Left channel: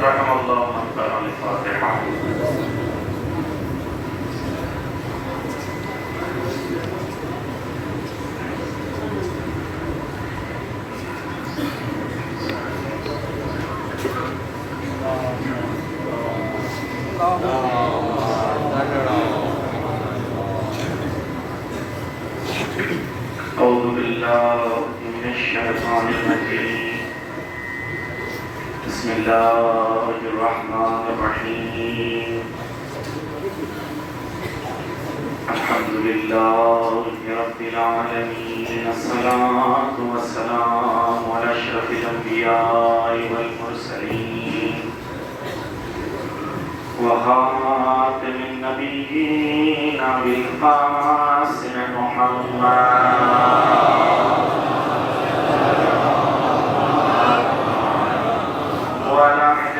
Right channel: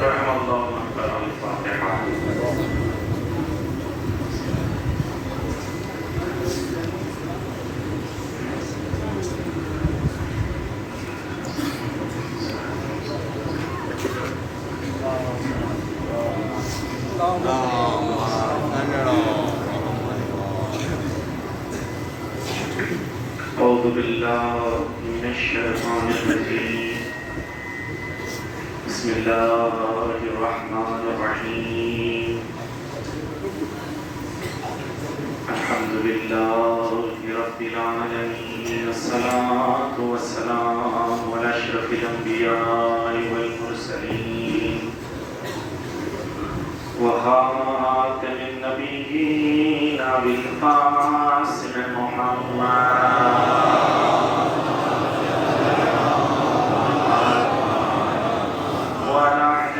رحم اللہ من قرأ الفاتحہ. اعوذ باللہ من الشیطان الرجیم. بسم اللہ الرحمن الرحیم. الحمد للہ رب العالمین. الصلاة والسلام علی اشرف الانبیاء والمرسلین وخاتم النبیین بالقاسم محمد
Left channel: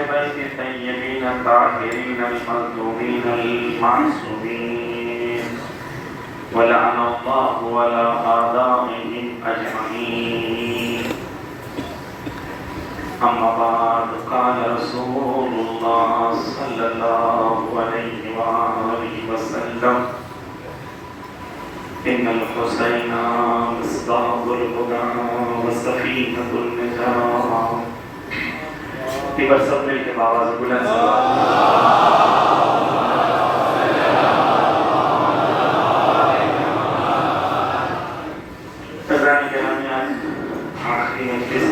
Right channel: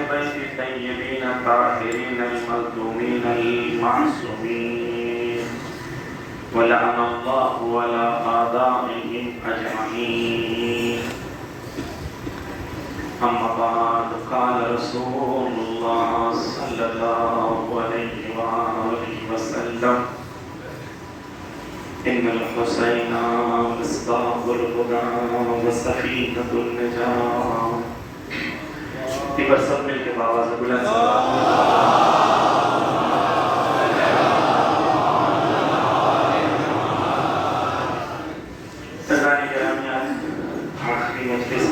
الطيبين الطاهرين المظلومين المعصومين ولعن الله على أعدائهم أجمعين. أما بعد قال رسول الله صلى الله عليه وآله وسلم إن الحسين مصباح الهدى وسفينة النجاة. ایک بار سب مل کے آواز بلند سرکاری کرامی. آج آخری مجلس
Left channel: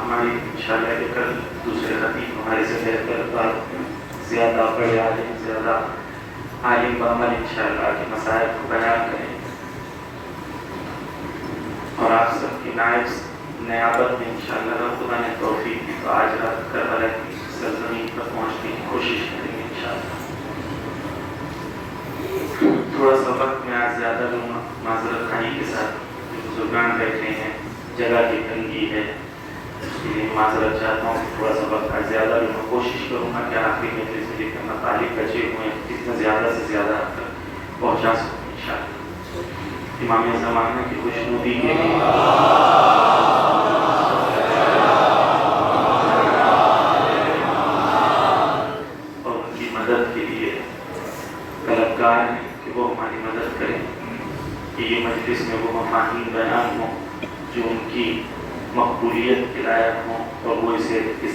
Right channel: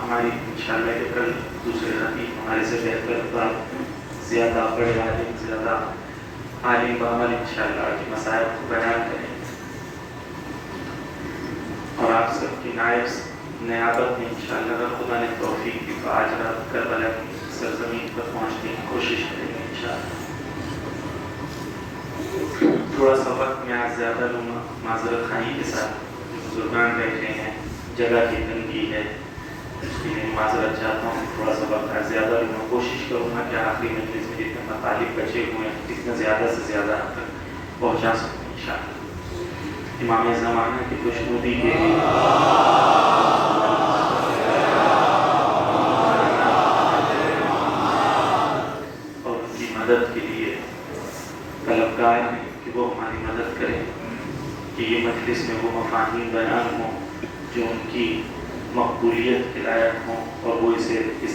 ہماری انشاءاللہ کہ کل دوسرے خطیب ہمارے سے بہتر بات زیادہ بڑے عالم زیادہ عالم بعمل انشاءاللہ کے مسائل کو بیان کریں اور آپ سب کی نیابت میں انشاءاللہ اگر خدا نے توفیق دی تو آج رات کربلا کی سرزمین پر پہنچنے کی کوشش کریں گے انشاءاللہ. تھوڑا سا وقت میں آج زیادہ لوگ معذرت خواہی کے ساتھ بزرگان بیٹھے ہیں, جگہ کی تنگی ہے, اس لیے معذرت چاہتا ہوں. تھوڑا سا وقت آج زیادہ لوگ کوشش کروں گا کہ آخری مجلس میں جتنے مطالب بچے ہوئے ہیں جتنا زیادہ سے زیادہ آپ تک پہنچا سکوں انشاءاللہ. امام زمانہ کی خوشنودی کے لیے مدد کے لیے طلبگار ہیں کہ وہ ہماری مدد کریں کہ یہ مجلس میں وہ مفاہیم بیان ہوں جو ان کی مقبولیت کے لائق ہوں اور وہ اس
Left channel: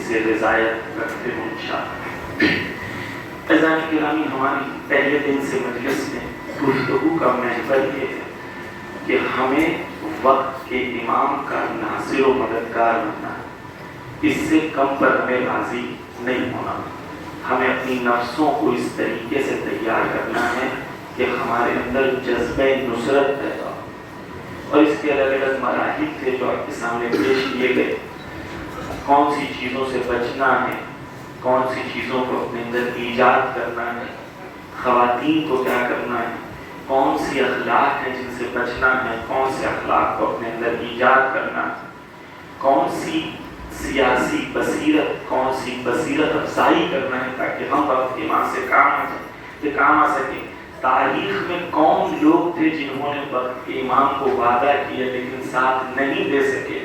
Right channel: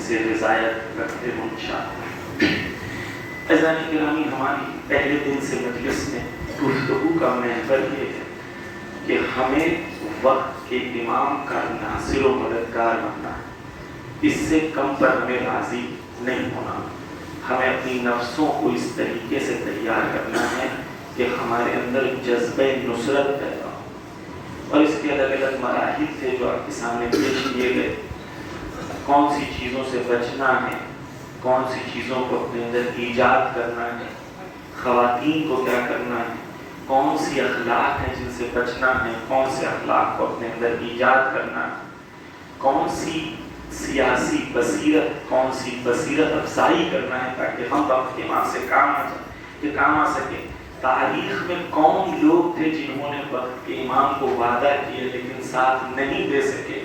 سے رضایت رکھتے ہوں انشاءاللہ. اذان گرامی, ہماری پہلے دن سے مجلس میں گفتگو کا محور یہ ہے کہ ہمیں وقت کے امام کا ناصر و مددگار بننا, اس سے کم پر ہمیں راضی نہیں ہونا. ہمیں اپنی نفسوں کو اس طریقے سے تیار کرنا ہے کہ ہمارے اندر جذبہ نصرت پیدا ہو. اور اس کے الگ الگ مراحل تھے جو آپ کے سامنے پیش کیے گئے. کون سی چیزوں سے بچنا ہے, کون سی چیزوں کو اپنے اندر ایجاد کرنا ہے, خواتین کو کیا کرنا ہے, کون سی اخلاق ہیں جن سے بچنا ہے, کون سے اخلاق کو اپنے اندر ایجاد کرنا ہے, کون سی سیاسی بصیرت, کون سی بصیرت افزائی کرنا ہے تاکہ ہم وقت کے ماں سے کام آ سکے. تاریخ میں کون لوگ تھے جنہوں نے وقت کے امام کو وعدہ کیا لیکن ساتھ نہیں دے سکے,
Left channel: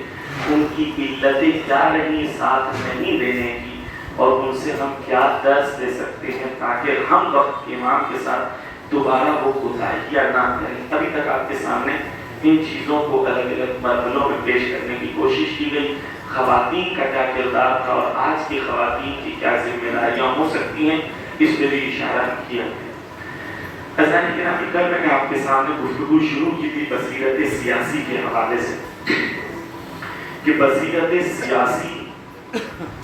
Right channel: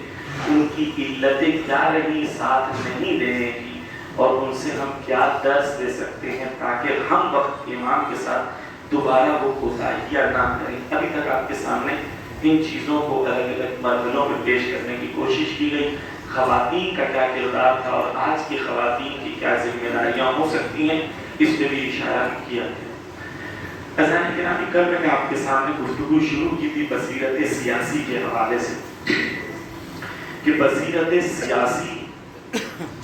ان کی علتیں کیا رہی ساتھ نہیں دینے کی, اور ان سے ہم کیا درس دے سکتے ہیں تاکہ ہم وقت کے امام کے ساتھ دوبارہ وہ کوتاہیاں نہ کریں. ابھی تک آپ کے سامنے ان چیزوں کو الگ الگ مرحلوں میں پیش کرنے کی کوشش کی گئی. خواتین کا کیا کردار تھا اور آج کی خواتین کی کیا ذمہ داریاں ہو سکتی ہیں, اس پہ بھی اشارہ کیا ہے. اذان گرامی, کل میں نے آپ کے سامنے گفتگو شروع کی تھی بصیرت سیاسی کے حوالے سے کہ بصیرت سیاسی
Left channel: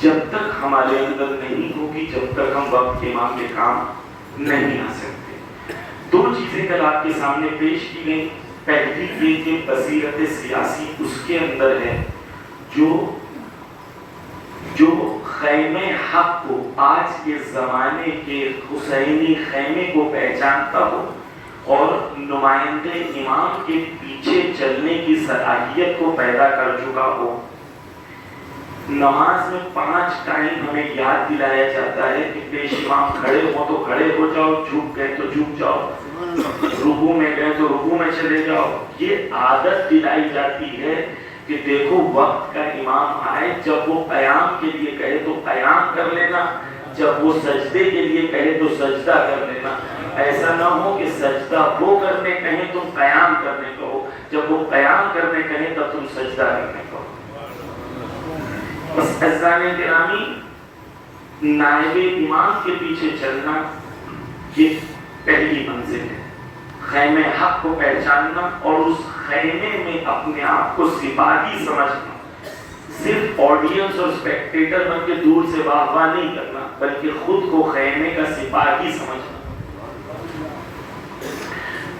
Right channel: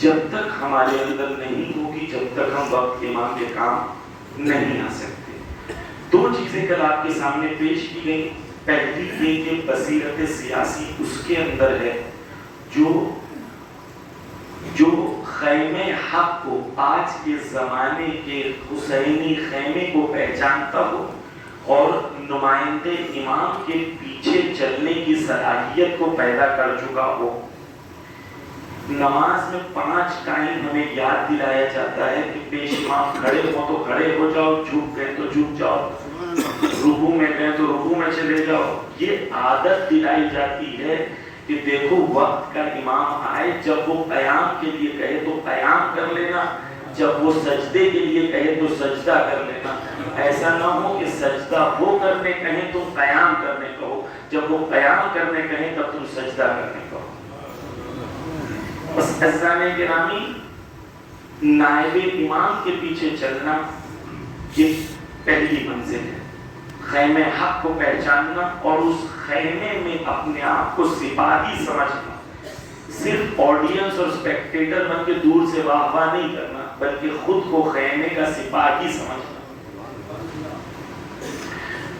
جب تک ہمارے اندر نہیں ہوگی جب تک ہم وقت کے امام کے کام نہیں آ سکتے. دو چیزیں کل آپ کے سامنے پیش کی گئی. پہلی یہ کہ بصیرت سیاسی اس کے اندر ہے جو خیمے حق کو, آج کے زمانے کے حسینی خیمے کو پہچانتا ہو اور نمائندے امام کے پیچھے چلنے کی صلاحیت کو پیدا کر چکا ہو. نماز میں 5 ٹائم ہمیں یاد دلایا جاتا ہے کہ پیش امام کھڑے ہوں تو کھڑے ہو جاؤ, جھک گئے تو جھک جاؤ, رکوع میں گئے تو رکوع میں چلے جاؤ. یہ عادت دلائی جاتی ہے کہ دیکھو وقت کا امام آئے، جب وہ قیام کے لیے کہے تو قیام کر لینا، جب وہ سجدے کے لیے کہے تو سجدہ کر لینا. ایسا نہ ہو کہ سجدہ وہ کرنے کہیں تم قیام کرنے کہو، جب وہ قیام کرنے کہیں تب تم سجدہ کرنے کہو. بس عزیزان گرامی، نائب امام کے پیچھے چلنا یہ پہلی منزل ہے. خیمے حق کو پہچاننا اور اس خیمے میں اپنے آپ کو سپاہی سمجھنا، صرف آڈینس اور اسپیکٹیٹر بن کے دور سے واہ واہ نہیں کرنا، بلکہ خود کو خیمے کا سپاہی سمجھنا.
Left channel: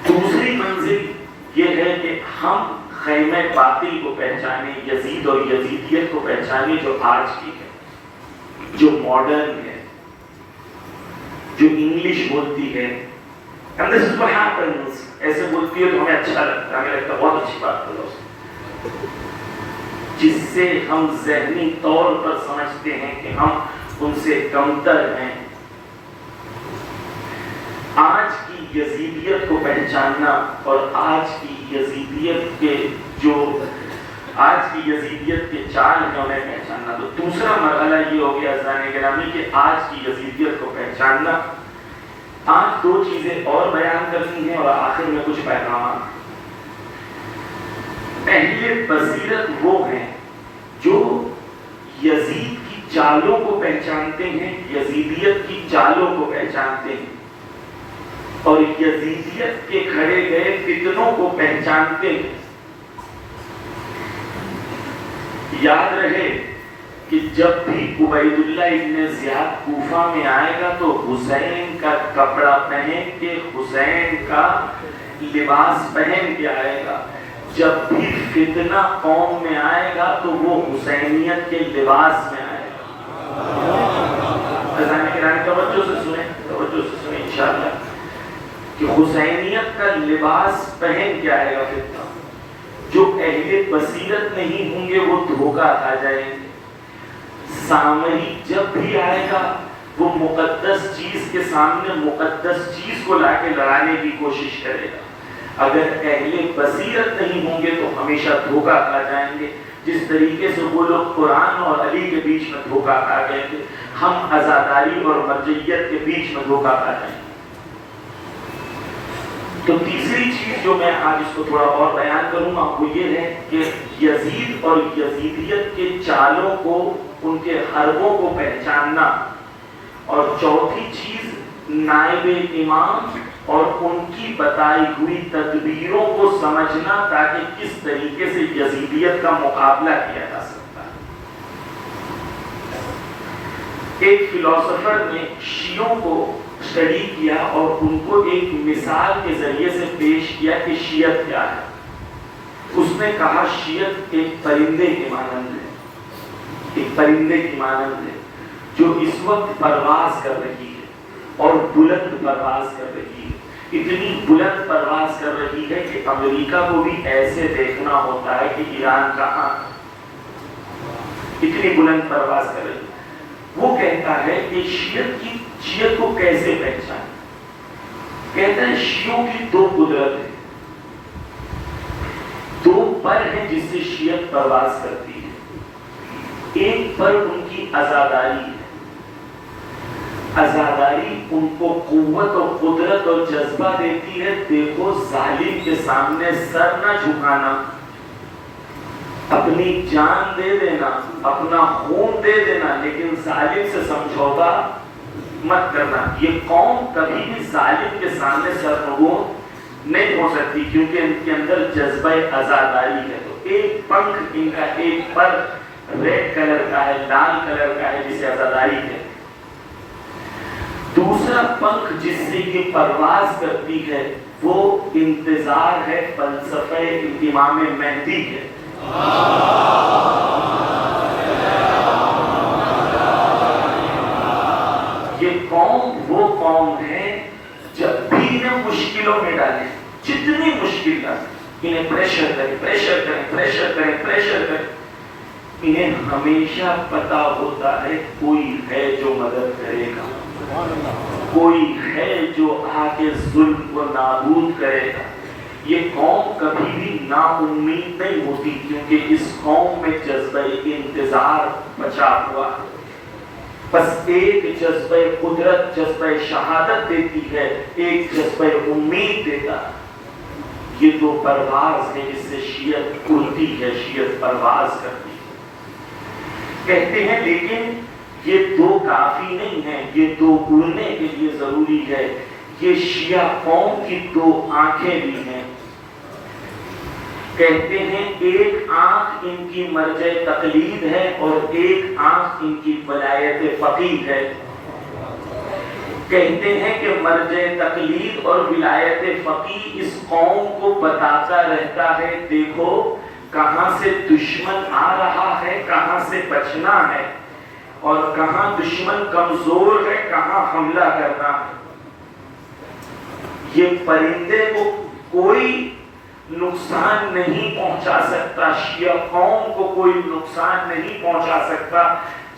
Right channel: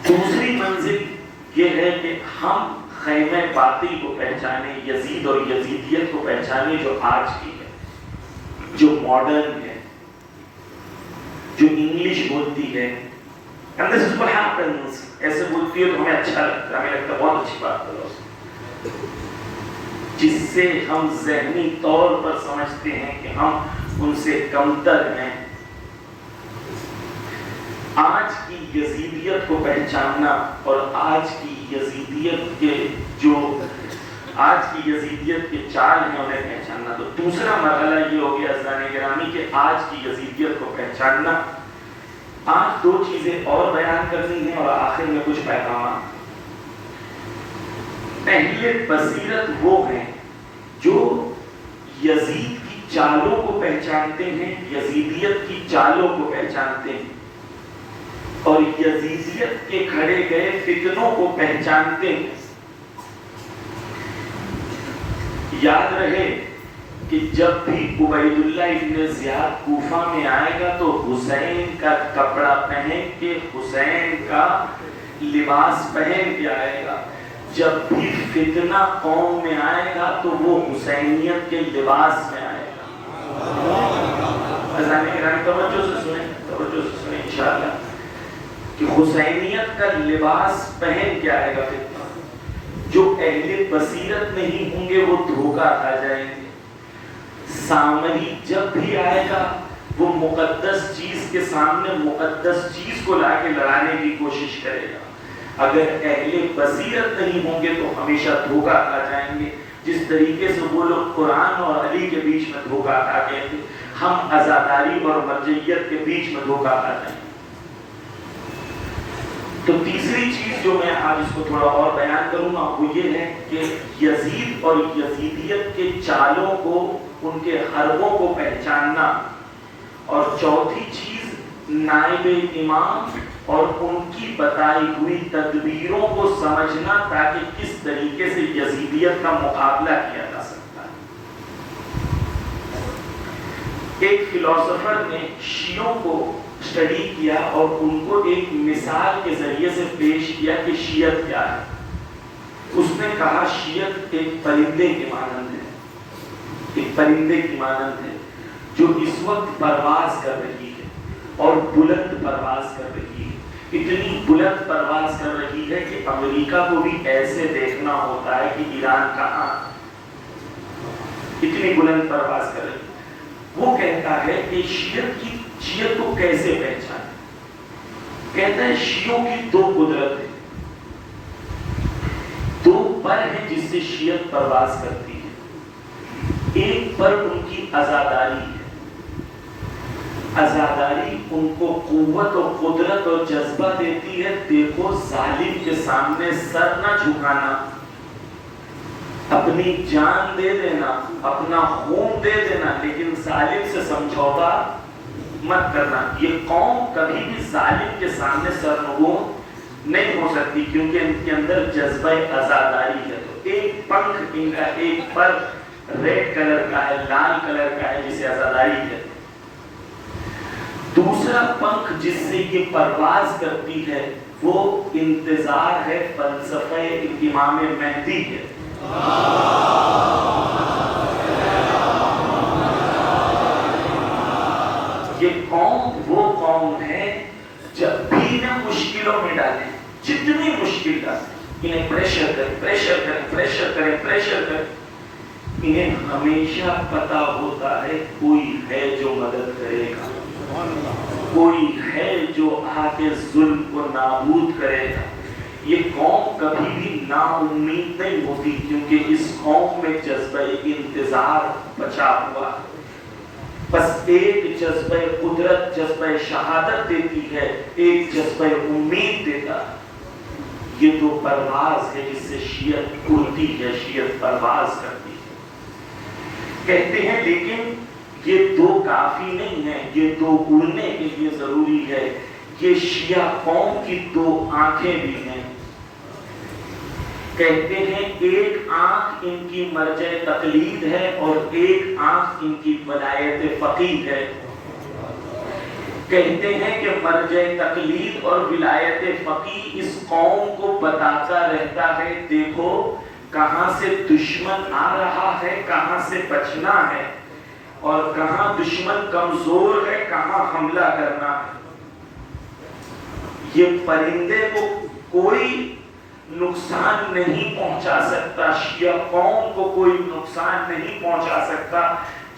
دوسری منزل یہ ہے کہ ہم خیمے باطل کو پہچانے، یزید اور یزیدیت کو پہچانے جو آج کی ہے، جو ماڈرن ہے، جو انگلش بولتی ہے. And this is what happens. ایسے بولتی ہے تو ہمیں اچھا لگتا ہے، ہمیں لگتا ہے بہت اچھی بات کرو، جس سے ہم ذہنی طور پر سمجھتے ہیں کہ ہم ان سے کمتر ہیں. آج کی یزیدیت کو پہچاننا اور آج کی یزیدیت کے چال ہیں انہیں پہچاننا. تو دوسرا مرحلہ یہ ہو گیا عزیزان گرامی کہ آج کی یزیدیت کو پہچاننا. آج دو چیزیں اور بیان کرنی ہیں اور آخر میں کچھ پیغامات. پہلے بصیرت وہ ہیں جو یزید کی چالوں کو پہچانتے ہیں، یزیدیت کی چالوں کو پہچانتے ہیں اور یزیدیت کے کھڑے گئے فتنوں کو پہچانتے ہیں. یاد رہے کہ جب بھی عبید اللہ ابن زیاد کوفہ میں آئے گا تو حسین کا کپڑا پہن کے، حسین کا لباس پہن کے آئے گا. جب بھی فتنہ قوم میں آئے گا تو وہ حسینیت کے لباس میں آئے گا. توجہ سے سنیں انشاءاللہ کہ حسینیت کا لباس پہن کے آئے گا فتنہ. جو اہل بصیرت نہیں ہوں گے وہ دھوکہ کھا جائیں گے. سامری جب بھی آئے گا وہ مقدس چیز کے سامنے مقدس چیز کو لا کے لڑانے کی کوشش کرے گا. اگر اہل بصیرت نہیں ہوں گے تو ہمیشہ دھوکہ کھا جائیں گے. جس طریقے سے وہ لوگ قرآن اور علی کے بیچ میں دھوکہ کھا گئے تھے، ہم عزاداری اور مرجعیت کے بیچ میں دھوکہ کھا جائیں گے. تو تیسری چیز جو میں آج اس کو تھوڑا اور بیان کروں گا وہ یہ ہے کہ یزید اور یزیدیت کے چالوں کو، ان کے حربوں کو پہچاننا. اور چوتھی چیز نائب امام اور ان کی بتائی ہوئی تدبیروں کو سمجھنا تاکہ کس طریقے سے یزیدیت کا مقابلہ کیا جا سکتا ہے. ایک فلسفر نے شیعوں کو اسٹڈی کیا اور ان کو ایک مثال کے ذریعے سے پیش کیا کہ شیعت کیا ہے. اس نے کہا شیعت ایک پرندے کی مانند ہے، ایک پرندے کی مانند ہے جو اس وقت پرواز کر رہی ہے اور بلند پرواز کر رہی ہے. اتنی بلند پرواز کر رہی ہے کہ امریکہ کو بھی ایسے دیکھنا ہوتا ہے کہ ایران کہاں. اتنی بلند پرواز کر رہی ہے. وہ کہتا ہے کہ شیعت کو کیسے پہچانے. کہتا ہے شیعوں کی دو قدرت ہے، دو پر ہیں جس سے شیعت پرواز کرتی ہے. ایک پر ان کی عزاداری ہے. عزاداری ان کو قوت اور قدرت اور جذبہ دیتی ہے. دیکھو ظالم کے سامنے سر نہ جھکانا، اپنی جان دے دینا، اپنا خون دے دینا، لیکن ظالم سے سمجھوتا مت کرنا. یہ قوم کبھی بھی ظالم کے سامنے سرنگوں نہیں ہو سکتی کیونکہ ان کے اندر جذبہ عزاداری ہے. تو ایک پنکھ ان کا، ایک پر ریڈ کلر کا ہے، لال کلر کا ہے جسے عزاداری ہے. دوسرا پنکھ جس سے یہ پرواز کرتی ہے وہ انتظار ہے فلسفہ امام مہدی ہے. یہ قوم وہ قوم ہے جب بھی انہیں مشکلوں میں ڈالیں، جتنی مشکل انہیں پریشر کریں، انہیں ہمیشہ پتا ہوتا ہے کوئی ہے جو مدد کرے گا، کوئی ہے جو آ کے ظلم کو نابود کرے گا. یہ قوم کبھی بھی نا امید نہیں ہوتی، کیونکہ اس قوم میں جذبہ انتظار بچا ہوا ہے۔ بس ایک جذبہ قدرت، جذبہ شہادت دیتی ہے، ایک جذبہ امید دیتا ہے۔ یہ دو پرواز ہے جس سے شیعت اڑتی ہے، شیعت پرواز کرتی ہے۔ کہتے ہیں لیکن یہ دو کافی نہیں ہے، یہ دو اڑنے کے لیے ضروری ہے۔ یہ شیعہ قوم کی دو آنکھیں بھی ہیں۔ کہتے ہیں ایک آنکھ ان کی مرجع تقلید ہے اور ایک آنکھ ان کی ولایت فقیہ ہے۔ کہتے ہیں کہ مرجع تقلید اور ولایت فقیہ اس قوم کو بتاتا رہتا ہے دیکھو کہاں سے دشمن آ رہا ہے، کہاں سے بچنا ہے، اور کہاں دشمن کمزور ہے، کہاں حملہ کرنا ہے۔ یہ پرندے کو کوئی نقصان نہیں پہنچا سکتا، شیعہ قوم کو کوئی نقصان نہیں پہنچا سکتا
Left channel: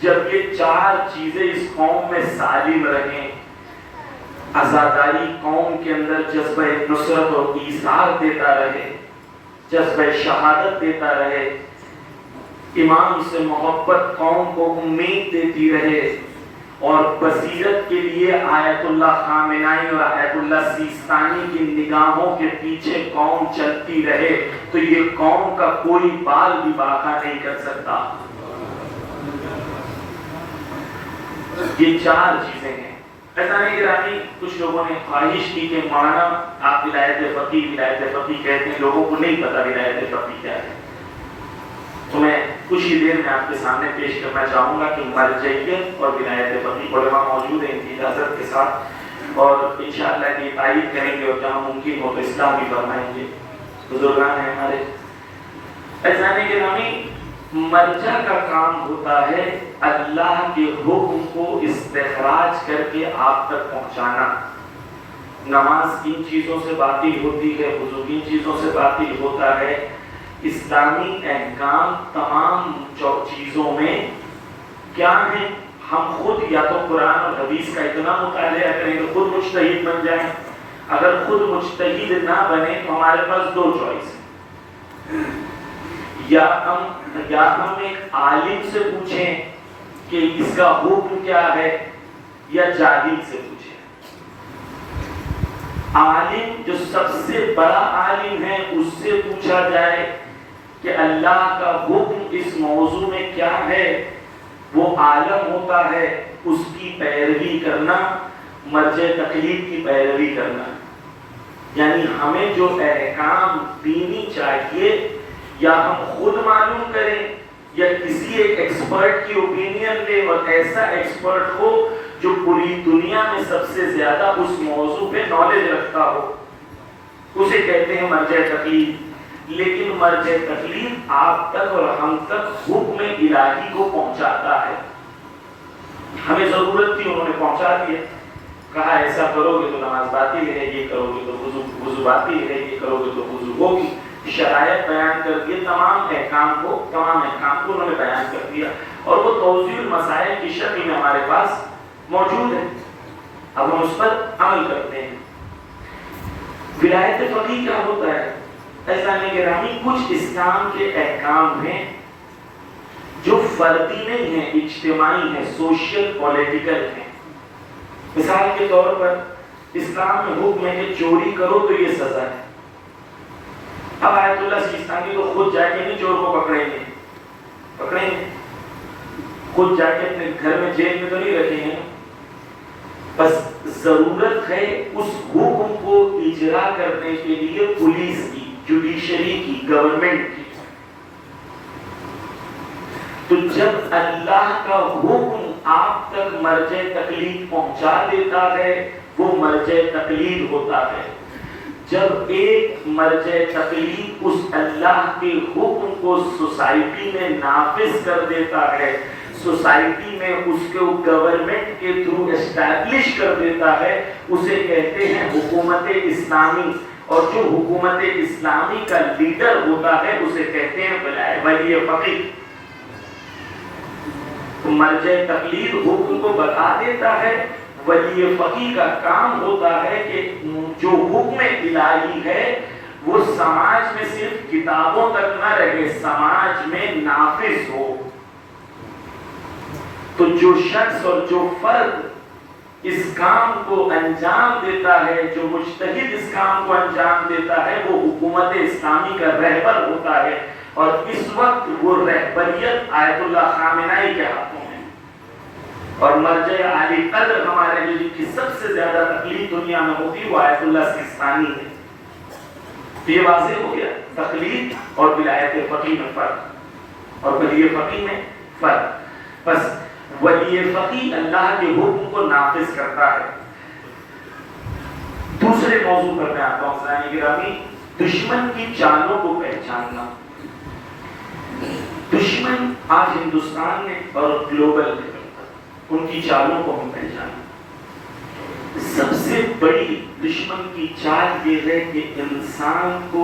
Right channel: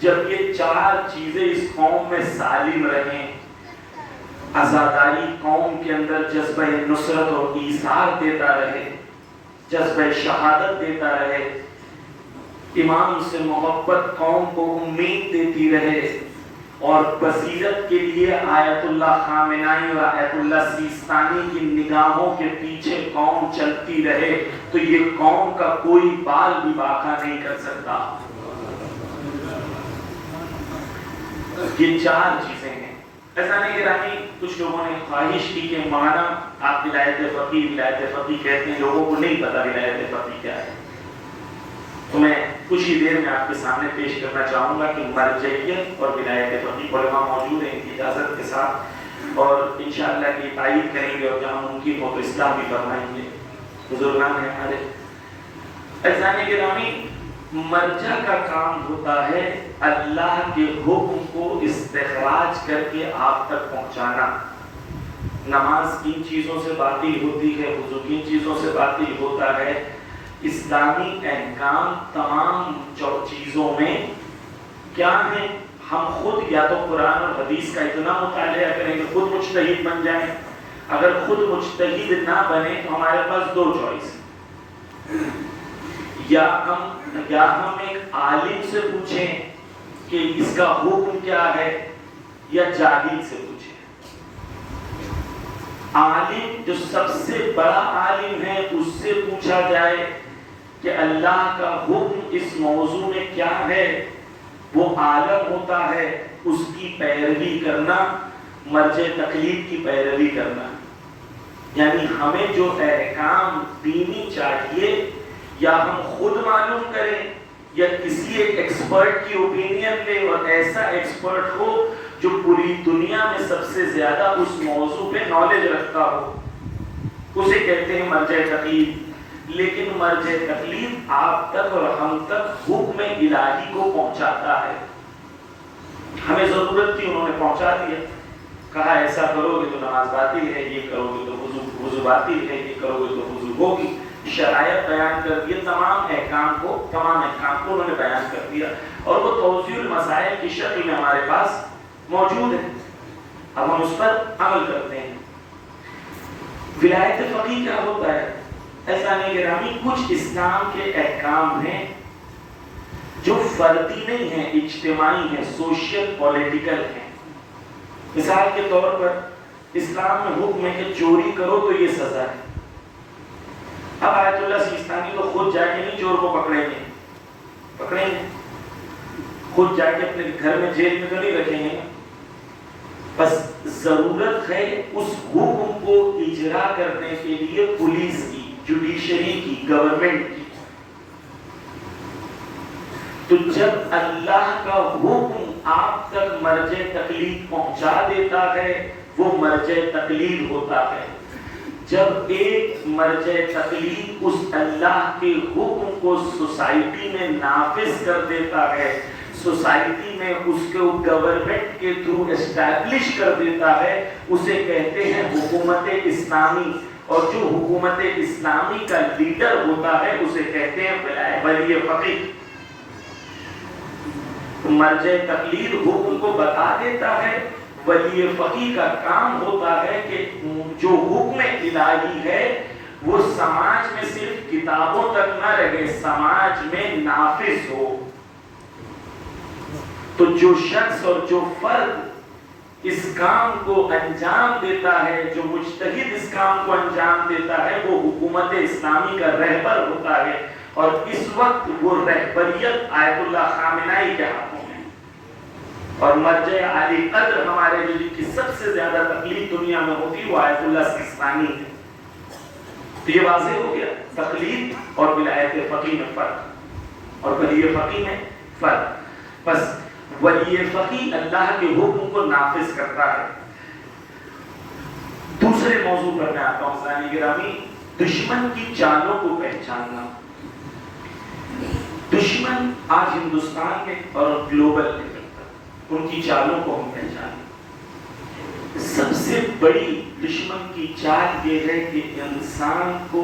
جب یہ چار چیزیں اس قوم میں سالم رہیں۔ عزاداری قوم کے اندر جذبہ نصرت اور ایثار دیتا رہے، جذبہ شہادت دیتا رہے، امام سے محبت قوم کو امید دیتی رہے، اور بصیرت کے لیے آیت اللہ خامنائی اور آیت اللہ سیستانی کی نگاہوں کے پیچھے قوم چلتی رہے، تو یہ قوم کا کوئی بال بھی باقا نہیں کر سکتا۔ یہ چار چیزیں ہیں۔ ایسا نہیں کہ رانی کچھ لوگوں نے خواہش کی کہ مولانا آپ ولایت فقیہ کہتے ہیں، لوگوں کو نہیں پتا ولایت فقیہ کیا ہے۔ تو میں کچھ ہی دیر میں آپ کے سامنے پیش کرنا چاہوں گا کہ مرجعیت اور ولایت فقیہ علماء موجود ہیں ان کی اجازت کے ساتھ، اور انشاءاللہ کی تائید کریں گے اور جہاں ممکن ہو تو اصلاح بھی فرمائیں گے۔ بزرگان ہیں ہمارے اذان گرامی، مرجع کا کام ہوتا ہے اللہ کے حکم کو استخراج کر کے آپ تک پہنچانا۔ نماز کن چیزوں سے باطل ہوتی ہے، وضو کن چیزوں سے باطل ہوتا ہے، اسلامی احکام تمام چیزوں میں کیا ہیں، ہم خود یا تو قرآن اور حدیث کا اتنا مطالعہ کریں کہ خود مجتہد بن جائیں۔ اگر خود مجتہد نہ بنے تو ہمارے پاس دو چوائس ہیں، یا ہم ایک عالم سے پوچھیں کہ اس کا حکم کیا ہے، یا جاہل سے پوچھیں۔ عالم جو سب سے بڑا عالم ہے اس سے پوچھا جائے کہ اللہ کا حکم اس موضوع میں کیا ہے، وہ عالم ہوتا ہے، اس کی پیروی کرنا مرجع تقلید کی پیروی کرنا۔ یعنی ہمیں جو احکام دینی چاہیے یا ہم خود معلوم کریں یا کسی ایک ایکسپرٹ کی اوپینین لیں، اور ایسا ایکسپرٹ ہو جو پوری دنیا میں سب سے زیادہ اس موضوع پہ نالج رکھتا ہو، اسے کہتے ہیں مرجع تقلید۔ لیکن مرجع تقلید آپ تک اور ہم تک حکم الہی کو پہنچاتا ہے۔ ہمیں ضرورت تھی، انہوں نے پہنچا دیا، کہا ایسا کرو گے تو نماز باطل ہے، یہ کرو گے تو وضو باطل ہے، یہ کرو گے تو وضو ہوگی، شرائط بیان کر دیے، تمام احکام کو انہوں نے بیان کر دیا، اور وہ توضیح المسائل کی شکل میں ہمارے پاس موجود ہے۔ اب ہم اس پر عمل کرتے ہیں۔ ولایت فقیہ کیا ہوتا ہے؟ ایسا نہیں کہ رحمی کچھ اسلام کے احکام ہیں جو فردی نہیں ہیں، اجتماعی ہیں، سوشل پولیٹیکل ہیں۔ مثال کے طور پر اسلام میں حکم ہے کہ چوری کرو تو یہ سزا ہے۔ اب آیت اللہ سیستانی کو خود جا کے نہیں چور کو پکڑیں گے، خود جا کے اپنے گھر میں جیل میں تو نہیں رکھیں گے، بس ضرورت ہے اس حکم کو اجرا کرنے کے لیے پولیس کی، جوڈیشری کی، گورنمنٹ کی۔ تو جب اللہ کا حکم آپ تک مرجع تقلید پہنچا دیتا ہے وہ مرجع تقلید ہوتا ہے۔ جب ایک مرجع تقلید اس اللہ کے حکم کو سوسائٹی میں نافذ کر دیتا ہے، سوسائٹی میں اس کو گورنمنٹ کے تھرو اسٹیبلش کر دیتا ہے، اسے کہتے ہیں حکومت اسلامی، اور جو حکومت اسلامی کا لیڈر ہوتا ہے اسے کہتے ہیں ولی فقیہ۔ مرجع تقلید حکم کو بتا دیتا ہے، ولی فقیہ کا کام ہوتا ہے کہ جو حکم الہی ہے وہ سماج میں صرف کتابوں تک نہ رہے، سماج میں نافذ ہو۔ تو جو شخص اور جو فرد اس کام کو انجام دیتا ہے، جو مجتہد اس کام کو انجام دیتا ہے، وہ حکومت اسلامی کا رہبر ہوتا ہے، اور اس وقت وہ رہبریت آیت اللہ خامنائی کے ہاتھوں میں، اور مرجع عالی قدر ہمارے نبی جن کی سب سے زیادہ تقلید دنیا میں ہوتی وہ آیت اللہ سیستانی ہے۔ تو یہ واضح ہو گیا تقلید اور ولایت فقیہ میں فرق، اور ولی فقیہ میں فرق۔ بس ولی فقیہ اللہ کے حکم کو نافذ کرتا ہے۔ دوسرے موضوع پر میں آتا ہوں سامعین گرامی، دشمن کی چالوں کو پہچاننا۔ دشمن آج ہندوستان میں اور گلوبل میں ان کی چالوں کو ہم پہچانیں۔ سب سے بڑی دشمن کی چال یہ ہے کہ انسان کو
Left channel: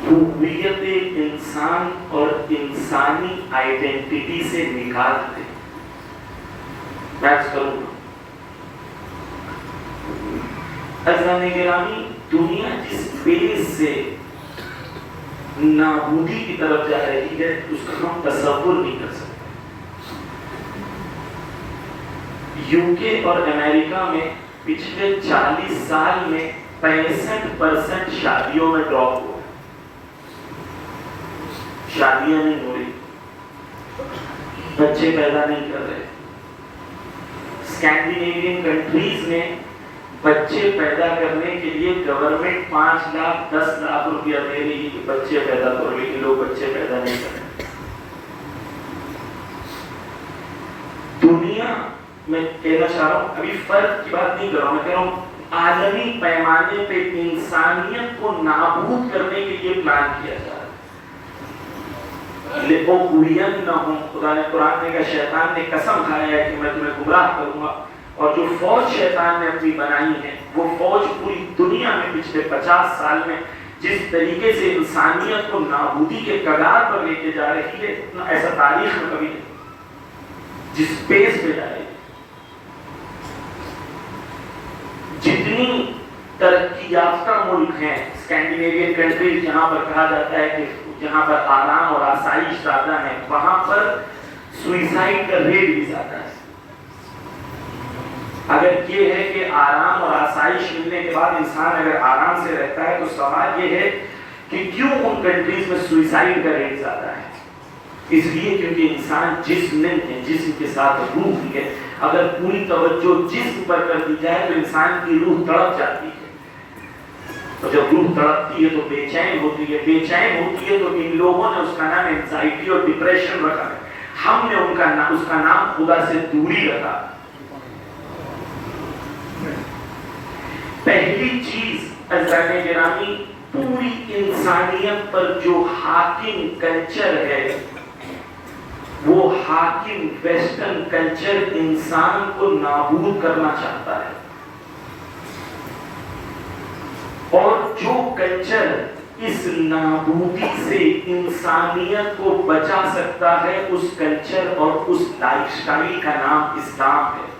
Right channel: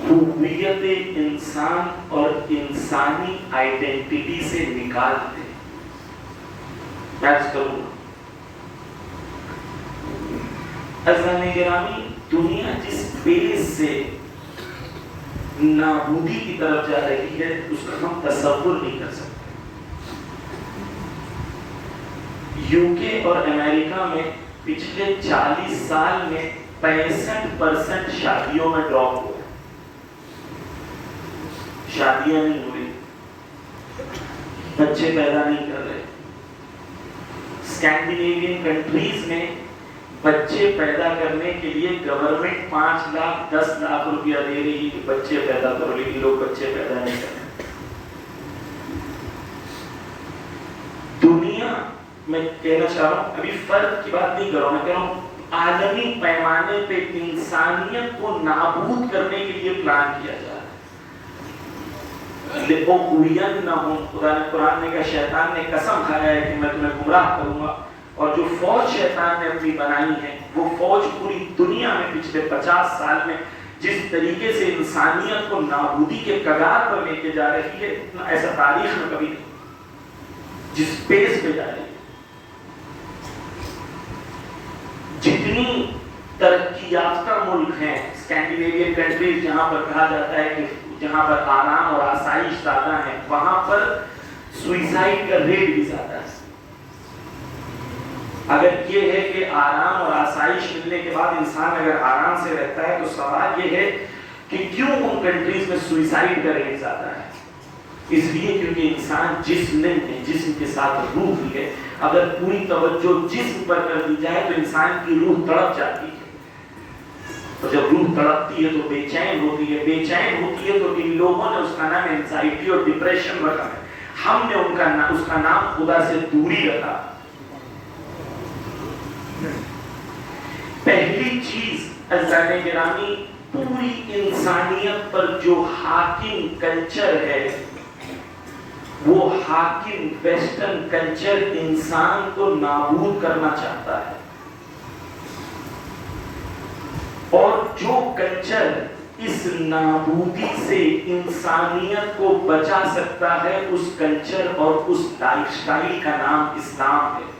ہویت انسان اور انسانی آئیڈینٹی سے نکال دے۔ میں عرض کروں گا عزیزان گرامی، دنیا جس پیس سے نابودی کی طرف جا رہی ہے اس کا ہم تصور نہیں کر سکتے۔ یو کے اور امریکہ میں پچھلے 40 سال میں 65% شادیوں میں ڈراپ ہوا، شادیاں نہیں ہو رہی، بچے پیدا نہیں کر رہے۔ اسکینڈینیوین کنٹریز میں بچے پیدا کرنے کے لیے گورنمنٹ 5 لاکھ 10 لاکھ روپیہ دے رہی ہے کہ بچے پیدا کرو، لیکن لوگ بچے پیدا نہیں کر رہے۔ دنیا میں کہنا چاہ رہا ہوں، ابھی فرق کی بات نہیں کر رہا ہوں، میں کہہ رہا ہوں عالمی پیمانے پہ انسانیت کو نابود کرنے کے لیے پلان کیا جا رہا ہے۔ خدا نے قرآن میں کہا، شیطان نے قسم کھایا ہے کہ میں تمہیں گمراہ کروں گا، اور جو فوج شیطان نے اپنی بنائی ہے وہ فوج پوری دنیا میں پچھلے 50 سال میں جس طریقے سے انسانیت کو نابودی کے کگار پر لے کے جا رہی ہے، ایسا تاریخ میں کبھی نہیں، جس پیس پہ جا رہی ہے۔ جتنی ترقی یافتہ ملک ہیں اسکینڈینیوین کنٹریز، جہاں پر کہا جاتا ہے کہ جہاں پر آرام اور آسائش زیادہ ہے، وہاں پر سوئسائڈ کا ریٹ بھی زیادہ ہے۔ اگر یہ ہے کہ آرام اور آسائش ملنے کے بعد انسان اگر آرام سے رہتا ہے، تو سوال یہ ہے کہ کیوں ان کنٹریز میں سوئسائڈ کا ریٹ زیادہ ہے؟ اس لیے کیونکہ انسان جسم نہیں ہے، جسم کے ساتھ روح بھی ہے۔ اگر پوری توجہ جسم پر کر دی جائے تو انسان کی روح تڑپ جاتی ہے، اور جب روح تڑپتی ہے تو بے چین ہوتی ہے، بے چین ہوتی ہے تو ان لوگوں نے اس کا نام اینزائٹی اور ڈپریشن رکھا ہے۔ ہم نے اس کا نام خدا سے دوری رکھا۔ پہلی چیز عزیزان گرامی، پوری انسانیت پر جو حاکم کلچر ہے، وہ حاکم ویسٹرن کلچر انسان کو نابود کرنا چاہتا ہے، اور جو کلچر اس نابودی سے انسانیت کو بچا سکتا ہے، اس کلچر اور اس لائف سٹائل کا نام اسلام ہے۔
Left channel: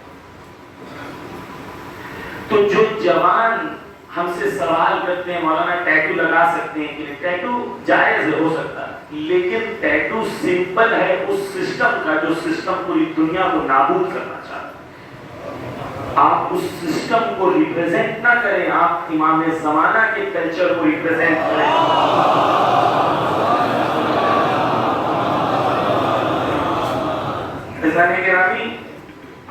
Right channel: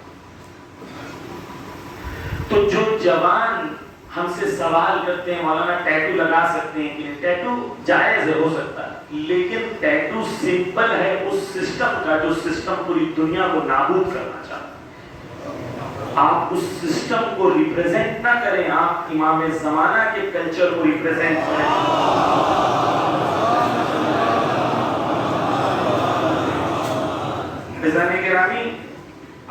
تو جو جوان ہم سے سوال کرتے ہیں مولانا ٹیٹو لگا سکتے ہیں کہ ٹیٹو جائز ہے، ہو سکتا ہے، لیکن ٹیٹو سمپل ہے اس سسٹم کا جو سسٹم پوری دنیا کو نابود کرنا چاہتا ہے۔ آپ اس سسٹم کو ریپرزینٹ نہ کریں، آپ امام زمانہ کے کلچر کو ریپرزینٹ کریں۔ عزیزان گرامی،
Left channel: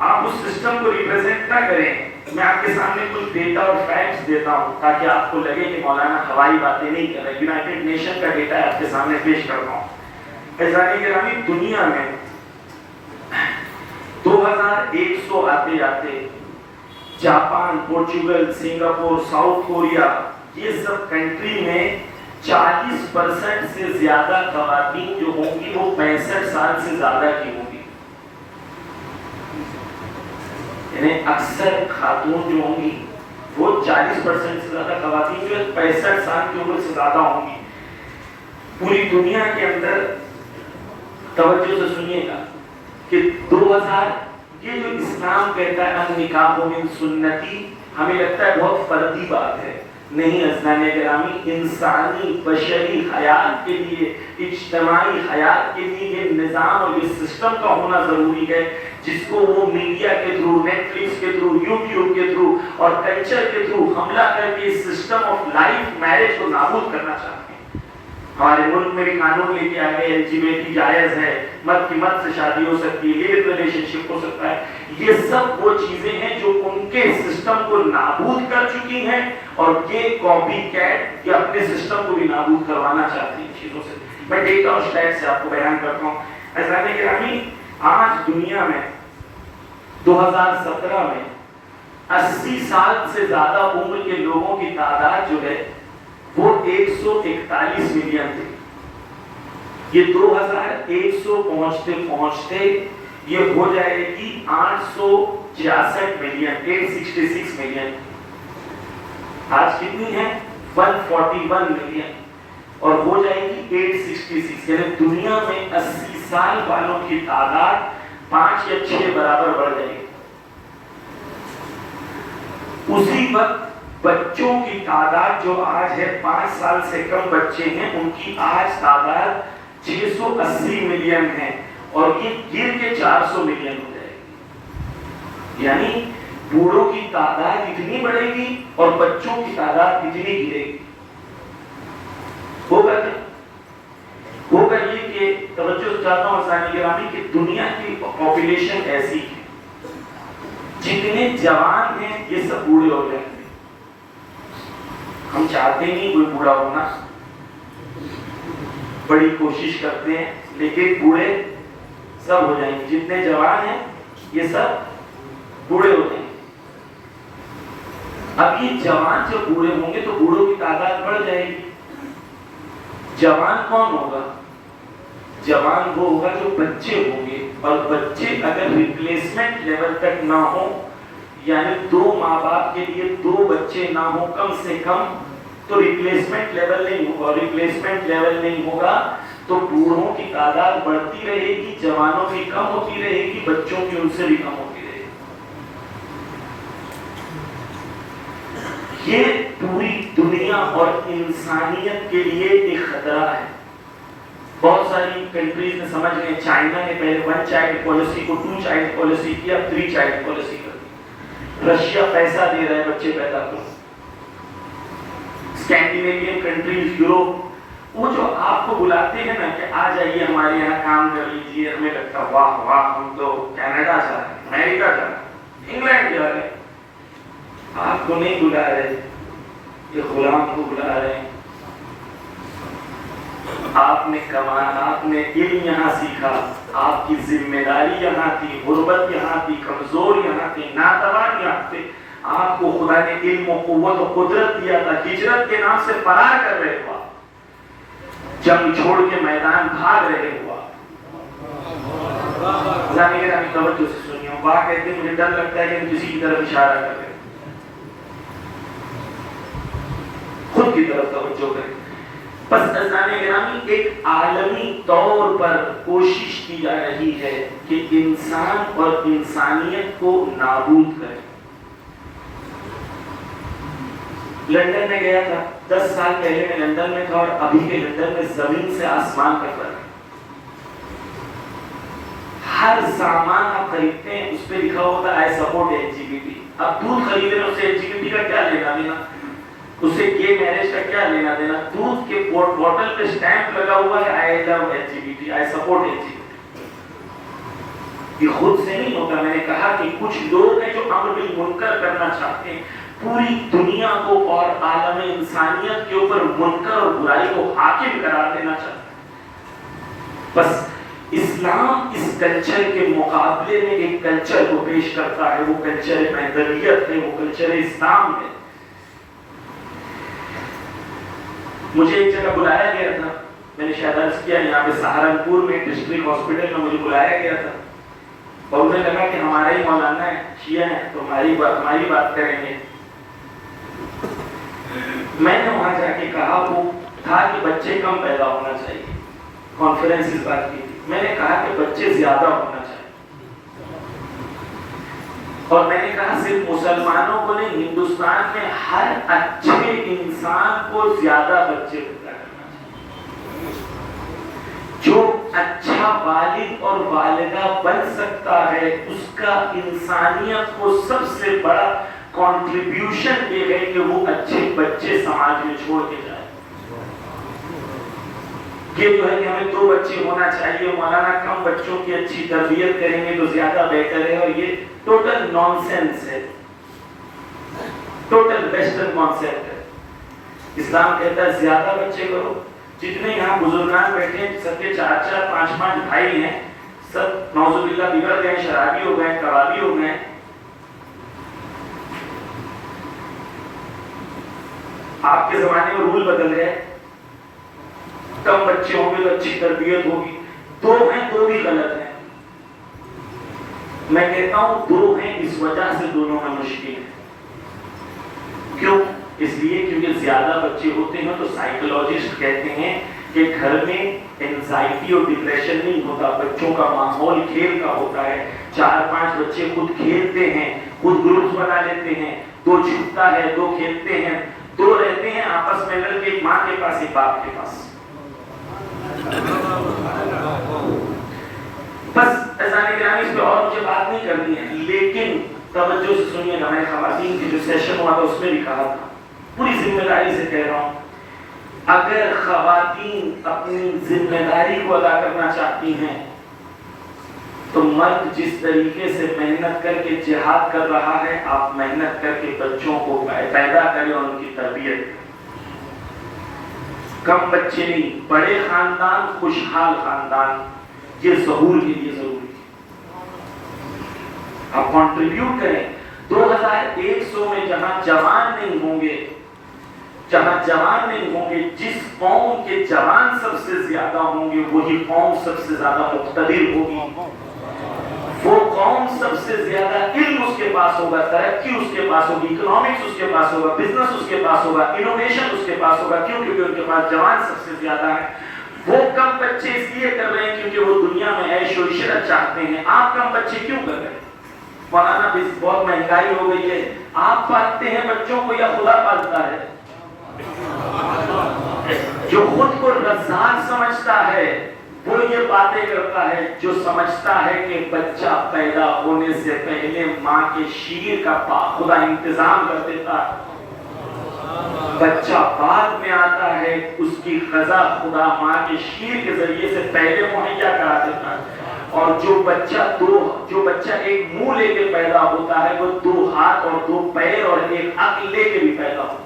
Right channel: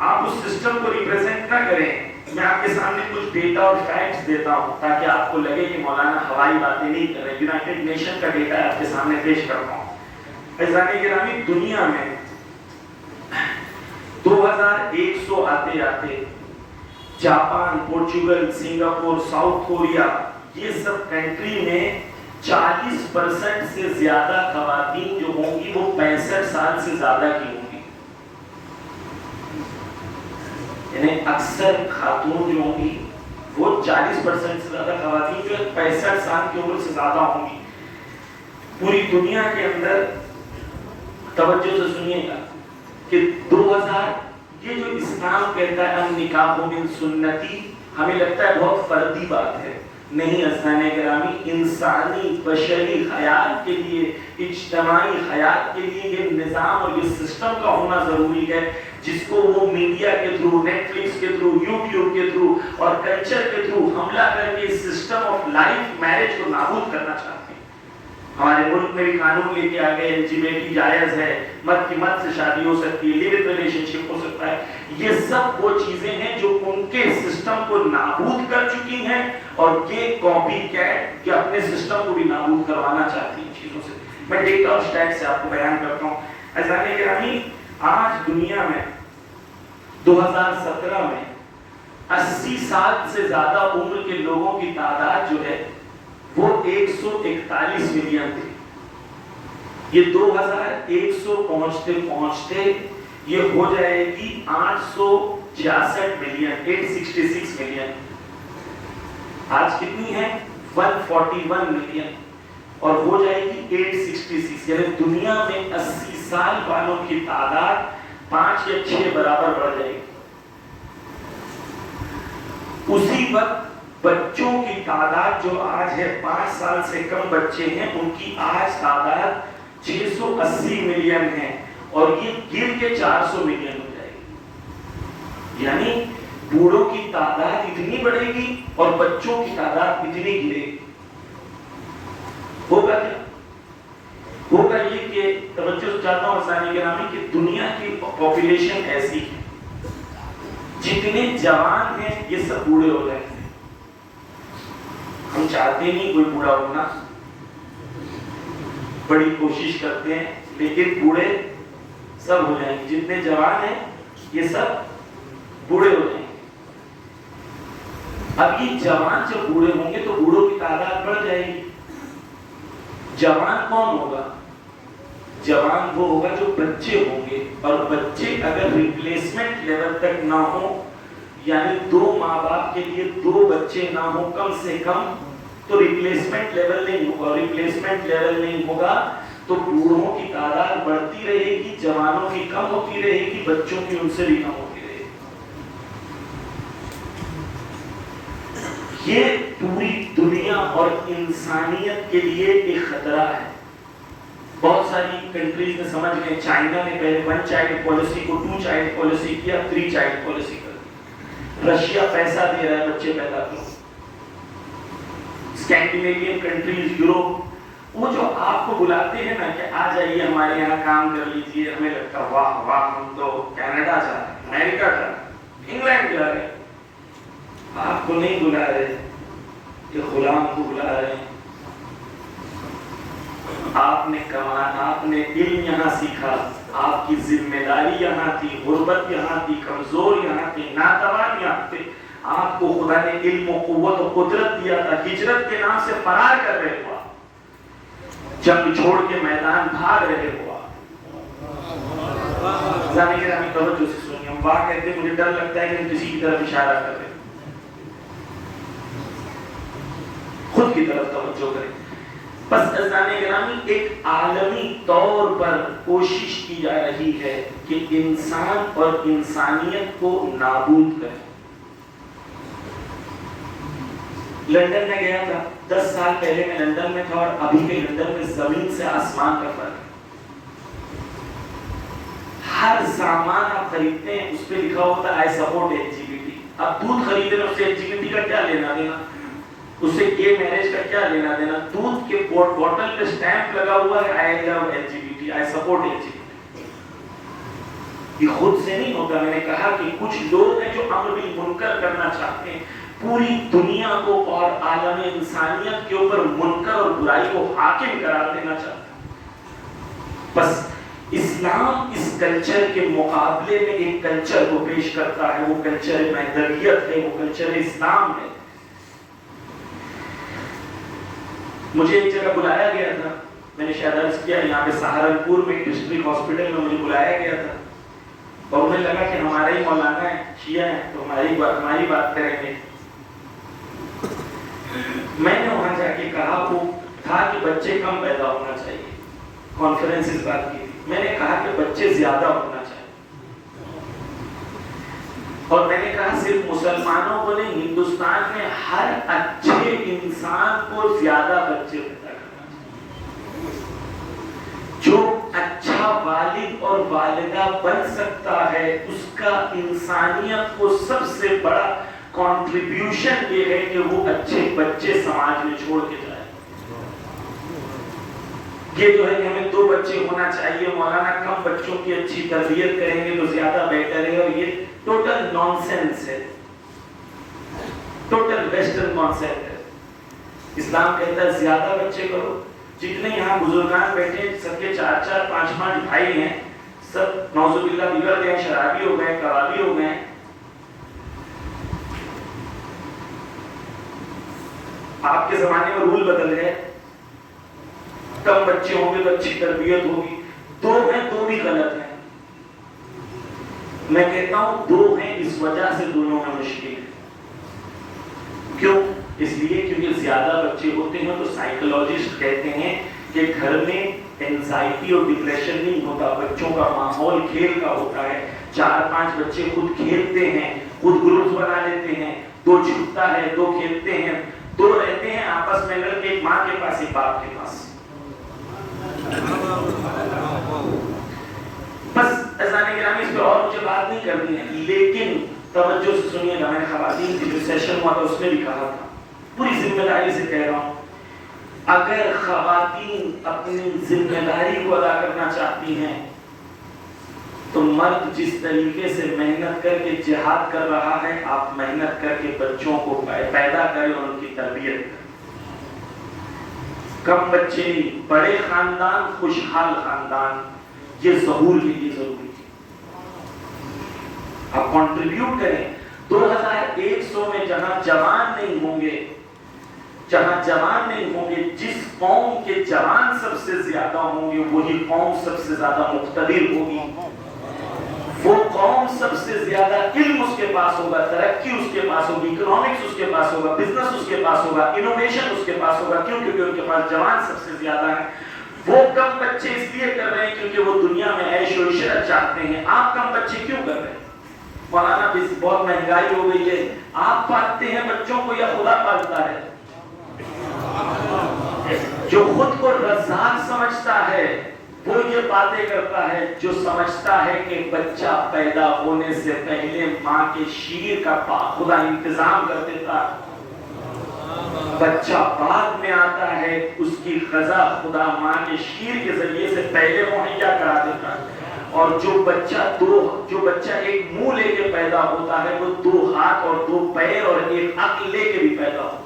آپ اس سسٹم کو ریپرزینٹ نہ کریں۔ میں آپ کے سامنے کچھ ڈیٹا اور فیکٹس دیتا ہوں تاکہ آپ کو لگے کہ مولانا ہوائی باتیں نہیں کر رہے۔ یونائٹڈ نیشن کا ڈیٹا آپ کے سامنے پیش کرتا ہوں۔ عزیزان گرامی، دنیا میں 2100 آتے آتے Japan, Portugal, Singapore, south Korea, یہ سب کنٹری میں 40% سے زیادہ خواتین جو ہوں گی وہ 65 سال سے زیادہ کی ہوں گی۔ یعنی اکثر خاتون جو ہوں گی وہ 40% سے زیادہ خواتین جو 65 سال کی عمر سے زیادہ ہوں گی۔ پوری دنیا کے اندر توجہ سے سنیے گا کہ 2000 یہ جو اسلام کہتا ہے النکاح من سنتی، ہمیں لگتا ہے بہت فردی بات ہے، نہیں اسلامی گرامی، انسانی بشری حیات کے لیے، اجتماعی حیات کے لیے یہ نظام اور یہ سسٹم کا ہونا ضروری ہے، جس کو وہ میڈیا کے تھرو، نیٹ فلکس کے تھرو، یوٹیوب کے تھرو اور کلچر کے تھرو حملہ کر کے اس سسٹم آف لائف میرج کو نابود کرنا چاہتے ہیں۔ ہمارے ملک میں بھی قانون لے کے آ گئے LGBT جائز ہے، مرد کی مرد سے شادی ہو سکتی ہے، لیو ان ریلیشن شپ ہو سکتا ہے۔ یہ سب وہ چیزیں ہیں جو ان کے سسٹم کو نابود کر چکی ہیں، اور یہ کاپی کیٹ یہ اپنے سسٹم کو بھی نابود کروانا چاہتی ہیں چیزوں سے۔ میں ڈیٹا اور اسٹیٹس سے آپ کو بیان کرتا ہوں۔ عزیزان گرامی، آج دنیا میں 2017 میں 80 سال سے زیادہ عمر کے لوگوں کی تعداد جو ہے وہ 141 ملین تھی۔ یہ 2100 پہنچتے پہنچتے یہ ہو جائے گی 866 ملین، 866 ملین۔ آج کتنی ہے؟ 141 ملین، اور ہو جائے گی 866، یعنی دنیا میں 80 سال والوں کی تعداد 5 یا 6 برابر بڑھ جائے گی۔ اسی وقت بچوں کی تعداد جو آج ہے 5 سال سے کم بچے ہیں، ان کی آج تعداد 680 ملین ہے، اور یہ گر کے 400 ملین ہو جائے گی۔ یعنی بوڑھوں کی تعداد اتنی بڑھے گی اور بچوں کی تعداد اتنی گرے گی۔ ہوگا کیا؟ ہوگا یہ کہ توجہ چاہتا ہوں اسلامی گرامی کہ دنیا کی پاپولیشن ایسی ہے، جتنے جوان ہیں یہ سب بوڑھے ہو جائیں گے۔ ہم چاہتے نہیں کوئی بوڑھا ہونا، بڑی کوشش کرتے ہیں، لیکن بوڑھے سب ہو جائیں گے۔ جتنے جوان ہیں یہ سب بوڑھے ہو جائیں گے۔ اب یہ جوان جب بوڑھے ہوں گے تو بوڑھوں کی تعداد بڑھ جائے گی۔ جوان کون ہوگا؟ جوان وہ ہوگا جو بچے ہوں گے، اور بچے اگر ریپلیسمنٹ لیول تک نہ ہو، یعنی 2 ماں باپ کے لیے 2 بچے نہ ہو کم سے کم، تو ریپلیسمنٹ لیول نہیں ہوگا۔ ریپلیسمنٹ لیول نہیں ہوگا تو بوڑھوں کی تعداد بڑھتی رہے گی، جوانوں کی کم ہوتی رہے گی، بچوں کی ان سے بھی کم ہوتی رہے گی۔ یہ پوری دنیا اور انسانیت کے لیے ایک خطرہ ہے۔ بہت ساری کنٹریز نے سمجھ لیں، چائنا نے پہلے 1 چائلڈ پالیسی کو 2 چائلڈ پالیسی کیا، 3 چائلڈ پالیسی کر دی۔ رشیا پیسہ دے رہا ہے بچے پیدا کرو۔ اسکینڈینیوین کنٹریز، یوروپ، وہ جو آپ کو بلاتے ہیں نا کہ آ جائیے ہمارے یہاں کام کر لیجیے، ہمیں لگتا ہے واہ واہ، ہم تو کینیڈا جا رہے ہیں، امریکہ جا رہے ہیں، انگلینڈ جا رہے ہیں۔ آپ کو نہیں بلا رہے، یہ غلام کو بلا رہے ہیں۔ آپ نے کمانا، آپ نے علم یہاں سیکھا، آپ کی ذمہ داری یہاں تھی، غربت یہاں تھی، کمزور یہاں تھے، ناتوان یہاں تھے۔ آپ کو خدا نے علم و قوت و قدرت دیا تھا، ہجرت کے نام سے فرار کر رہے ہوا، جنگ چھوڑ کے میدان بھاگ رہے ہوا۔ توجہ سے سنیے، ہم واہ کہتے ہیں، مجھے ڈر لگتا ہے کہ ہم کسی کی طرف اشارہ کر رہے ہیں، خود کی طرف توجہ کریں۔ بس عزیزان گرامی، ایک عالمی طور پر کوشش کی جا رہی ہے کہ انسان اور انسانیت کو نابود کرے۔ لندن میں گیا تھا، 10 سال پہلے میں لندن میں تھا، اور ابھی کے لندن میں زمین سے آسمان کا فرق۔ ہر سامان آپ خریدتے ہیں اس پہ لکھا ہوتا ہے I support LGBT۔ اب دودھ خرید رہے ہیں، اس سے LGBT کا کیا لینا دینا، اس سے گے میرج کا کیا لینا دینا؟ دودھ کے بوٹل پہ سٹیمپ لگا ہوا ہے I love LGBT، I support LGBT۔ یہ خود سے نہیں ہوتا۔ میں نے کہا کہ کچھ لوگ ہیں جو امر بالمنکر کرنا چاہتے ہیں، پوری دنیا کو اور عالم انسانیت کے اوپر منکر اور برائی کو حاکم قرار دینا چاہتے ہیں۔ بس اسلام اس کلچر کے مقابلے میں ایک کلچر کو پیش کرتا ہے، وہ کلچر مہدویت ہے، وہ کلچر اسلام ہے۔ مجھے ایک جگہ بلایا گیا تھا، میں نے شاید عرض کیا، یہاں پہ سہارنپور میں ڈسٹرکٹ ہاسپٹل میں مجھے بلایا گیا تھا، اور انہیں لگا کہ ہمارے ہی مولانا ہیں، شیعہ ہیں، تو ہماری بات کریں گے۔ میں نے وہاں جا کے کہا، وہ تھا کہ بچے کم پیدا ہونا چاہیے، کانفرنس اس بات کی تھی۔ میں نے کہا کہ بچے زیادہ ہونا چاہیے، اور میں نے کہا صرف مسلمانوں کو نہیں، ہندوستان میں ہر اچھے انسان کو زیادہ بچے پیدا کرنا چاہیے۔ جو اچھا والد اور والدہ بن سکتا ہے اس کا انسانیت کو سب سے بڑا کنٹریبیوشن یہ ہے کہ وہ اچھے بچے سماج میں چھوڑ کے جائے۔ یہ جو ہے کہ ہمیں 2 بچے ہونا چاہیے، مولانا کم بچوں کی اچھی تربیت کریں گے تو زیادہ بہتر ہے، اور یہ ٹوٹل نان سینس ہے، ٹوٹل ویسٹرن کانسیپٹ ہے۔ اسلام کہتا ہے زیادہ بچے کرو۔ جتنے یہاں بزرگان بیٹھے ہیں سب کے 4 5 بھائی ہیں، سب نعوذ باللہ بگڑ گئے، شرابی ہو گئے، کبابی ہو گئے۔ آپ کے زمانے میں رول بدل گئے، کم بچے ہوں گے تو اچھی تربیت ہوگی۔ 2 ہیں 2 بھی غلط ہیں۔ میں کہتا ہوں 2 ہیں اس وجہ سے دونوں میں مشکل ہے۔ کیوں؟ اس لیے کیونکہ زیادہ بچے ہوتے ہیں تو سائیکولوجسٹ کہتے ہیں کہ گھر میں اینزائٹی اور ڈپریشن نہیں ہوتا، بچوں کا ماحول کھیل کا ہوتا ہے۔ 4 5 بچے خود کھیلتے ہیں، خود گروپ بنا لیتے ہیں، 2 چھپتا ہے، 2 کھیلتے ہیں، 2 رہتے ہیں آپس میں لڑ کے، ایک ماں کے پاس ایک باپ کے پاس۔ بس اذان گرامی اس پہ اور مجھے بات نہیں کرنی ہے، لیکن توجہ سے سنیے گا۔ میں نے خواتین کی جو سیشن ہوا تھا اس میں بھی کہا تھا، پوری ذمہ داری سے کہہ رہا ہوں، اگر خواتین اپنی ذمہ داری کو ادا کرنا چاہتی ہیں تو مرد جس طریقے سے محنت کر کے جہاد کر رہا ہے، آپ محنت کر کے بچوں کو پیدا کریں اور ان کی تربیت کریں۔ کم بچے نہیں، بڑے خاندان، خوشحال خاندان، یہ ظہور کے لیے ضروری ہے۔ آپ کنٹریبیوٹ کریں۔ 2100 میں جہاں جوان نہیں ہوں گے، جس قوم کے جوان سب سے زیادہ ہوں گے وہی قوم سب سے زیادہ مقتدر ہوگی۔ وہ قوم سب سے زیادہ علم اس کے پاس ہوگا، ترقی اس کے پاس ہوگی، اکنامکس اس کے پاس ہوگا، بزنس اس کے پاس ہوگا، انوویشن اس کے پاس ہوگا، کیونکہ ان کے پاس جوان سب سے زیادہ ہے۔ وہ کم بچے اس لیے کر رہے ہیں کیونکہ وہ دنیا میں عیش و عشرت چاہتے ہیں۔ آپ کم بچے کیوں کر رہے ہیں؟ مولانا بہت مہنگائی ہو گئی ہے، آپ پالتے ہیں بچوں کو یا خدا پالتا ہے؟ جو خود کو رزاق سمجھتا ہے وہ یہ باتیں کرتا ہے، جو سمجھتا ہے کہ بچہ پیدا ہونے سے پہلے ماں کے شیر کا خدا انتظام کر دیتا ہے، بچہ بعد میں آتا ہے، اس کی غذا خدا ماں کے شیر کے ذریعے سے پہلے مہیا کرا دیتا ہے۔ اور جو بچہ ایک منہ لے کے پیدا ہوتا ہے وہ 2 ہاتھ اور 2 پیر اور ایک عقل لے کے بھی پیدا ہوتا ہے۔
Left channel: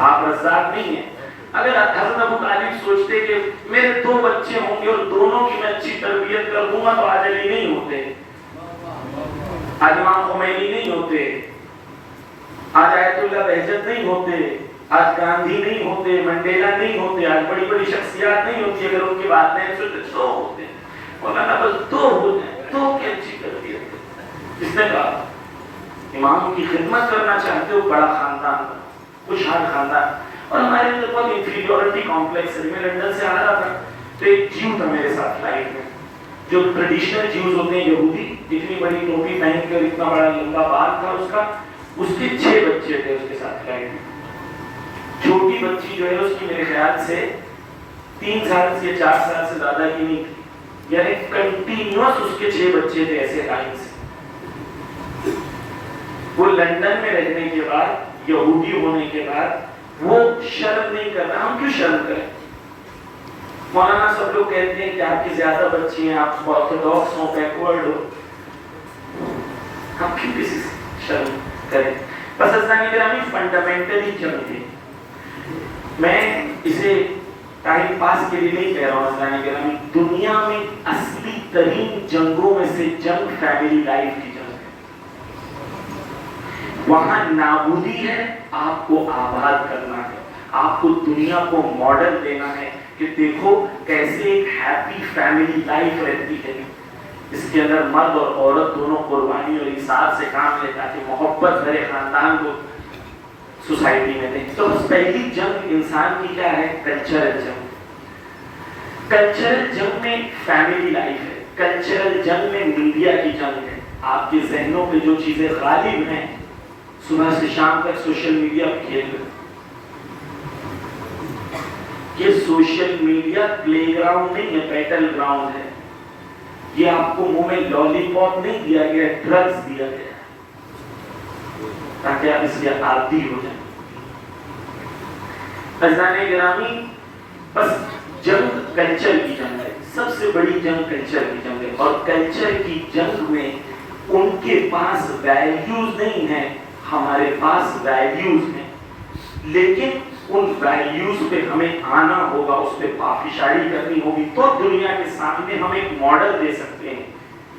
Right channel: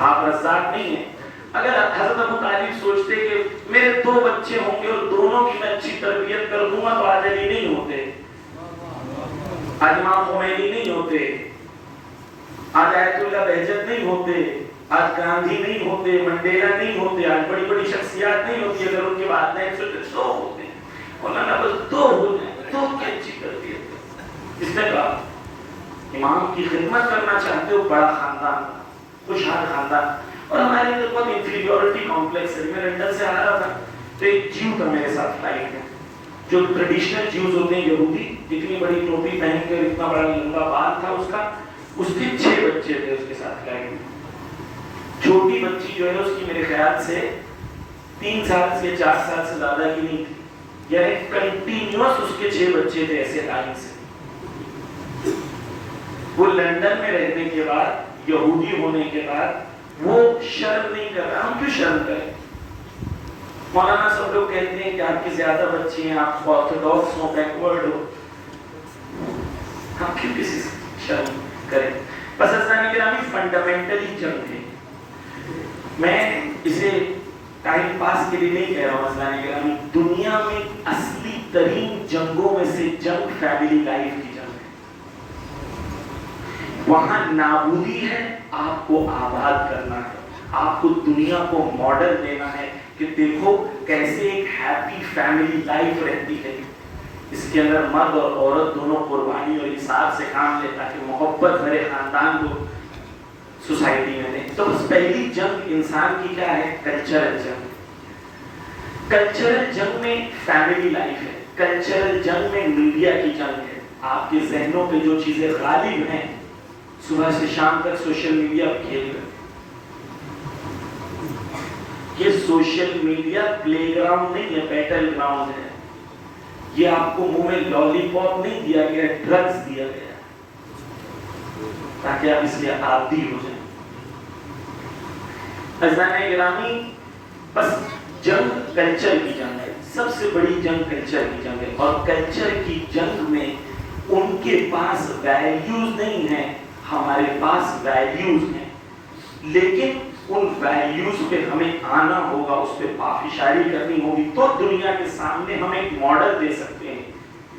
آپ رزاق نہیں ہیں۔ اگر حضرت ابو طالب سوچتے کہ میرے 2 بچے ہوں گے اور دونوں کی میں اچھی تربیت کر دوں گا تو آج علی نہیں ہوتے، آج امام خمینی نہیں ہوتے، آج آیت اللہ بہجت نہیں ہوتے، آج گاندھی نہیں ہوتے، منڈیلا نہیں ہوتے، آج بڑی بڑی شخصیات نہیں ہوتی اگر ان کی بات نہیں سنتے۔ 2 ہوتے ہیں مولانا، بس 2 ہوتے ہیں، 2 کی اچھی تربیت ہے۔ اس نے کہا امام کی خدمت کرنا چاہتے ہو، بڑا خاندان، خوشحال خاندان۔ اور ہمارے اندر بہت انفیریورٹی کمپلیکس ہے۔ میں لندن سے آ رہا تھا تو ایک جیو تھا میرے ساتھ فلائٹ میں، جو ٹریڈیشنل جیوز ہوتے ہیں یہودی، اتنی بڑی ٹوپی پہن کر، اتنا بڑا لمبا بال تھا اس کا، اس کے 6 بچے تھے اس کے ساتھ فلائٹ میں۔ چھوٹی بچی جو ہے اس کی میرے خیال سے 3 سال سے 4 سال سے زیادہ کی نہیں تھی، یعنی کنٹینیوس اس کے 6 بچے تھے ایسے لائن سے۔ وہ لندن میں رہنے کے بعد، یہودی ہونے کے بعد وہ شرم نہیں کر رہا۔ ہم کیوں شرم کریں؟ مولانا سب لوگ کہتے ہیں کہ آپ کی زیادہ بچی ہیں، آپ آرتھوڈاکس ہو، بیکورڈ ہو، ہم کیوں کسی سے شرم کریں؟ بس اسلامی گرامی فنڈامنٹلی جنگ تھی۔ میں اسے ٹائم پاس کے لیے نہیں کہہ رہا ہوں اسلامی گرامی، دنیا میں اصلی ترین جنگوں میں سے جنگ فیملی لائف کی جنگ ہے۔ وہاں نابودی ہے، آپ کو آباد کرنا ہے، آپ کو دنیا کو ماڈل دینا ہے کہ دیکھو کیسے ایک ہیپی فیملی لائف رہتی ہے، اس کے اندر مرد اور عورت دونوں قربانی اور انصاف سے کام لے تاکہ محبت بھرے خاندان کو سوسائٹی میں دیں۔ تو بس پہلی جنگ انسان کی کیا ہے؟ کلچرل جنگ۔ کلچرل جنگ میں فیملی لائف ہے، کلچرل جنگ میں میڈیا کی جنگ ہے، آپ کے ذہنوں پہ جو چیزیں غالب ہیں، صبح سے شام تک سوشل میڈیا پہ کھیل رہے. یہ سوشل میڈیا پلے گراؤنڈ نہیں ہے، بیٹل گراؤنڈ ہے. یہ آپ کو منہ میں لالی پاپ نہیں دیا گیا، ڈرگز دیا گیا تاکہ آپ اس کے عادی ہو جائیں. عزیزان گرامی، بس جنگ کلچر کی جنگ ہے، سب سے بڑی جنگ کلچر کی جنگ ہے. اور کلچر کی جنگ میں ان کے پاس ویلیوز نہیں ہیں، ہمارے پاس ویلیوز ہیں. لیکن ان ویلیوز پہ ہمیں آنا ہوگا، اس پہ پافشاری کرنی ہوگی، تو دنیا کے سامنے ہم ایک ماڈل دے سکتے ہیں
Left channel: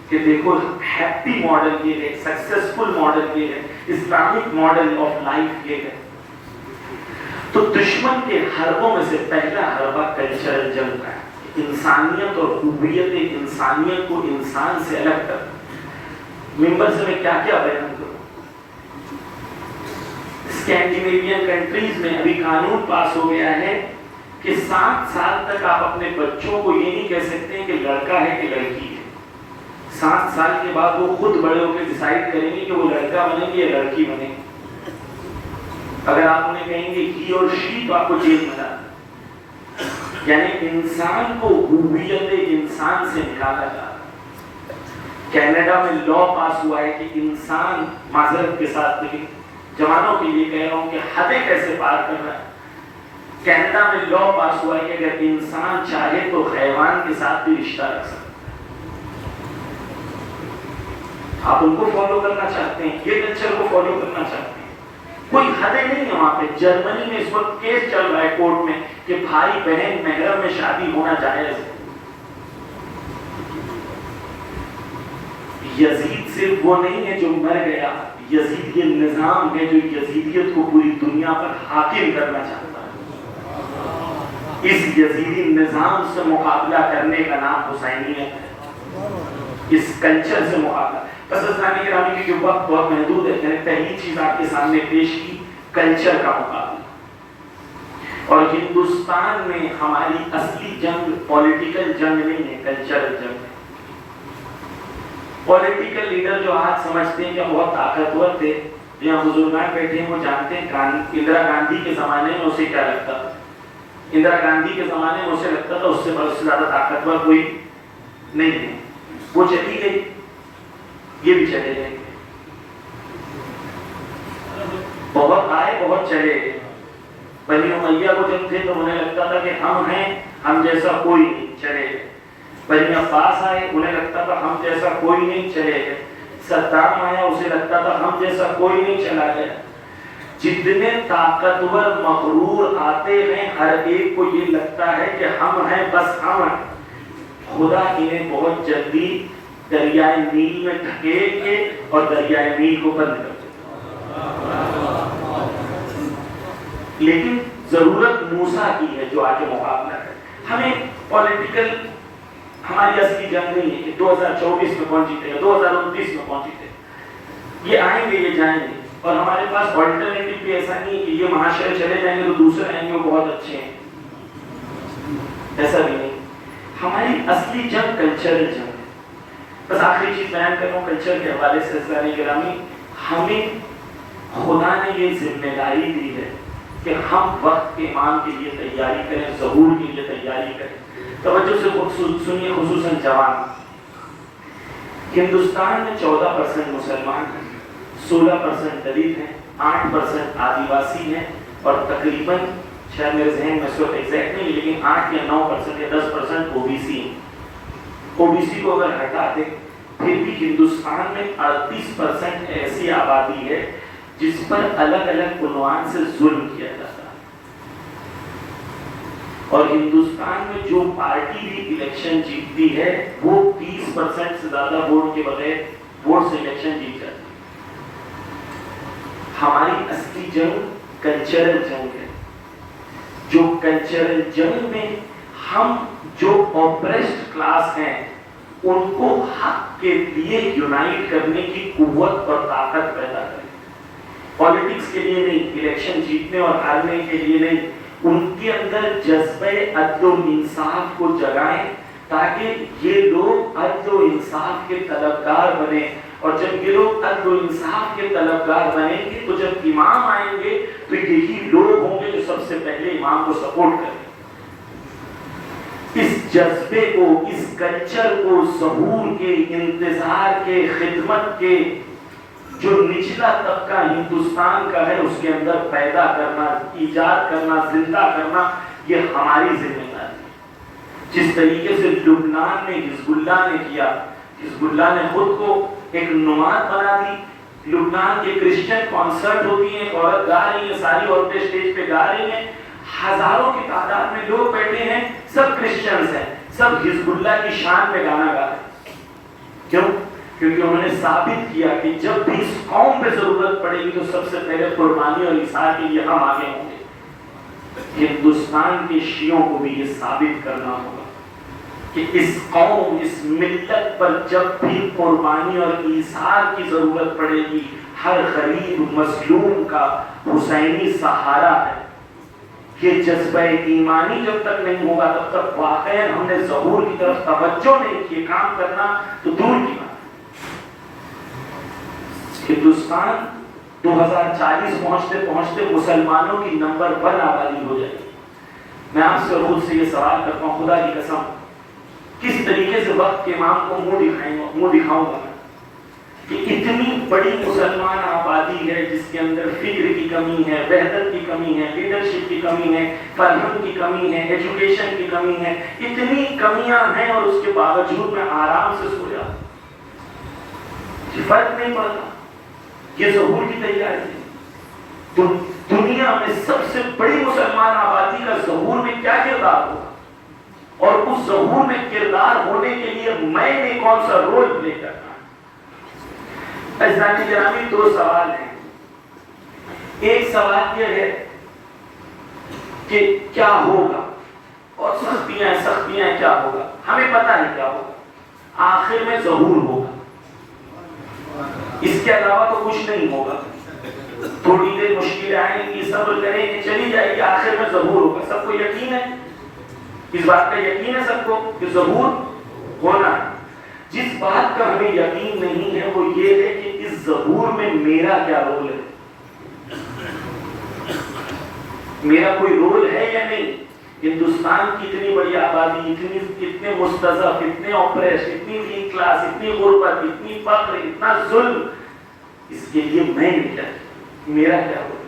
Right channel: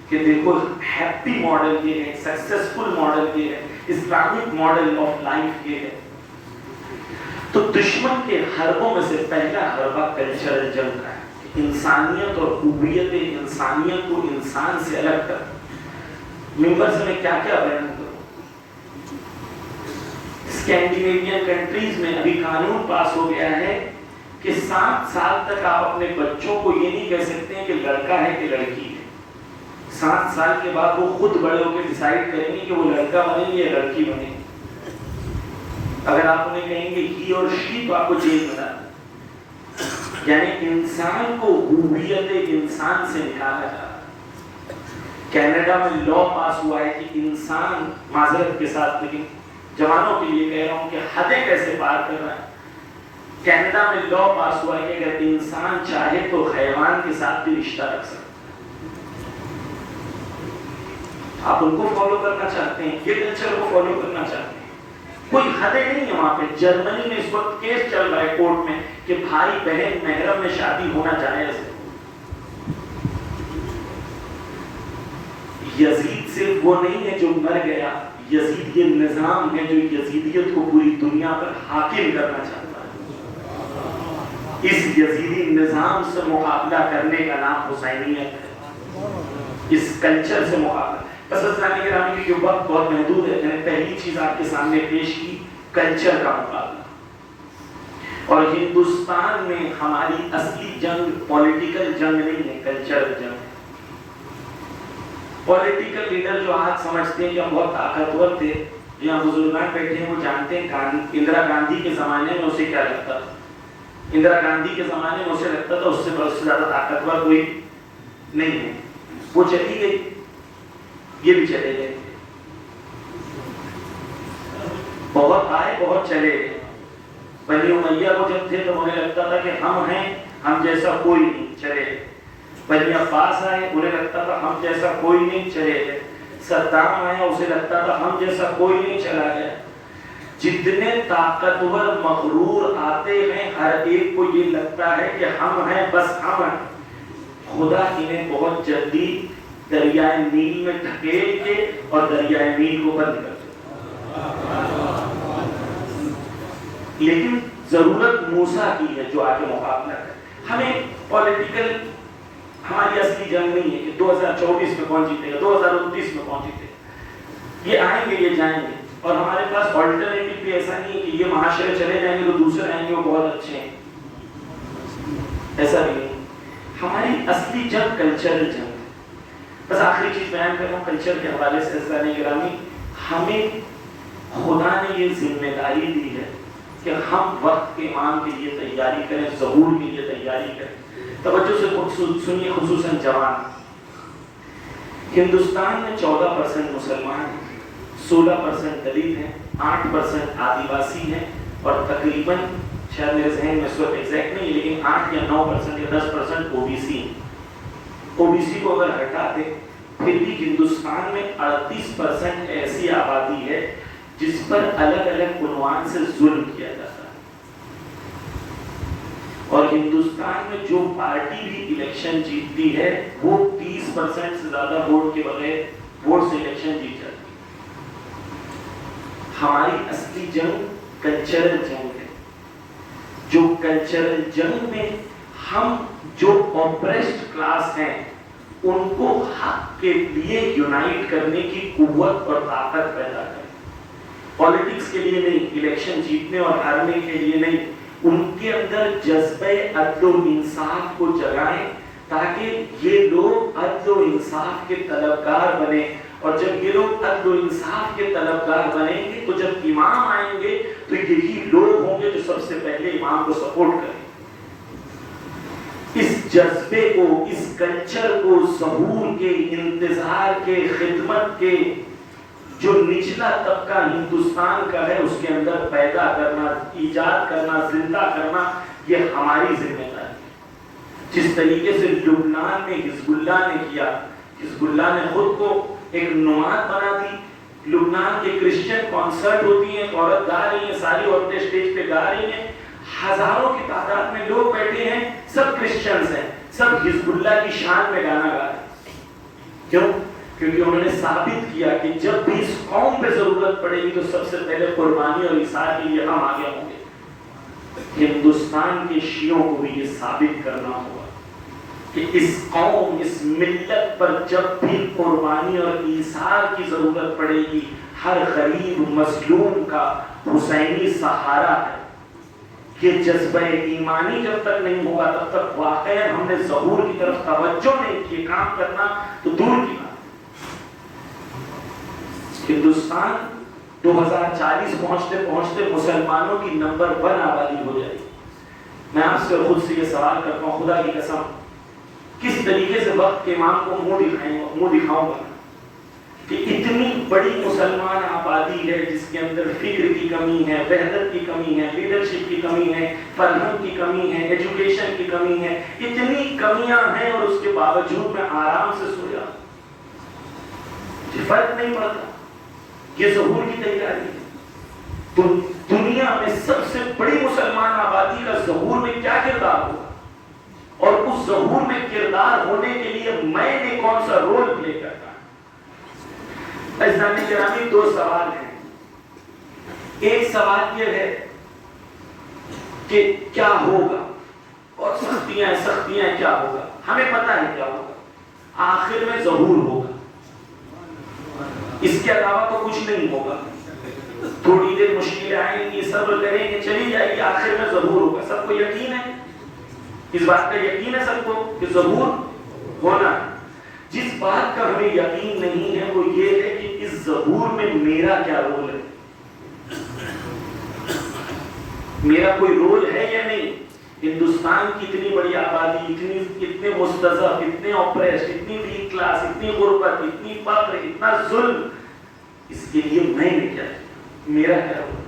کہ دیکھو ہیپی ماڈل یہ ہے، سکسیسفل ماڈل یہ ہے، اسلامک ماڈل آف لائف یہ ہے. تو دشمن کے حربوں میں سے پہلا حربہ کلچرل جنگ کا ہے. انسانیت اور ہویت انسانیت کو انسان سے الگ کر. ممبر سے میں کیا کیا بیان کروں. اسکینڈینیوین کنٹریز میں ابھی قانون پاس ہو گیا ہے کہ 7 سال تک آپ اپنے بچوں کو یہ نہیں کہہ سکتے ہیں کہ لڑکا ہے کہ لڑکی ہے. 7 سال کے بعد وہ خود بڑے ہو کے ڈیسائیڈ کریں گے کہ وہ لڑکا بنے گے یا لڑکی بنے گی. اگر آپ انہیں کہیں گے ہی اور شی تو آپ کو جیل میں ڈالیں. یعنی انسان کو ہویت انسان سے نکالا جا رہا ہے. کینیڈا میں لا پاس ہوا ہے کہ انسان، معذرت کے ساتھ لیکن جوانوں کے لیے کہہ رہا ہوں کہ حدیں کیسے پار کرنا ہے. کینیڈا میں لا پاس ہوا ہے کہ اگر انسان چاہے تو حیوان کے ساتھ بھی رشتہ رکھ سکتا. آپ ان کو فالو کرنا چاہتے ہیں، یہ کلچر کو فالو کرنا چاہتے ہیں. کوئی حدیں نہیں ہے وہاں پہ. جرمنی میں اس وقت کیس چل رہا ہے کورٹ میں کہ بھائی بہن محرم میں شادی ہونا جائز ہے. یزید صرف وہ نہیں ہے جو مر گیا، یزید یہ نظام ہے جو یزیدیت کو پوری دنیا پر حاکم کرنا چاہتا ہے. اس یزیدی نظام سے مقابلہ کرنے کا نام حسینیت ہے، اس کلچر سے مقابلہ. بس اسلامی گرامی کی جو وقت بہت محدود ہے، میں نے پہلی چیز آپ کے سامنے پیش کی کلچر کا مقابلہ. اور ہندوستان میں ہماری اصلی جنگ پولیٹیکل جنگ نہیں ہے، کلچرل جنگ. پولیٹیکل لیڈر جو آج سمجھتے ہیں کہ بہت طاقتور تھے، جہاں بزرگان بیٹھے ہیں وہ جانتے ہیں اندرا گاندھی کے زمانے میں اسے کیا لگتا تھا. اندرا گاندھی کے زمانے میں اسے لگتا تھا اس سے زیادہ طاقتور کوئی نہیں ہے. وہ چلی گئی، یہ بھی چلے گئے. بہت آئے بہت چلے گئے. بنی امیہ کو جب تھے تو انہیں لگتا تھا کہ ہم ہیں، ہم جیسا کوئی نہیں، چلے گئے. بنی عباس آئے، انہیں لگتا تھا ہم جیسا کوئی نہیں، چلے گئے. صدام آیا، اسے لگتا تھا ہم جیسا کوئی نہیں، چلا گیا. جتنے طاقتور مغرور آتے ہیں ہر ایک کو یہ لگتا ہے کہ ہم ہیں، بس ہم ہیں. خدا انہیں بہت جلدی دریائے نیل میں ڈھکیل کے اور دریائے نیل کو بند کر دیا. لیکن ضرورت موسیٰ کی ہے جو آگے مقابلہ ہے. ہمیں پولیٹیکل ہماری اصلی جنگ نہیں ہے کہ 2024 میں کون جیتے گا، 2029 میں کون جیتے گا. یہ آئیں گے، یہ جائیں گے. اور ہمارے پاس آلٹرنیٹو بھی ایسا نہیں ہے کہ یہ معاشرے چلے جائیں گے تو دوسرے آئیں گے وہ بہت اچھے ہیں، ایسا بھی نہیں. ہماری اصلی جنگ کلچرل جنگ ہے. بس آخری چیز بیان کر رہا ہوں کلچر کے حوالے سے. اسلامی گرامی، ہمیں خدا نے یہ ذمہ داری دی ہے کہ ہم وقت کے امام کے لیے تیاری کریں، ظہور کے لیے تیاری کریں. توجہ سے سنیے، خصوصاً جوان. ہندوستان میں 14% مسلمان ہیں، 16% دلت ہیں، 8% آدیواسی ہیں، اور تقریباً شاید میرے ذہن میں اس وقت ایگزیکٹ نہیں لیکن 8 یا 9% یا 10% OBC ہیں. OBC کو اگر ہٹا دیں پھر بھی ہندوستان میں 38% ایسی آبادی ہے جس پر الگ الگ عنوان سے ظلم کیا جاتا ہے. اور ہندوستان میں جو پارٹی بھی الیکشن جیتتی ہے وہ 30% سے زیادہ ووٹ کے بغیر ووٹ سے الیکشن جیت جاتی ہے. ہماری اصلی جنگ کلچرل جنگ ہے. جو کلچرل جنگ میں ہم جو اوپریسڈ کلاس ہیں ان کو حق کے لیے یونائٹ کرنے کی قوت اور طاقت پیدا کریں. پالیٹکس کے لیے نہیں، الیکشن جیتنے اور ہارنے کے لیے نہیں. ان کے اندر جذبہ عدل و انصاف کو جگائیں تاکہ یہ لوگ عدل و انصاف کے طلبگار بنے، اور جب یہ لوگ عدل و انصاف کے طلبگار بنیں گے تو جب امام آئیں گے تو یہی لوگ ہوں گے جو سب سے پہلے امام کو سپورٹ کریں گے۔ اس جذبے کو، اس کلچر کو، ظہور کے، انتظار کے، خدمت کے جو نچلا طبقہ ہندوستان کا ہے اس کے اندر پیدا کرنا، ایجاد کرنا، زندہ کرنا، یہ ہماری ذمہ داری ہے۔ جس طریقے سے لبنان میں حزب اللہ نے کیا، حزب اللہ نے خود کو ایک نماد بنا دی۔ لبنان کے کرسچن کانسرٹ ہوتی ہیں، عورت گا رہی ہیں، ساری عورتیں اسٹیج پہ گا رہی ہیں، ہزاروں کی تعداد میں لوگ بیٹھے ہیں، سب کرسچنز ہیں، سب حزب اللہ کی شان میں گانا گا رہے ہیں۔ کیوں؟ کیونکہ انہوں نے ثابت کیا کہ جب بھی اس قوم پہ ضرورت پڑے گی تو سب سے پہلے قربانی اور اثار کے لیے ہم آگے ہوں گے۔ ہندوستان کے شیعوں کو بھی یہ ثابت کرنا ہوگا کہ اس قوم، اس ملت پر جب بھی قربانی اور ایثار کی ضرورت پڑے گی، ہر غریب مظلوم کا حسینی سہارا ہے۔ یہ جذبہ ایمانی جب تک نہیں ہوگا تب تک واقعا ہم نے ظہور کی طرف توجہ نہیں کی، کام کرنا تو دور کی بات۔ ہندوستان 2040 پہنچتے پہنچتے مسلمانوں کی نمبر 1 آبادی ہو جائے گی۔ میں آپ سے خود سے یہ سوال کرتا ہوں، خدا کی قسم، کس طریقے سے وقت کے امام کو منہ دکھاؤں گا کہ اتنی بڑی مسلمان آبادی ہے جس کے اندر فکر کی کمی ہے، وحدت کی کمی ہے، لیڈرشپ کی کمی ہے، فرہنگ کی کمی ہے، ایجوکیشن کی کمی ہے، اتنی کمیاں ہیں اور اس کے باوجود میں آرام سے سو جاتا ہوں، فرق نہیں پڑتا۔ یہ ظہور کی تیاری ہے۔ تو دنیا میں سب سے بڑی مسلمان آبادی کا ظہور میں کیا کردار ہوگا، اور اس ظہور میں کردار ہونے کے لیے میں نے کون سا رول پلے کرنا ہے۔ عزیزان گرامی، 2 سوال ہیں۔ ایک سوال یہ ہے کہ کیا ہوگا، اور سختیاں کیا ہوگا، ہمیں پتہ ہے کیا ہوگا، آخر میں ظہور ہوگا، اس کے علاوہ تو کچھ نہیں ہوگا۔ تھوڑی دیر مشکلیں آئیں گی، صبر کریں گے، چلی جائے گی، آخر میں ظہور ہوگا۔ سب کو یقین ہے، اس بات کا یقین ہے سب کو کہ ظہور ہونا ہے۔ جس بات کا ہمیں یقین نہیں ہے وہ یہ ہے کہ اس ظہور میں میرا کیا رول ہے، میرا کوئی رول ہے یا نہیں۔ ہندوستان کی اتنی بڑی آبادی، اتنے مستضعف، اتنے اوپریس، اتنی ویک کلاس، اتنی غربت، اتنی فقر، اتنا ظلم، اس کے لیے میں نے کیا، میرا کیا رول،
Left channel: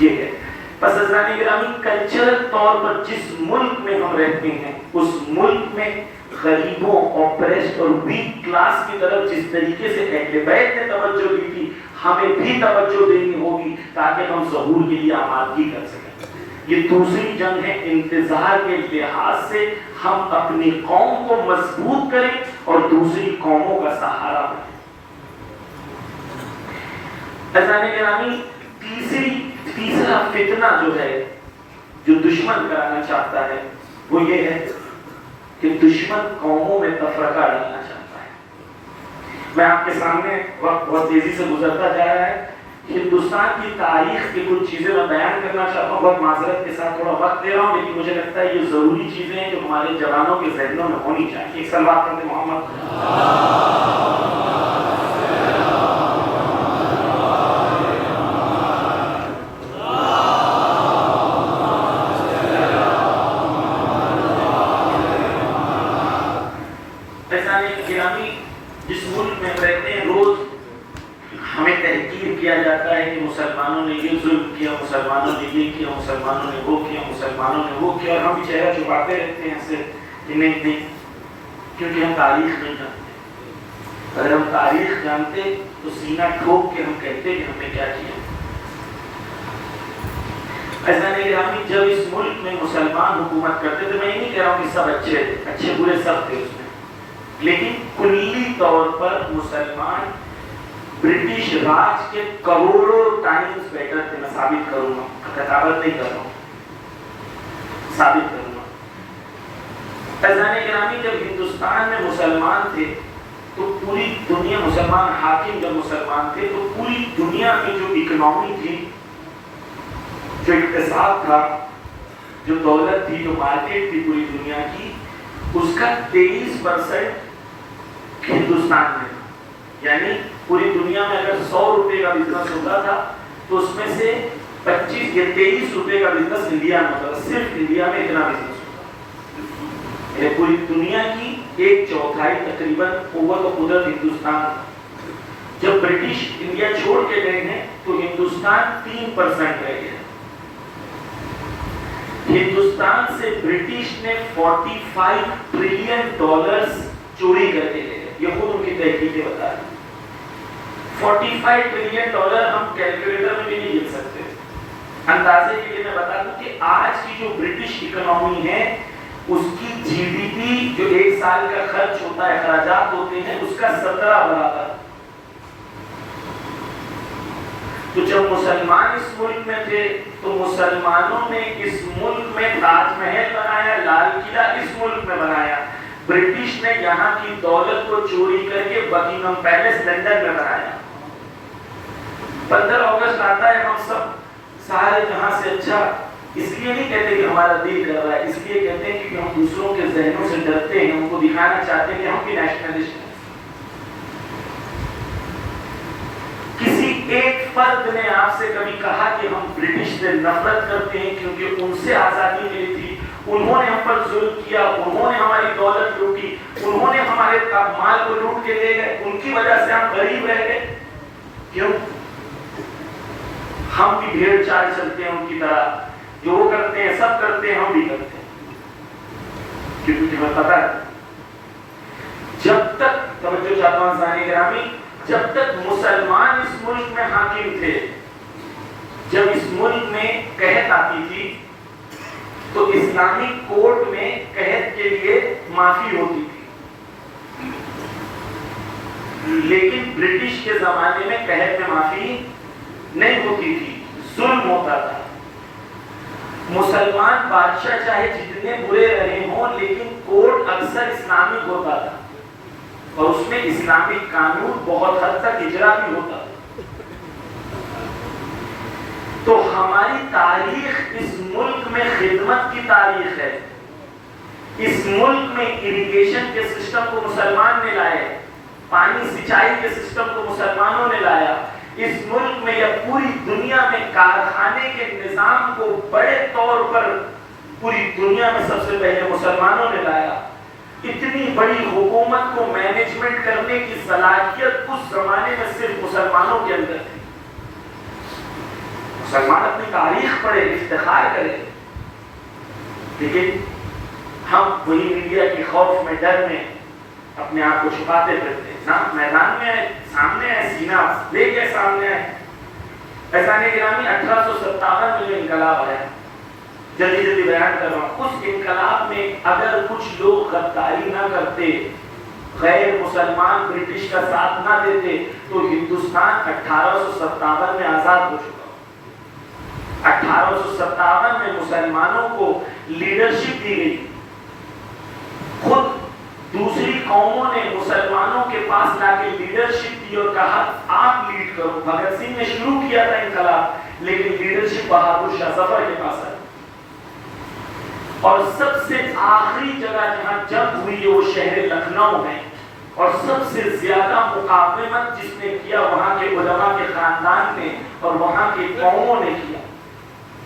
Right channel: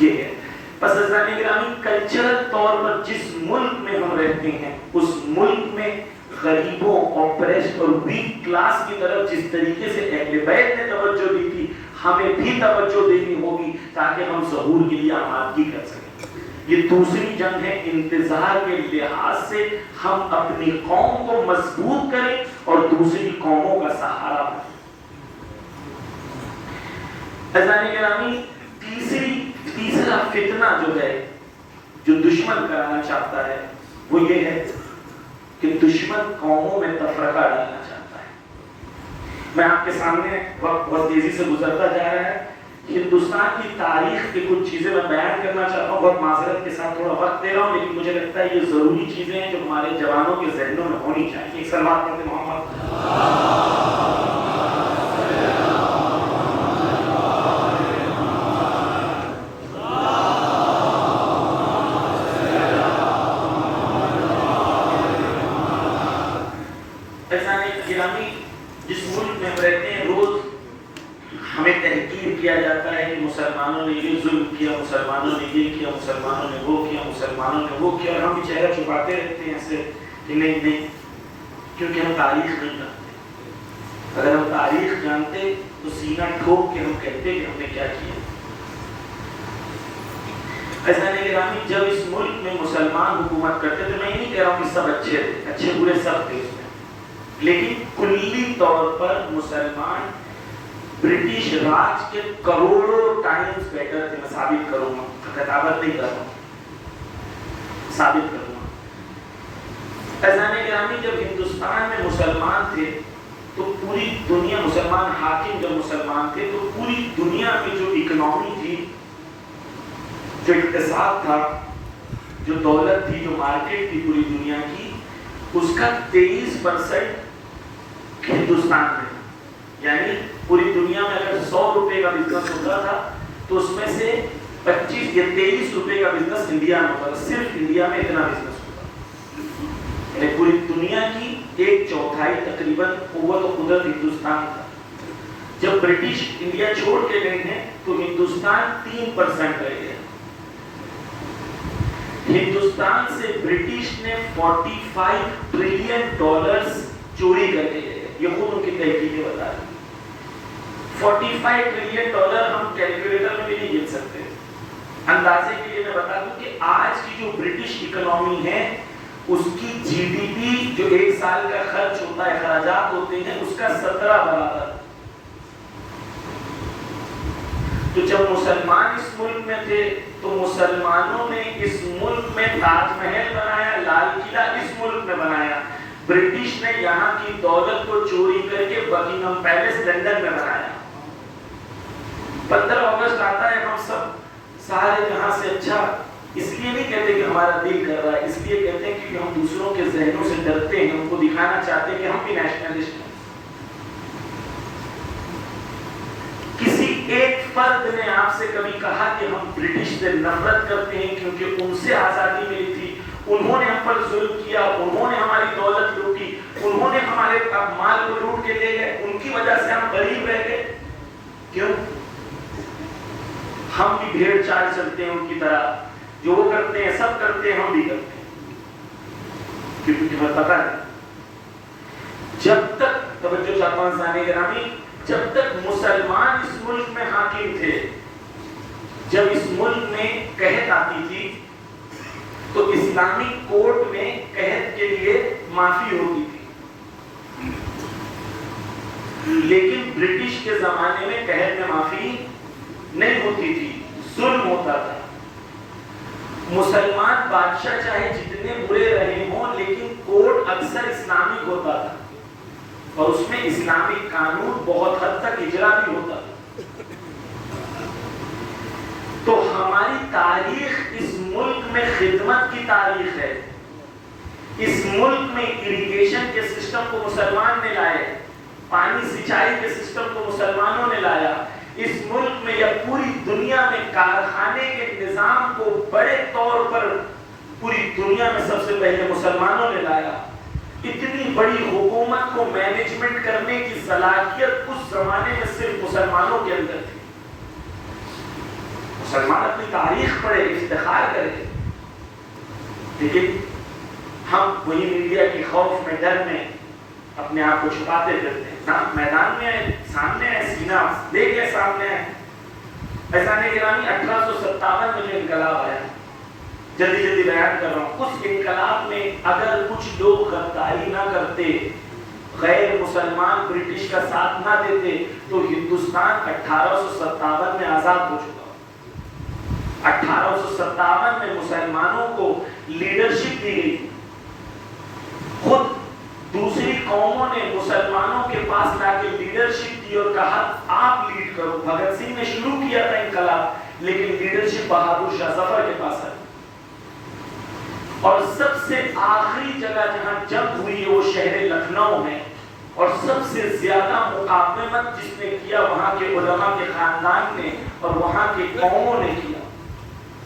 یہ ہے۔ پس عزیزان گرامی، کلچرل طور پر جس ملک میں ہم رہتے ہیں اس ملک میں غریبوں، اوپریسڈ اور ویک کلاس کی طرف جس طریقے سے اہل بیت نے توجہ دی تھی، ہمیں بھی توجہ دینی ہوگی تاکہ ہم ظہور کے لیے آمادگی کر سکیں۔ یہ دوسری جنگ ہے، انتظار کے لحاظ سے ہم اپنی قوم کو مضبوط کریں اور دوسری قوموں کا سہارا بنیں۔ عزیزان گرامی، تیسرا فتنہ جو ہے، جو دشمن کرانا چاہتا ہے وہ یہ ہے کہ دشمن قوموں میں تفرقہ ڈالنا چاہتا ہے۔ میں آپ کے سامنے، وقت بہت تیزی سے گزرتا جا رہا ہے، ہندوستان کی تاریخ کی کچھ چیزیں میں بیان کرنا چاہتا ہوں، بہت معذرت کے ساتھ تھوڑا وقت دے رہا ہوں، لیکن مجھے لگتا ہے یہ ضروری چیزیں ہیں جو ہمارے جوانوں کے ذہنوں میں ہونی چاہیے۔ ایک صلوات پڑھتے محمد۔ جس ملک میں رہتے ہیں روز ہمیں تحقیر کیا جاتا ہے، مسلمانوں نے یہ ظلم کیا، مسلمانوں نے یہ کیا، مسلمانوں نے وہ کیا، مسلمانوں نے وہ کیا، اور ہم چہرہ چھپاتے رہتے ہیں ایسے کہ نہیں، کیونکہ ہم تاریخ نہیں جانتے۔ اگر ہم تاریخ جانتے تو سینہ ٹھوک کے ہم کہتے کہ ہم نے کیا کیا۔ عزیزان گرامی، جب اس ملک میں مسلمان حکومت کرتے تھے، میں یہ نہیں کہہ رہا ہوں کہ سب اچھے تھے، اچھے برے سب تھے اس میں، لیکن کلی طور پر مسلمان برٹش راج کے کروڑوں ٹائمز بیٹر تھے۔ میں ثابت کروں گا، خطابت نہیں کر رہا ہوں، ثابت کروں گا۔ عزیزان گرامی، جب ہندوستان میں مسلمان تھے تو پوری دنیا، مسلمان حاکم جب مسلمان تھے تو پوری دنیا میں جو اکنامی تھی، جو اقتصاد تھا، جو دولت تھی، جو مارکیٹ تھی پوری دنیا کی، اس کا 23% ہندوستان میں. یعنی پوری دنیا میں اگر 100 روپے کا بزنس ہوتا تھا تو اس میں سے 25 یا 23 روپے کا بزنس انڈیا میں ہوتا تھا. صرف انڈیا میں اتنا بزنس ہوتا ہے. پوری دنیا کی 1/4 تقریباً قوت و قدرت ہندوستان تھا. جب برٹش انڈیا چھوڑ کے گئے ہیں تو ہندوستان 3% رہ گیا. ہندوستان سے برٹش نے $45 ٹریلین چوری کر کے گئے. یہ خود ان کی تحقیقیں بتا رہی ہیں. $45 ٹریلین ہم کیلکولیٹر میں بھی نہیں گن سکتے. اندازے کے لیے میں بتا دوں کہ آج کی جو برٹش اکنامی ہے اس کی جی ڈی پی جو ایک سال کا خرچ ہوتا ہے، اخراجات ہوتے ہیں، اس کا 17 برابر. تو جب مسلمان اس ملک میں تھے تو مسلمانوں نے اس ملک میں تاج محل بنایا، لال قلعہ اس ملک میں بنایا. برٹش نے یہاں کی دولت کو چوری کر کے بکنگھم پیلس لندن میں بنایا. 15 اگست آتا ہے، ہم سب سارے جہاں سے اچھا اس لیے نہیں کہتے کہ ہمارا دل کر رہا ہے، اس لیے کہتے ہیں کہ ہم دوسروں کے ذہنوں سے ڈرتے ہیں، ہم کو دکھانا چاہتے ہیں کہ ہم بھی نیشنلسٹ ہیں. کسی ایک فرد نے آپ سے کبھی کہا کہ ہم برٹش سے نفرت کرتے ہیں کیونکہ ان سے آزادی ملی تھی، انہوں نے ہم پر ظلم کیا، انہوں نے ہماری دولت لوٹی، انہوں نے ہمارے مال کو لوٹ کے لے گئے، ان کی وجہ سے ہم غریب رہ گئے؟ کیوں؟ ہم بھی بھیڑ چال چلتے ہیں ان کی طرح، جو وہ کرتے ہیں سب کرتے ہیں، ہم بھی کرتے ہیں. کیونکہ ہمیں پتا ہے جب تک، توجہ چاہتا ہوں سامعین گرامی، جب تک مسلمان اس ملک میں حاکم تھے، جب اس ملک میں قحط آتی تھی تو اسلامک کورٹ میں قحط کے لیے معافی ہوتی تھی. لیکن برٹش کے زمانے میں قحط میں معافی نہیں ہوتی تھی، ظلم ہوتا تھا. مسلمان بادشاہ چاہے جتنے برے رہے ہوں لیکن کورٹ اکثر اسلامک ہوتا تھا اور اس میں اسلامک قانون بہت حد تک اجرا بھی ہوتا تھا. تو ہماری تاریخ اس ملک میں خدمت کی تاریخ ہے. اس ملک میں اریگیشن کے سسٹم کو مسلمان نے لائے، پانی سچائی کے سسٹم کو مسلمانوں نے لایا. اس ملک میں یا پوری دنیا میں کارخانے کے نظام کو بڑے طور پر پوری دنیا میں سب سے پہلے مسلمانوں نے لایا. اتنی بڑی حکومت کو مینجمنٹ کرنے کی صلاحیت اس زمانے میں صرف مسلمانوں کے اندر تھی. مسلمان اپنی تاریخ پڑھے، افتخار کرے، لیکن ہم وہی میڈیا کے خوف میں، ڈر میں اپنے آپ کو چھپاتے پھرتے ہیں. میدان میں سامنے ہے، سینہ لے کے سامنے ہے. ایسا نہیں گرامی 1857 میں جو انقلاب آیا، جلدی جلدی بیان کر رہا ہوں، اس انقلاب میں اگر کچھ لوگ غداری نہ کرتے، غیر مسلمان برٹش کا ساتھ نہ دیتے تو ہندوستان 1857 میں آزاد ہو چکا. 1857 میں مسلمانوں کو لیڈرشپ دی گئی. خود دوسری قوموں نے مسلمانوں کے پاس لا کے لیڈرشپ دی اور کہا آپ لیڈ کرو. بھگت سنگھ نے شروع کیا تھا انقلاب، لیکن لیڈرشپ بہادر شاہ ظفر کے پاس آئی. اور سب سے آخری جگہ جہاں جنگ ہوئی ہے وہ شہر لکھنؤ میں، اور سب سے زیادہ مقاومت جس نے کیا وہاں کے علماء کے خاندان نے اور وہاں کے قوموں نے کیا.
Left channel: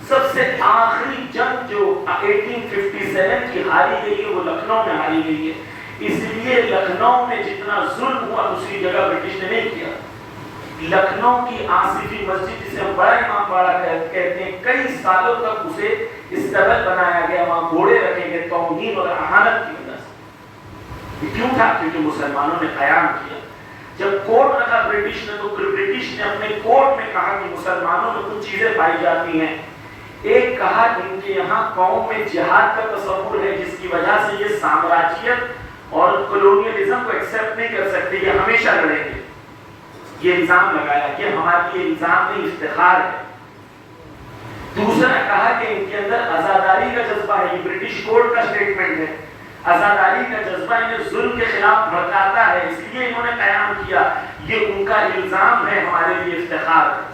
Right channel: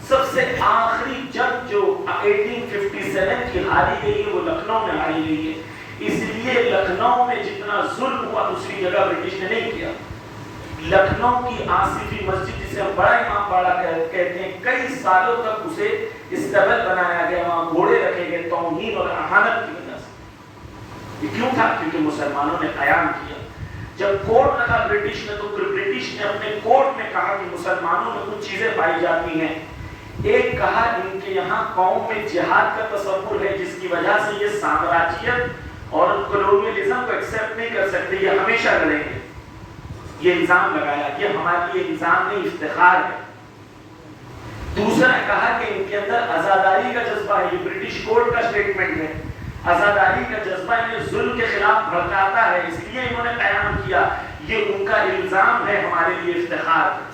سب سے آخری جنگ جو 1857 کی ہاری گئی ہے وہ لکھنؤ میں ہاری گئی ہے. اس لیے لکھنؤ میں جتنا ظلم ہوا دوسری جگہ برٹش نے نہیں کیا. لکھنؤ کی آصفی مسجد جسے ہم بڑا امام باڑہ کہتے ہیں، کئی سالوں تک اسے استبل بنایا گیا، وہاں گھوڑے رکھے گئے توہین اور اہانت کی وجہ سے. یہ کیوں تھا؟ کیونکہ مسلمانوں نے قیام کیا. جب کورٹ رکھا برٹش نے تو برٹش نے اپنے کورٹ میں کہا کہ مسلمانوں میں کچھ چیزیں پائی جاتی ہیں. ایک کہا ان کے یہاں قوم میں جہاد کا تصور ہے جس کی وجہ سے یہ سامراجیت اور کولونیلزم کو ایکسپٹ نہیں کر سکتے، یہ ہمیشہ لڑیں گے. یہ الزام لگایا کہ ہمارے لیے الزام نہیں، افتخار ہے. دوسرا کہا کہ ان کے اندر آزاداری کا جذبہ ہے. یہ برٹش کورٹ کا سٹیٹمنٹ ہے. آزاداری کا جذبہ انہیں ظلم کے خلاف بھڑکاتا ہے، اس لیے انہوں نے قیام کیا. یہ ان کا الزام ہے، ہمارے لیے افتخار ہے.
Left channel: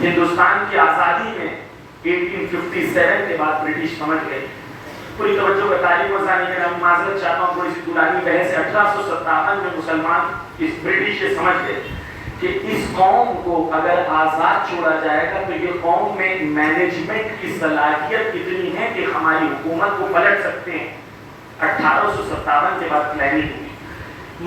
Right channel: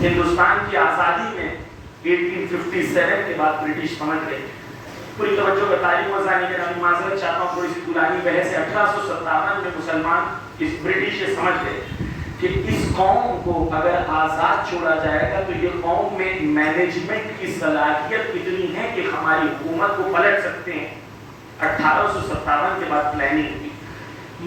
ہندوستان کی آزادی میں 1857 کے بعد برٹش سمجھ گئے. پوری توجہ کا تعلیم وزانی کے نام معذرت چاہتا ہوں تھوڑی سی طولانی بحث ہے. 1857 میں مسلمان اس برٹش سے سمجھ گئے کہ اس قوم کو اگر آزاد چھوڑا جائے گا تو یہ قوم میں مینجمنٹ کی صلاحیت اتنی ہے کہ ہماری حکومت کو پلٹ سکتے ہیں. 1857 کے بعد پلاننگ ہوئی.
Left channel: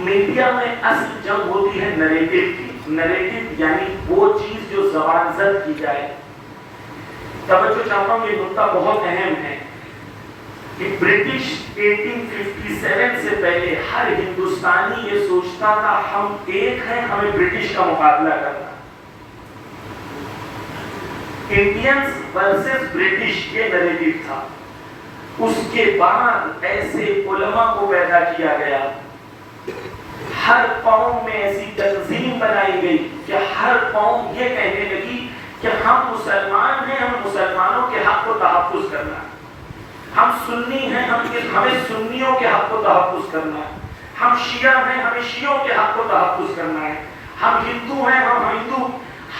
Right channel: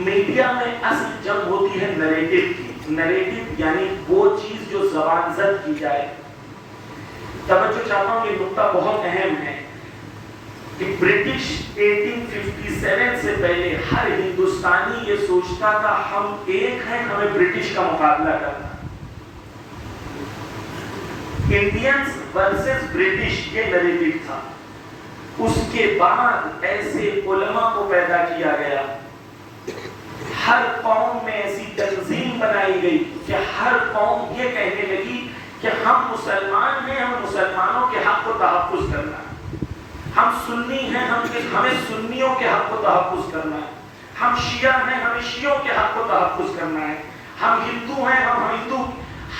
میڈیا میں اصل جنگ ہوتی ہے نریٹو کی. نریٹو یعنی وہ چیز جو زبان زد کی جائے. توجہ چاہتا ہوں یہ نقطہ بہت اہم ہے کہ برٹش 1857 سے پہلے ہر ہندوستانی یہ سوچتا تھا ہم ایک ہیں, ہمیں برٹش کا مقابلہ کرنا. انڈینز ورسز برٹش یہ نریٹو تھا. اس کے بعد ایسے علماء کو پیدا کیا گیا, ہر قوم میں ایسی تنظیم بنائی گئی کہ ہر قوم یہ کہنے لگی کہ ہم مسلمان ہیں, ہم مسلمانوں کے حق کو تحفظ کرنا ہے. ہم سنی ہیں, ہمیں سنیوں کے حق کو تحفظ کرنا ہے. ہم شیعہ ہیں, ہمیں شیعوں کے حق کو تحفظ کرنا ہے. ہم ہندو ہیں, ہم ہندو.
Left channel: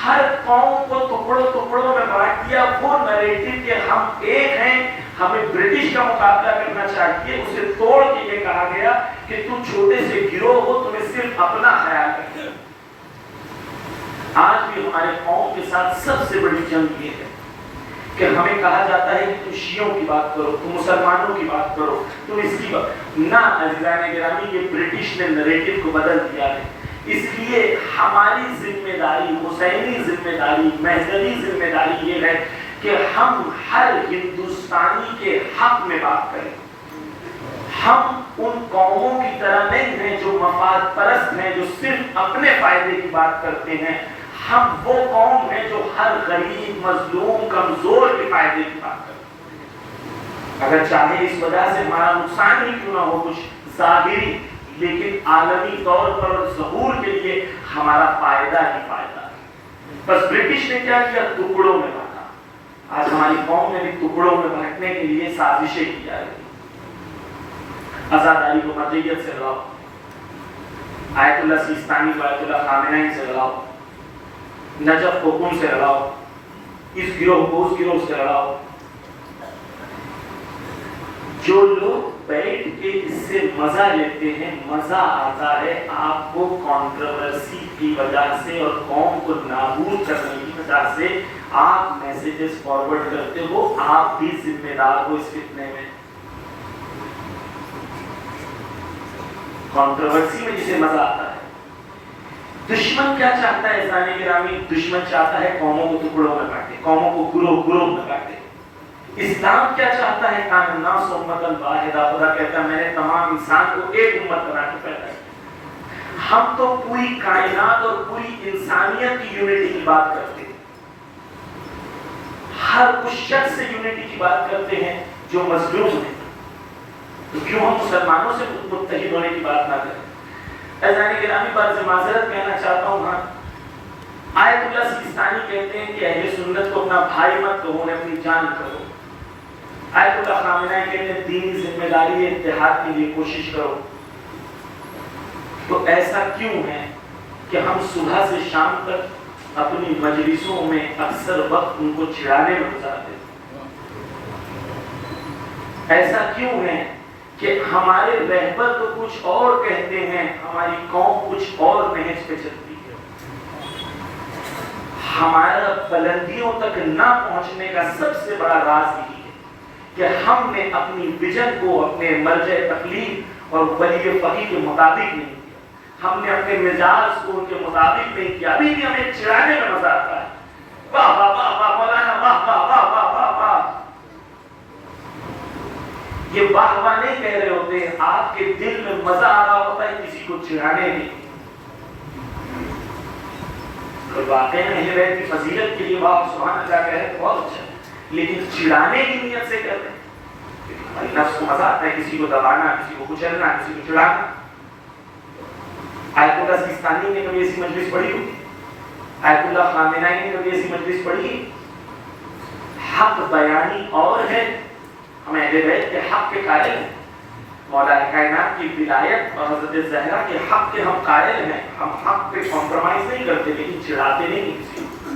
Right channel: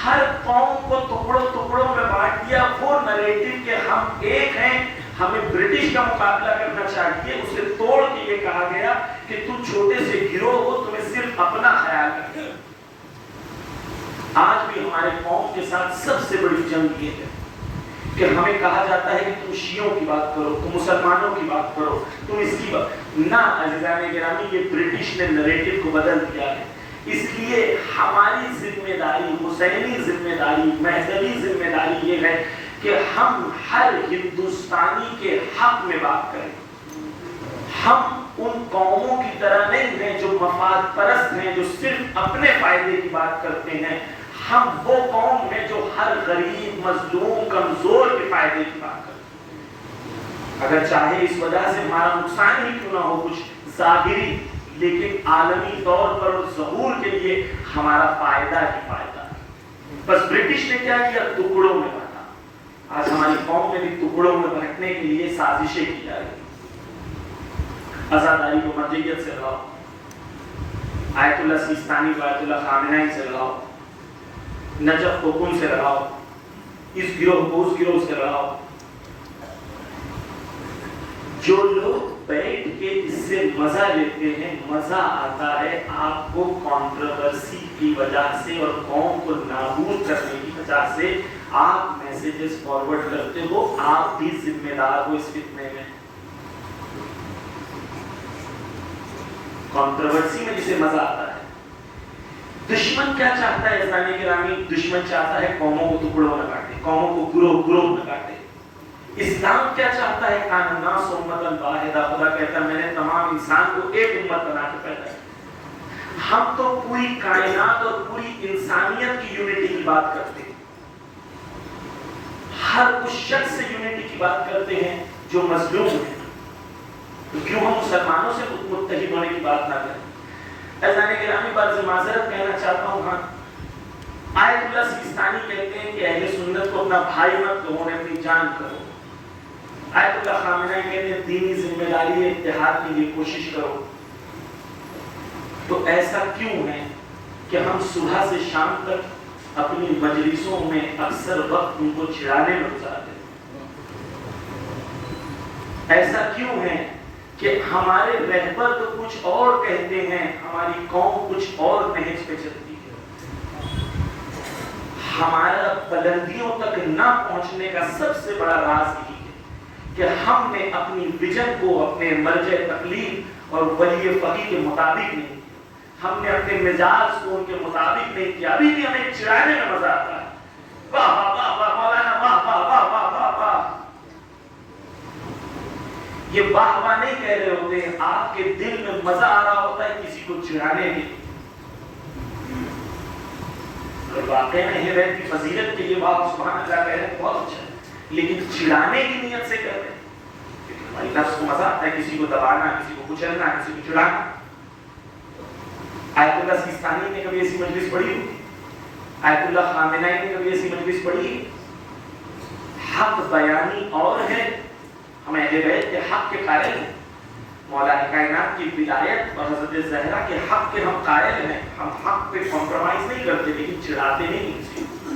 ہر قوم کو ٹکڑوں میں بانٹ دیا. وہ نریٹو کہ ہم ایک ہیں, ہمیں برٹش کا مقابلہ کرنا چاہیے, اسے توڑ کے یہ کہا گیا کہ تم چھوٹے سے گروہ ہو, تمہیں صرف اپنا خیال ہے. آج بھی ہمارے قوم کے ساتھ سب سے بڑی جنگ یہ ہے کہ ہمیں کہا جاتا ہے کہ تم شیعوں کی بات کرو, تم مسلمانوں کی بات کرو, تم اس کی بات نہ. عزیزان گرامی, یہ برٹش نے نریٹو کو بدل دیا ہے. اس لیے ہماری ذمہ داری, حسینی ذمہ داری, مہدوی ذمہ داری یہ ہے کہ ہم ہر ہندوستانی کے حق میں بات کریں. ہم ان قوموں کی طرح نہیں ہیں جو مفاد پرست ہیں, جو صرف اپنے فائدے کی بات کرتے ہیں. ہم وہ قوم ہیں جو ہر غریب, مظلوم, کمزور کے فائدے کی بات کرتے ہیں. اگر چاہے اس وجہ سے ہمارا نقصان ہی کیوں نہ ہو, کچھ ظاہری, لیکن عالمی طور پر اور ظہور کے لیے ہمارا فائدہ ہی فائدہ ہے. بس برٹش نے کیا کیا, ٹکڑوں میں بانٹا. آج ہماری قوم میں بھی ٹکڑوں میں بانٹنے کے لیے سازشیں کی جا رہی. آزاداری کو مرجعیت سے لگاؤ, آیت اللہ سیستانی کو آیت اللہ خامنہئی سے لگاؤ, نجف کو کن سے لگاؤ, اس گروہ کو اس گروہ سے لگاؤ. جو لوگ بیٹھ کے اس سے مزہ لیتے ہیں, مزہ آتا ہے آپ کو کنٹروورسی کی وجہ سے اور قوم کو نابود کرنے کی وجہ سے. آپ میسیجز فارورڈ کرتے ہو, آپ بھی ذمہ دار ہو اس فتنے میں. کنٹروورسی میں جسے مزہ آتا ہے. دشمن کیا چاہتا ہے عزیزان گرامی؟ دشمن چاہتا ہے قوموں کو ٹکڑوں میں بانٹے, قوموں کو گروہ میں بانٹے. اسلام کیا چاہتا ہے؟ کان الناس امۃ واحدہ. خدا کہتا ہے میں نے تمام انسان کو ایک امت بنا کے پیدا کیا. ہم تو پوری کائنات اور پوری انسانیت کی یونٹی کی بات کرتے ہیں. ہر اس شخص سے یونٹی کی بات کرتے ہیں جو مظلوم ہے. کیوں ہم مسلمانوں سے متحد ہونے کی بات نہ کریں؟ عزیزان گرامی, پر سے معذرت کہنا چاہتا ہوں. ہاں, آیت اللہ سیستانی کہتے ہیں کہ اہل سنت کو اپنا بھائی مت کہو, اپنی جان کہو. آیت اللہ خامنہئی کہتے ہیں دینی ذمہ داری ہے, اتحاد کے لیے کوشش کرو. تو ایسا کیوں ہے کہ ہم صبح سے شام تک اپنی مجلسوں میں اکثر وقت ان کو چڑھانے میں گزارتے ہیں؟ ایسا کیوں ہے کہ ہمارے رہبر تو کچھ اور کہتے ہیں, ہماری قوم کچھ اور نہج پہ چلتی ہے؟ ہمارا بلندیوں تک نہ پہنچنے کا سب سے بڑا راز یہی ہے کہ ہم نے اپنی ویژن کو اپنے مرجع تقلید اور ولی فقیہ کے مطابق نہیں کیا. ہم نے اپنے مزاج کو ان کے مطابق نہیں کیا. ابھی بھی ہمیں چڑھانے میں مزہ آتا ہے. واہ واہ واہ واہ مولانا, واہ واہ واہ واہ واہ واہ. یہ واہ واہ نہیں کہہ رہے ہوتے, آپ کے دل میں مزہ آ رہا ہوتا ہے کسی کو چڑھانے میں. واقعی اہل بیت کی فضیلت کے لیے واہ سبحان اللہ کہہ رہے ہیں, بہت اچھا, لیکن چڑھانے کی نیت سے کہتے ہیں. ہماری نفس کو مزہ آتا ہے کسی کو دبانا, کسی کو کچلنا, کسی کو چڑھانا. آیت اللہ سیستانی نے کبھی ایسی مجلس پڑھی ہوئی؟ آیت اللہ خامنہئی نے کبھی ایسی مجلس پڑھی؟ حق بیانی اور ہے, ہم اہل بیت کے حق کے قائل ہیں. مولا کائنات کی ولایت اور حضرت زہرا کے حق کے ہم قائل ہیں. ہم حق پہ کمپرومائز نہیں کرتے, لیکن چڑھاتے نہیں کسی کو.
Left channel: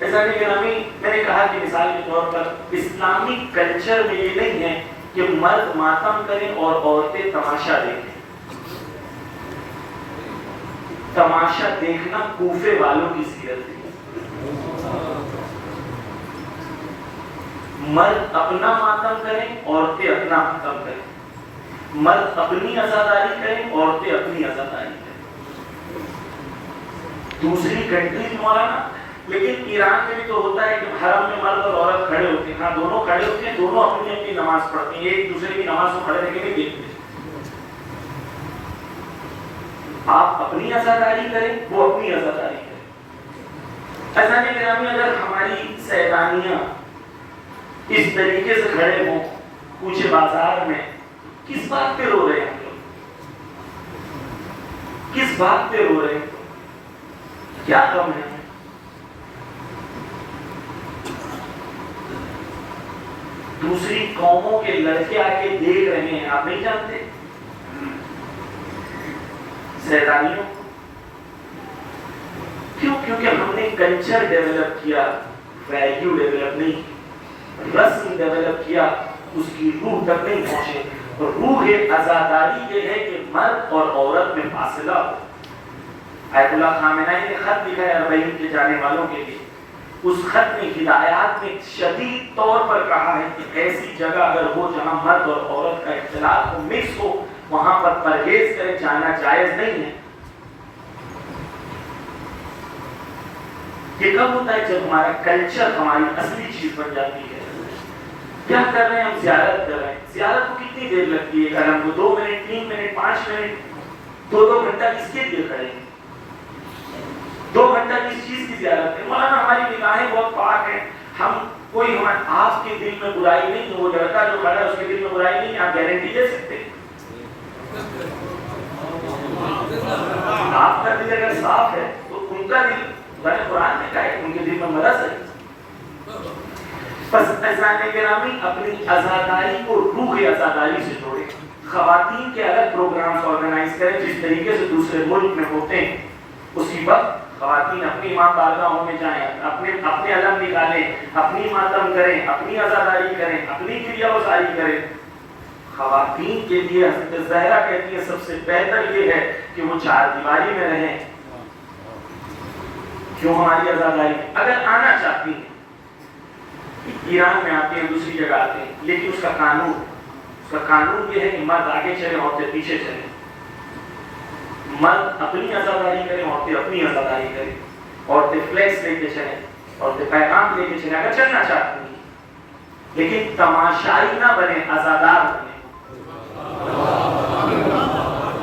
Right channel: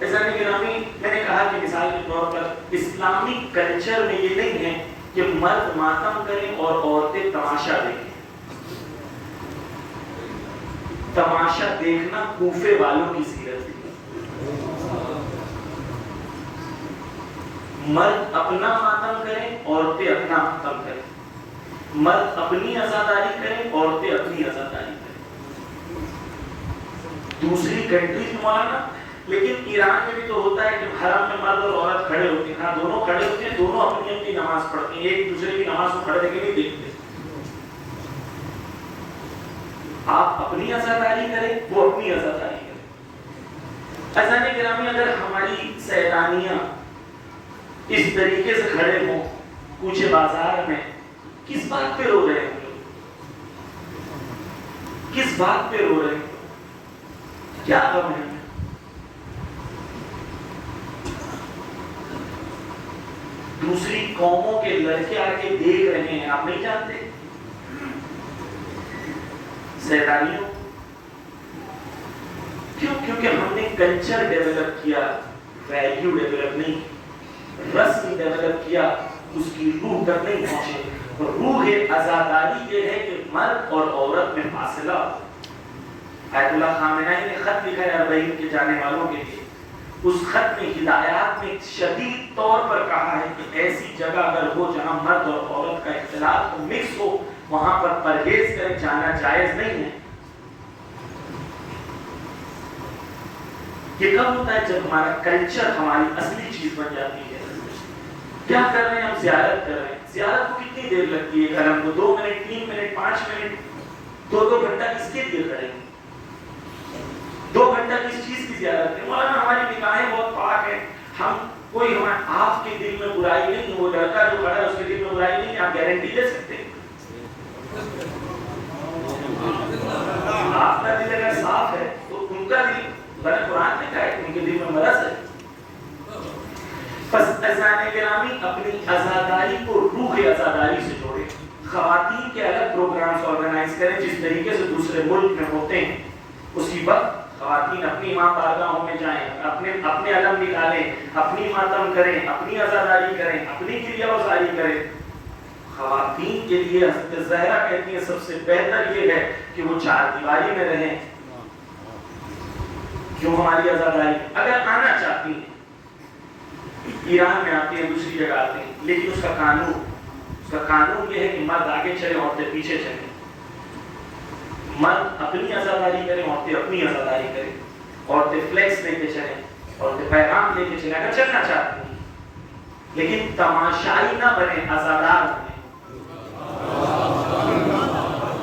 ایسا نہیں میں نے کہا کہ مثال کے طور پر اسلامی کلچر میں یہ نہیں ہے کہ مرد ماتم کریں اور عورتیں تماشا دیکھیں. تماشا دیکھنا کوفے والوں کی سیرت ہے. مرد اپنا ماتم کریں، عورتیں اپنا ماتم کریں. مرد اپنی عزاداری کریں، عورتیں اپنی عزاداری کریں. دوسری کنٹریز مولانا، لیکن ایران میں بھی تو ہوتا ہے کہ حرم میں مرد اور عورت کھڑے ہوتے ہیں. ہاں دونوں کھڑے ہوتے ہیں، دونوں اپنی اپنی نماز پڑھتے ہیں، ایک دوسرے کی نماز کو کھڑے دیکھے نہیں دیکھتے. آپ اپنی عزاداری کریں، وہ اپنی عزاداری کریں. عزیزان گرامی، اگر ہماری سیدانیاں اس طریقے سے کھڑے ہوں کوچے بازار میں، کس بات پہ رو رہے ہیں ہم لوگ؟ کس بات پہ رو رہے ہیں؟ کیا غم ہے؟ دوسری قوموں کے لڑکے آ کے دیکھ رہے ہیں، آپ نہیں جانتے سیدانیوں. کیوں؟ کیونکہ ہم نے کلچر ڈیولپ کیا، ویلیو ڈیولپ نہیں، رسم ڈیولپ کیا، اس کی روح تک نہیں پہنچے. روح عزاداری یہ ہے کہ مرد اور عورت میں فاصلہ ہو. آیت اللہ خامنہئی نے خط لکھا ہے اربعین کے جانے والوں کے لیے. اس خط میں ہدایات میں شدید طور پر کہا ہے کہ ایسی جگہ اگر ہو جہاں مرد اور عورت کا اختلاط مکس ہو، وہاں پر پرہیز کرے، جانا جائز نہیں ہے. یہ کب ہوتا ہے؟ جب ہمارا کلچر ہماری اصلی چیز بن جاتی ہے. کیا کر رہے ہیں ہم؟ زیارت کر رہے ہیں. زیارت کو کتنی دیر لگتی ہے؟ اگر ہم کو 2 منٹ 3 منٹ 5 منٹ 2 گھنٹہ کس کے لیے کھڑے ہیں؟ 2 گھنٹہ کس چیز کی زیارت ہے؟ مولانا ہماری نگاہیں بہت پاک ہیں. ہم کوئی آپ کے دل میں برائی نہیں ہے، وہ لڑکا جو کھڑا ہے اس کے دل میں برائی نہیں ہے، آپ گارنٹی دے سکتے ہیں؟ آپ کا دل اگر صاف ہے تو ان کا دل، قرآن نے کہا ہے ان کے دل میں مرض ہے. پس عزیزان گرامی، اپنی عزاداری کو روح عزاداری سے جوڑے. خواتین کے الگ پروگرامز آرگنائز کریں جس طریقے سے دوسرے ملک میں ہوتے ہیں. اسی وقت خواتین اپنی ماں بارگاہوں میں جائیں، اپنے علم نکالیں، اپنی ماتم کریں، اپنی عزاداری کریں، اپنی کریا گزاری کریں. خواتین کے لیے حضرت زہرا کہتی ہے سب سے بہتر یہ ہے کہ وہ 4 دیواری میں رہیں. کیوں؟ ہماری عزاداری اگر آنا چاہتی ہیں، ایران میں آتے ہیں، دوسری جگہ آتے ہیں، لیکن اس کا قانون یہ ہے کہ مرد آگے چلیں، عورتیں پیچھے چلیں. مرد اپنی عزاداری کریں، عورتیں اپنی عزاداری کریں. عورتیں فلیکس لے کے چلیں، عورتیں پیغام لے کے چلیں اگر چلنا چاہتی ہیں، لیکن تماشائی نہ بنے، عزادار بنے.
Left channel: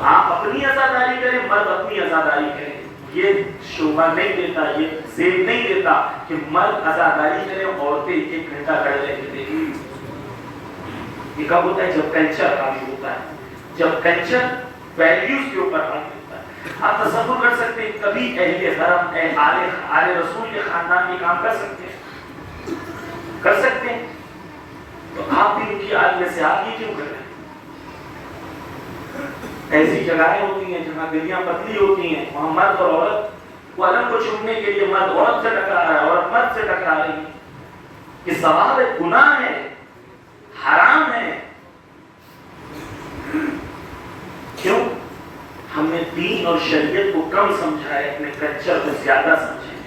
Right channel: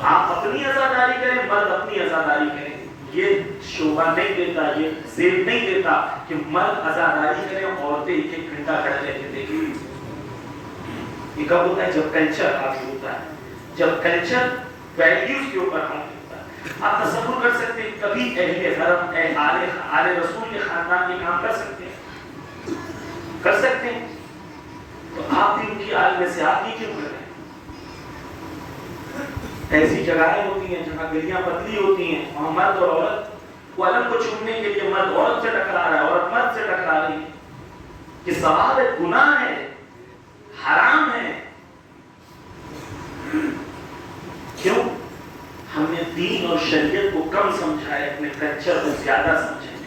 آپ اپنی عزاداری کریں، مرد اپنی عزاداری کریں. یہ شوبہ نہیں دیتا، یہ زیب نہیں دیتا کہ مرد عزاداری کریں، عورتیں 1 گھنٹہ کھڑے رہ کے دیکھیں. یہ کب ہوتا ہے؟ جب کلچر حاوی ہوتا ہے، جب کلچر ویلیوز کے اوپر حاوی ہوتا ہے. آپ تصور کر سکتے ہیں کبھی اہل حرم، آل رسول کے خاندان یہ کام کر سکتے ہیں؟ کر سکتے ہیں؟ تو آپ بھی ان کی آل میں سے آپ یہ کیوں کر رہے ہیں؟ ایسی جگہیں ہوتی ہیں جہاں گلیاں پتلی ہوتی ہیں، وہاں مرد اور عورت کو علم کو چھوڑنے کے لیے مرد عورت سے ٹکرا رہا ہے، عورت مرد سے ٹکرا رہی ہے. یہ ثواب ہے، گناہ ہے، حرام ہے. کیوں؟ ہم نے دین اور شریعت کو کم سمجھا ہے، اپنے کلچر کو زیادہ سمجھا ہے.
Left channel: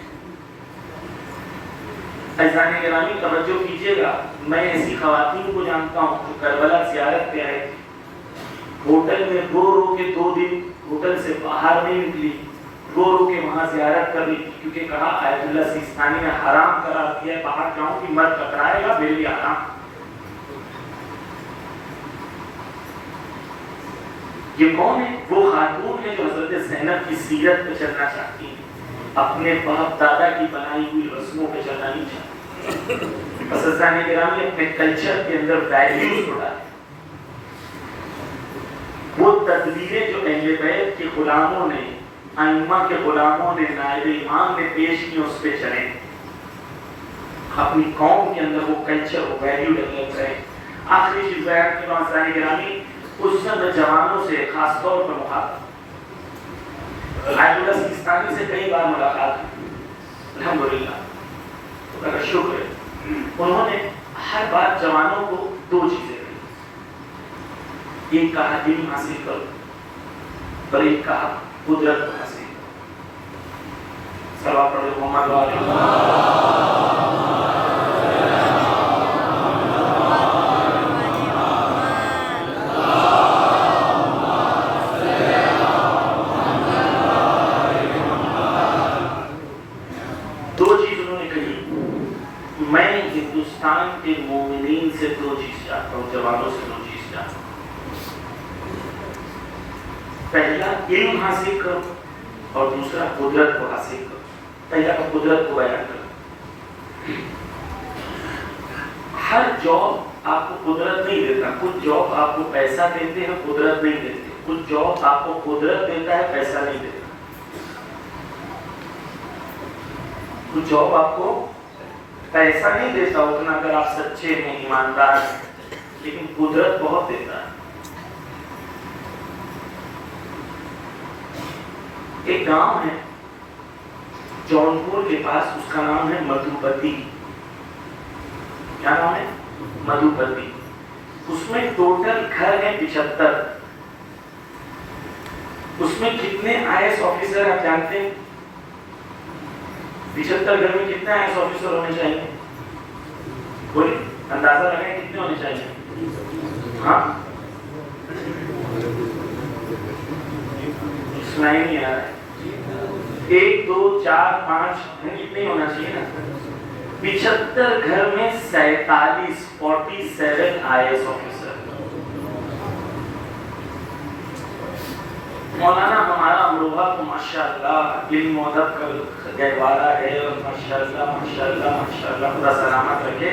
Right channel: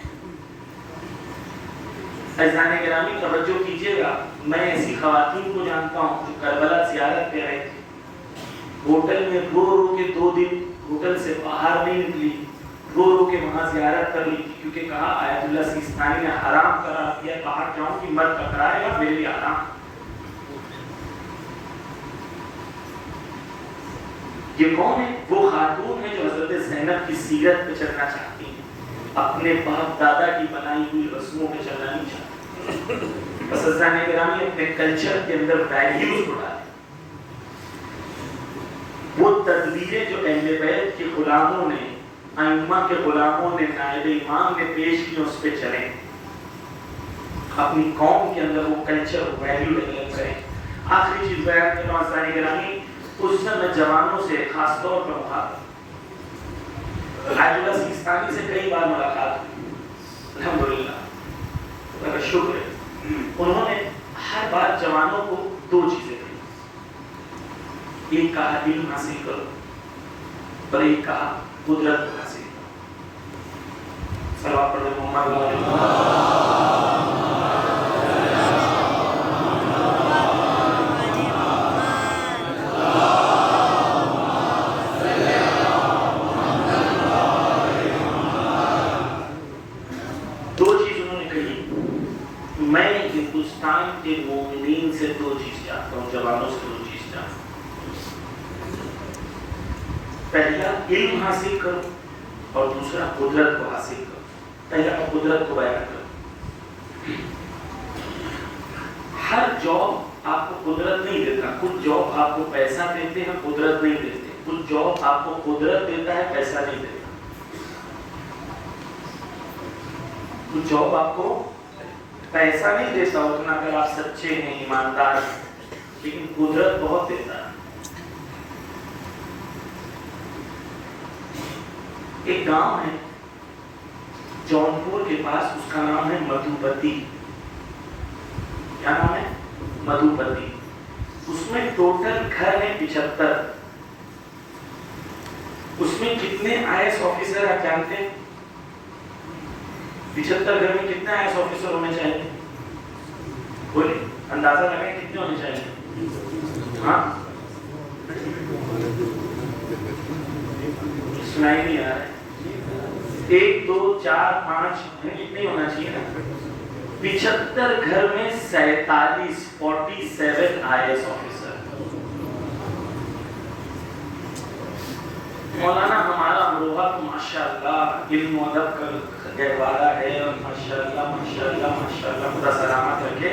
عزیزان گرامی توجہ کیجیے گا. میں ایسی خواتین کو جانتا ہوں جو کربلا زیارت پہ آئے تھے، ہوٹل میں رو کے 2 دن ہوٹل سے باہر نہیں نکلی، رو کے وہاں زیارت کر لی تھی، کیونکہ کہا آیت اللہ سیستانی نے حرام قرار دیا ہے، باہر جاؤں کہ مرد ٹکرائے گا، میرے لیے حرام. یہ کون ہے؟ وہ خاتون ہے جو حضرت زینب کی سیرت پہ چلنا چاہتی ہیں، اپنے باپ دادا کی بنائی ہوئی رسموں پہ چلنا نہیں چاہتی. بس عزیزان گرامی، اپنے کلچر کے اندر ویلیوز کو ڈالیں. وہ تدبیریں جو اہل بیت کے غلاموں نے، ائمہ کے غلاموں نے، نائب امام نے پیش کی، اس پہ چلیں. اپنی قوم کے اندر وہ کلچر و ویلیو ڈیولپ کریں. آخری چیز بیان کرتا ہوں عزیزان گرامی، اس میں جوانوں سے خاص طور پر مخاطب. آیت اللہ سیستانی سے کئی بار ملاقات، الحمدللہ خدا کا شکر ہے انہوں نے ہر بار جوانوں کو دو چیزیں دی. ایک کہا علم حاصل کرو اور ایک کہا قدرت کو حاصل کرو. صلوات پڑھو محمد علیہ. ہندوستان کے مومنین سے دو چیز چاہتا ہوں, جوانوں سے دو چیز چاہتا ہوں. پہلا علم حاصل کرو اور دوسرا قدرت کو حاصل کرو. پہلا قدرت کو بیان کرو. ہر جاب آپ کو قدرت نہیں دیتا. کچھ جاب آپ کو پیسہ دیتے ہیں, قدرت نہیں دیتے. کچھ جاب آپ کو قدرت دیتا ہے, پیسہ نہیں دیتا. کچھ جاب آپ کو پیسہ نہیں دیتا اتنا اگر آپ سچے ہیں, ایماندار ہیں, لیکن قدرت بہت دیتا ہے. ایک گاؤں ہے جونپور کے پاس, اس کا نام ہے مدھوپتی. کیا نام ہے؟ مدھوپتی. اس میں ٹوٹل گھر ہیں 75. اس میں کتنے IAS آفیسر آپ جانتے ہیں؟ 75 گھر میں کتنے IAS آفیسر ہونے چاہیے؟ کوئی اندازہ لگائیں کتنے ہونے چاہیے؟ ہاں سنا ہی نہیں آ رہا ہے. 1 2 4 5 کتنے ہونا چاہیے نا. 75 گھر میں 47 IAS آفیسر. مولانا ہمارا امروہہ کو ماشاءاللہ علم و ادب کا گہوارہ ہے, اور ماشاءاللہ ماشاءاللہ ماشاءاللہ خدا سلامت رکھے.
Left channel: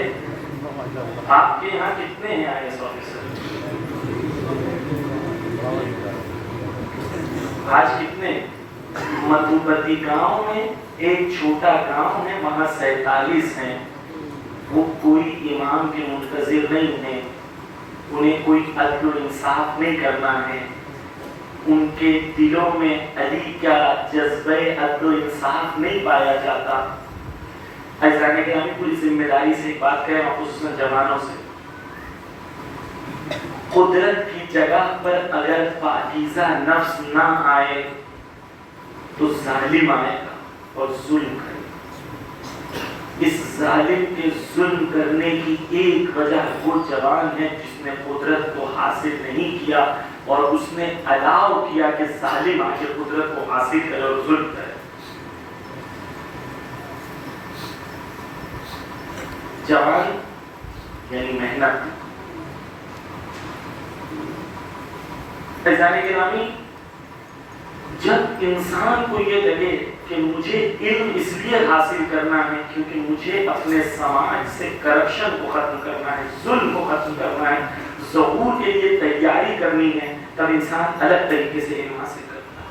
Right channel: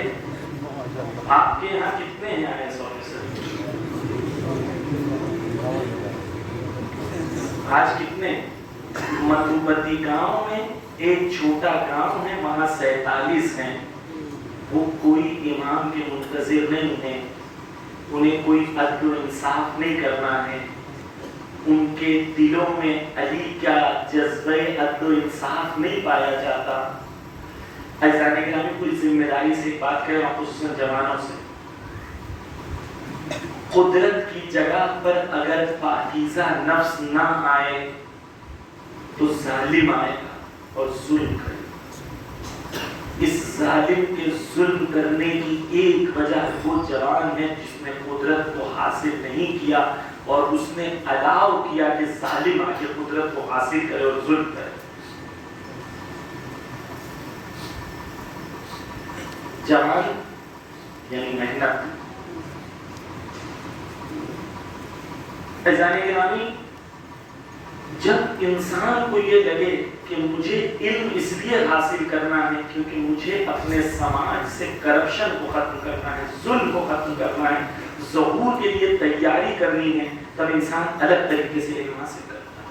آپ کے یہاں کتنے ہیں IAS آفیسر؟ آج کتنے؟ مدھوپتی گاؤں میں ایک چھوٹا گاؤں ہے, وہاں 47 ہیں. وہ کوئی امام کے منتظر نہیں ہیں, انہیں کوئی عدل و انصاف نہیں کرنا ہے. ان کے دلوں میں علی کا جذبہ عدل و انصاف نہیں پایا جاتا. عزیزان گرامی پوری ذمہ داری سے ایک بات کہہ رہا ہوں, خصوصاً جوانوں سے. قدرت کی جگہ پر اگر پاکیزہ نفس نہ آئے تو ظالم آئے گا اور ظلم کرے گا. اس ظالم کے ظلم کرنے کی ایک وجہ وہ جوان ہے جس نے قدرت کو حاصل نہیں کیا, اور اس نے الاؤ کیا کہ ظالم آ کے قدرت کو حاصل کرے اور ظلم کرے. جوان یعنی محنت. عزیزان گرامی, جب انسان کو یہ لگے کہ مجھے علم اس لیے حاصل کرنا ہے کیونکہ مجھے اپنے سماج سے کرپشن کو ختم کرنا ہے, ظلم کو ختم کرنا ہے, ظہور کے لیے تیاری کرنی ہے, تب انسان الگ طریقے سے علم حاصل کرتا ہے.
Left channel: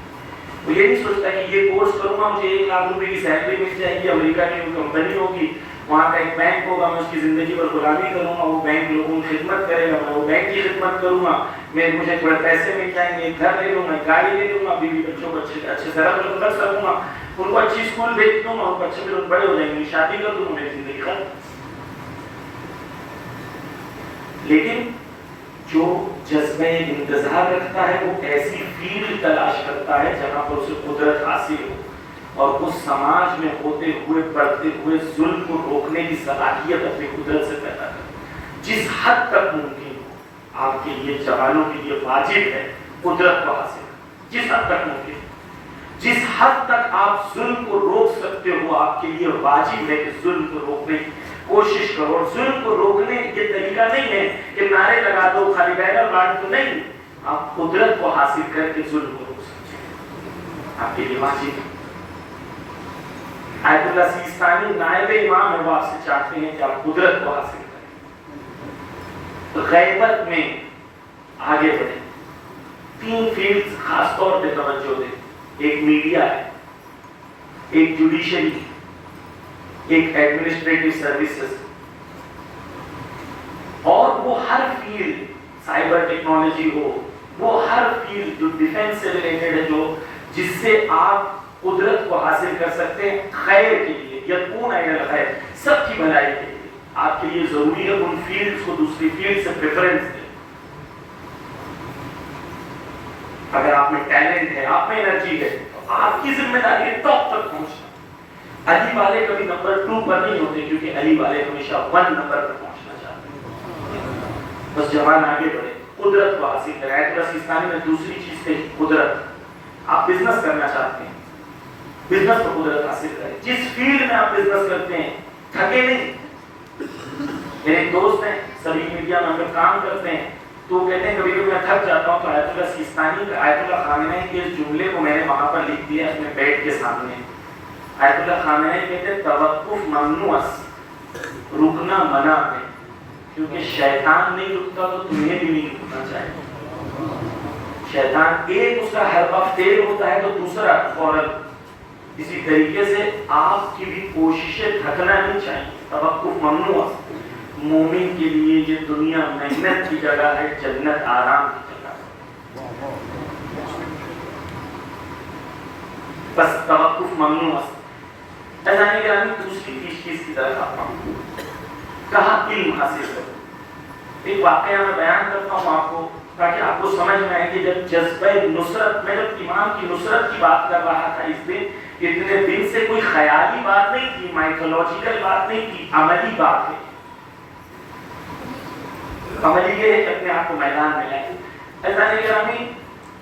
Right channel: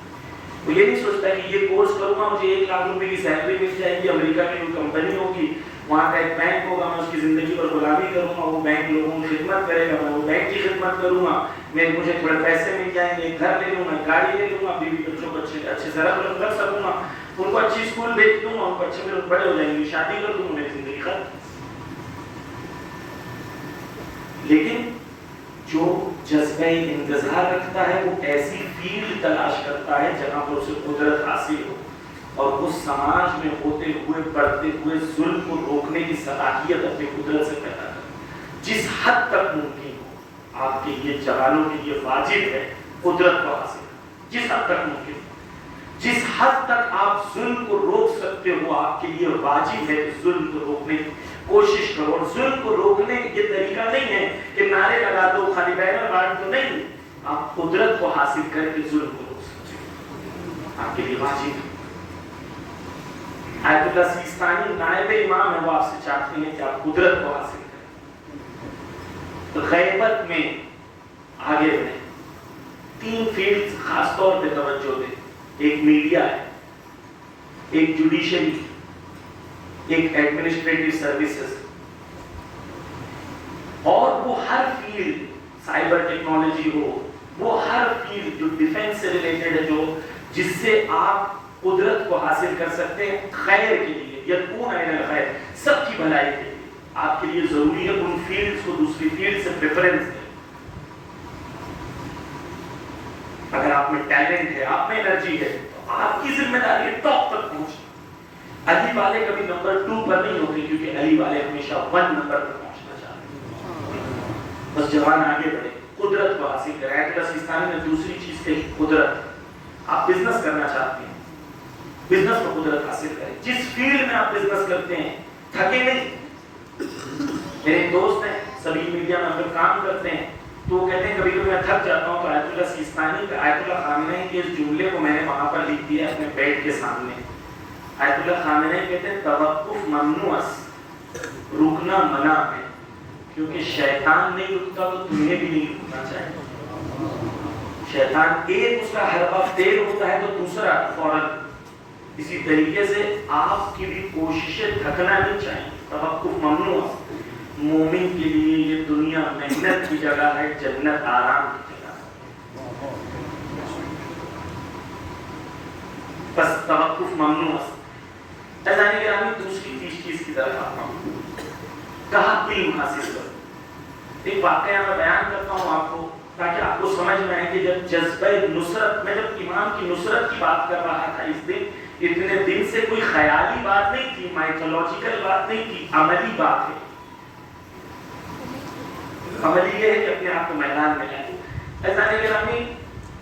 وہ یہ نہیں سوچتا کہ یہ کورس کروں گا مجھے 1 لاکھ روپے کی سیلری مل جائے گی, امریکہ کی کمپنی ہوگی, وہاں کا ایک بینک ہوگا, میں اس کی زندگی پر غلامی کروں گا, وہ بینک لوگوں کی خدمت کرے گا, میں وہ بینک کی خدمت کروں گا, مجھے تھوڑے پیسے مل جائیں گے, ایک گھر لے لوں گا, گاڑی لے لوں گا, بیوی بچوں کو اچھے سے رکھ سکوں گا, ان کو اچھی اسکول بھیج دوں گا, بچے بھی لوگ بڑے ہو جائیں گے, شادی کر دوں گا, میری زندگی ختم. لیکن جو جذبہ انتظار رکھتا ہے وہ ایسی فیلڈ تلاش کرتا ہے جہاں پر اسے قدرت حاصل ہو, اور اس سماج میں ہوتے ہوئے بڑھتے ہوئے ظلم کو روکنے کی صلاحیت اپنی قدرت سے پیدا کرتا ہے. جس حد تک ممکن ہو آپ کے لیے, جوانوں کے لیے واجب ہے قدرت کو حاصل کرنا. جس حد تک ممکن, جس حد تک آپ ظلم کو روک سکتے ہو, آپ کے لیے واجب ہے کہ ظلم کو روکنے کی کوشش کرو. اور ظلم کو روکنے کا یہ طریقہ نہیں ہے کہ نعرے لگا دو, خالی بینر بانٹ دو, نہیں. آپ قدرت کو حاصل کر کے ظلم کو روک سکتے ہو, آپ کے لیے واجب ہے. آیت اللہ سیستانی نائب امام ہے, وہ آپ سے چاہتے ہیں کہ آپ قدرت کو حاصل کریں, غیبت میں آگے بڑھیں. 3 فیلڈ خاص طور پہ توجہ دیں. ایک میڈیا ہے, ایک جوڈیشری, ایک ایڈمنسٹریٹو سروسز, اور وہ ہر فیلڈ, سائبر ٹیکنالوجی ہو, وہ ہر فیلڈ جو ڈیفنس سے ریلیٹڈ ہے, جو جس سے آپ قدرت کو حاصل کر سکتے ہیں خیر کے لیے, یکون عین الخیر، سب کی بھلائی کے لیے آپ کے لیے ضروری ہے ان فیلڈز کو دوسری فیلڈ سے پریفرنس دیں۔ اگر آپ میں ٹیلنٹ ہے، آپ میں انرجی ہے، تو آپ کی ذمہ داری ہے ٹاپ تک پہنچنا۔ علی والے کبھی نمبر 2 پر نہیں ہوتے، کیونکہ علی والے ہمیشہ 1 نمبر تک پہنچنا چاہتے ہیں۔ بس جوان آگے بڑھے، قدرت کو حاصل کریں۔ آیت اللہ سیستانی میں دوسری چیز تھی قدرت۔ آپ بزنس کرنا چاہتے ہیں، بزنس پر قدرت حاصل کریں۔ جس فیلڈ میں آپ بزنس کرتے ہیں تھکے نہیں۔ میرے ایک دوست ہیں، سبھی میڈیا میں ہم لوگ کام کرتے ہیں، تو وہ کہتے ہیں کبھی کبھی میں تھک جاتا ہوں تو آیت اللہ سیستانی کا آیت اللہ خامنہ کے اس جملے کو میں نے وہاں پر لکھ دیا اپنے بیڈ کے سامنے۔ آیت اللہ خامنہ کہتے ہیں توقف ممنوع، رکنا منع ہے، کیونکہ شیطان نہیں رکتا تو تمہیں بھی نہیں رکنا چاہیے۔ شیطان ایک اس کا ہر وقت ایک ہوتا ہے تو دوسرا فوراً۔ اسی طریقے سے آپ کی بھی کوششیں تھکنا نہیں چاہیے، توقف ممنوع۔ مومن کے لیے یہ دنیا محنت کی جگہ ہے، جنت آرام کی جگہ ہے۔ بس توقف ممنوع۔ اذان گرامی دوسری چیز کی طرف آتا ہوں، کہاں علم حاصل کرو۔ ایک واقعہ میں بیان کرتا ہوں آپ کو تاکہ آپ کو سمجھ میں آئے کہ جب جذبہ نصرت، میں جب ایمان کی نصرت کی بات کر رہا تھا اس دن، اتنے دن سے کوئی خیالی بات نہیں تھی، مائتھولوجیکل بات نہیں تھی، عملی بات ہے۔ عملی یہ ہے کہ اپنے آپ کو میدان میں لائیں۔ اذان گرامی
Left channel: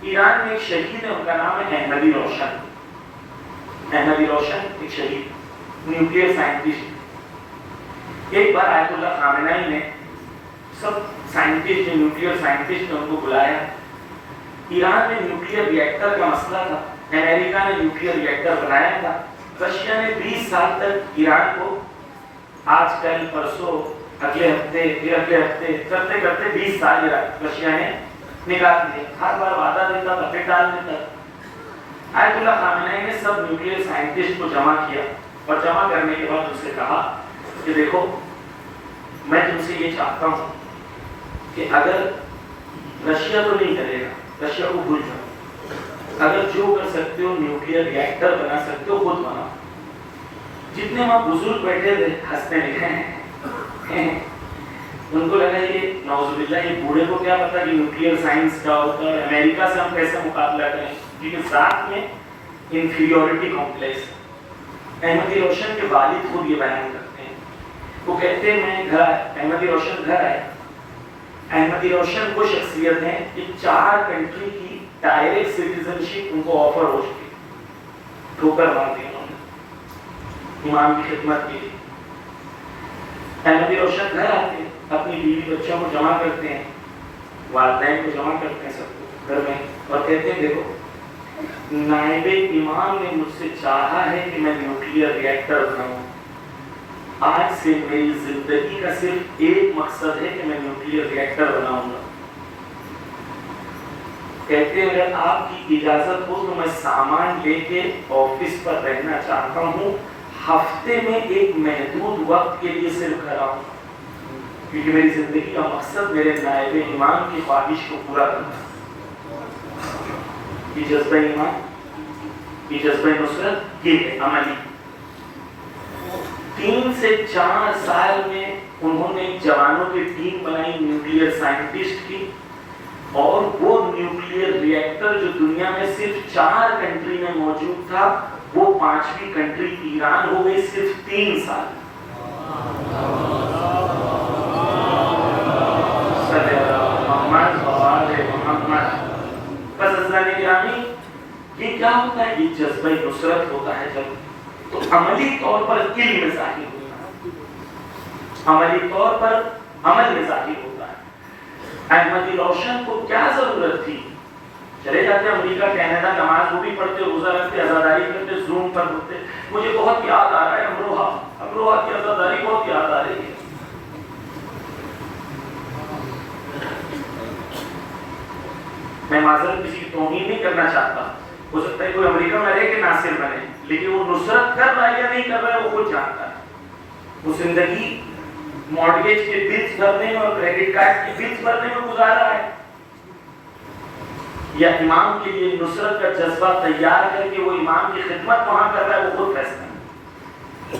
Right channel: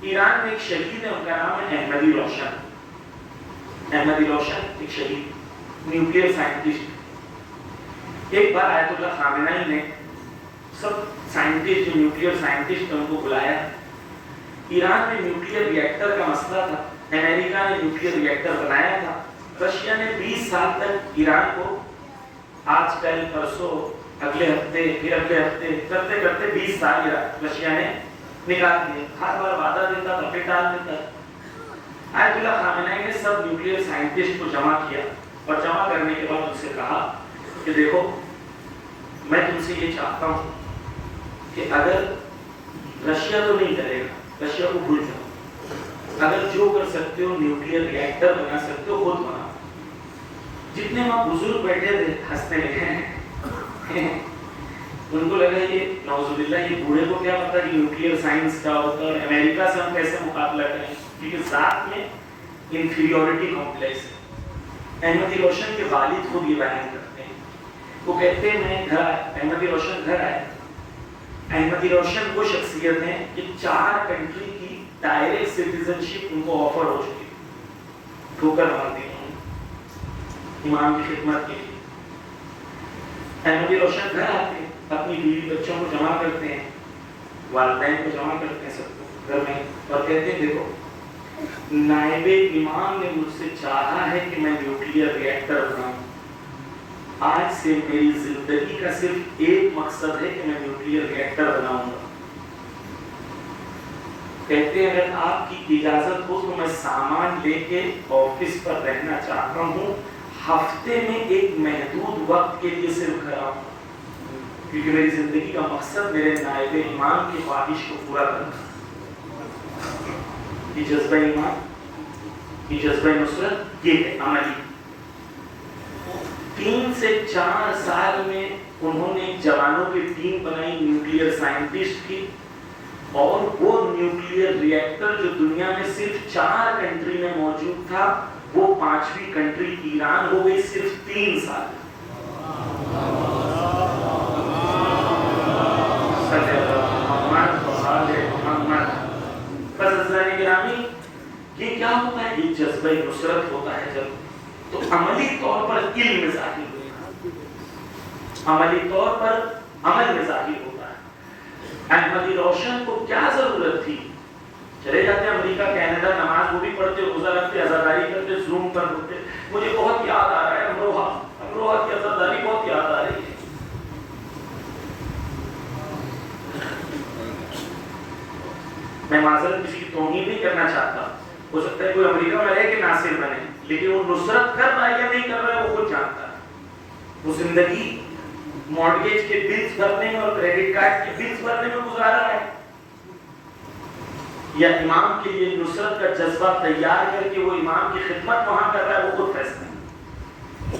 ایران میں ایک شہید ہے، ان کا نام ہے احمدی روشن۔ احمدی روشن ایک شہید، نیوکلیئر سائنٹسٹ۔ ایک بار آیت اللہ خامنہ نے سب سائنٹسٹ جو نیوکلیئر سائنٹسٹ ان کو بلایا۔ ایران میں نیوکلیئر ری ایکٹر کا مسئلہ تھا، امریکہ نے نیوکلیئر ری ایکٹر بنایا تھا، رشیا نے 20 سال تک ایران کو آج کل پرسوں اگلے ہفتے پھر اگلے ہفتے کرتے کرتے 20 سال رشیا نے نکال دیے۔ ہر بار وعدہ دیتا تھا پھر ٹال دیتا۔ آیت اللہ خامنہ نے سب نیوکلیئر سائنٹسٹ کو جمع کیا اور جمع کرنے کے بعد ان سے کہا کہ دیکھو میں تم سے یہ چاہتا ہوں کہ اگر رشیا تو نہیں کرے گا، رشیا کو بھول جاؤ، اگر جو کر سکتے ہو نیوکلیئر ری ایکٹر بنا سکتے ہو خود بناؤ۔ جتنے وہاں بزرگ بیٹھے تھے ہنستے ہیں، ان کو لگا یہ نعوذ باللہ یہ بوڑھے کو کیا پتا کہ نیوکلیئر سائنس کا ہوتا ہے، امریکہ سے ہم کیسے مقابلہ کریں، کیونکہ ساتھ میں انفیریورٹی کمپلیکس ہے۔ احمدی روشن کے والد خود یہ بیان کرتے ہیں، وہ کہتے ہیں میں گھر احمدی روشن گھر آئے۔ احمدی روشن وہ شخصیت ہیں کہ 4 کنٹری کی ڈائریکٹ سٹیزنشپ ان کو آفر ہو چکی، ٹھوکر مار دی انہوں نے امام کی خدمت کے لیے۔ احمدی روشن گھر آتے ہیں، اپنی بیوی بچوں کو جمع کرتے ہیں، والدین کو جمع کرتے ہیں سب کو گھر میں، اور کہتے ہیں دیکھو نائب امام نے مجھ سے چاہا ہے کہ میں نیوکلیئر ری ایکٹر بناؤں، آج سے میری زندگی کا صرف ایک مقصد ہے کہ میں نیوکلیئر ری ایکٹر بناؤں گا۔ کہتے ہیں اگر آپ کی اجازت ہو تو میں سامان لے کے آفس پر رہنا چاہتا ہوں، ہفتے میں ایک محدود وقت کے لیے صرف گھر آؤں، کیونکہ میری زندگی کا مقصد میرے نائب امام کی خواہش کو پورا کرنا ہے۔ یہ جذبہ ایمان، یہ جذبہ نصرت، یہ ہے عملی۔ 3 سے 4 سال میں انہوں نے جوانوں کی ٹیم بنائی نیوکلیئر سائنٹسٹ کی، اور وہ نیوکلیئر ری ایکٹر جو دنیا میں صرف 4 کنٹری میں موجود تھا وہ 5ویں کنٹری ایران ہو گئی صرف 3 سال۔ بس عزیزان گرامی یہ کیا ہوتا ہے؟ یہ جذبہ نصرت ہوتا ہے جب تو عملی طور پر علم ظاہر ہوتا ہے، عملی طور پر عمل میں ظاہر ہوتا ہے۔ احمدی روشن کو کیا ضرورت تھی؟ چلے جاتے امریکہ کینیڈا، نماز وہ بھی پڑھتے، روزہ رکھتے، عزاداری کرتے، زوم پر ہوتے۔ مجھے بہت یاد آ رہا ہے امروہہ کی عزاداری بہت یاد آ رہی ہے۔ میں معذرت کسی کی توہین نہیں کرنا چاہتا، ہو سکتا ہے کوئی امریکہ میں رہ کے ناصر بنے، لیکن وہ نصرت کر رہا ہے یا نہیں کر رہا ہے وہ خود جانتا ہے۔ وہ زندگی مارگیج کے بلز بھرنے میں اور کریڈٹ کارڈ کے بلز بھرنے میں گزار رہا ہے، یا امام کے لیے نصرت کا جذبہ تیار کر کے وہ امام کی خدمت وہاں کر رہا ہے، وہ خود فیصلہ ہے۔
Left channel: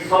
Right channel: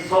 100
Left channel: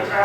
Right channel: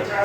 50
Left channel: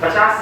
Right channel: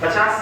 50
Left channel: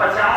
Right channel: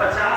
50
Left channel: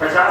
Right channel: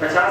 50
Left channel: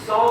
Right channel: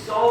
100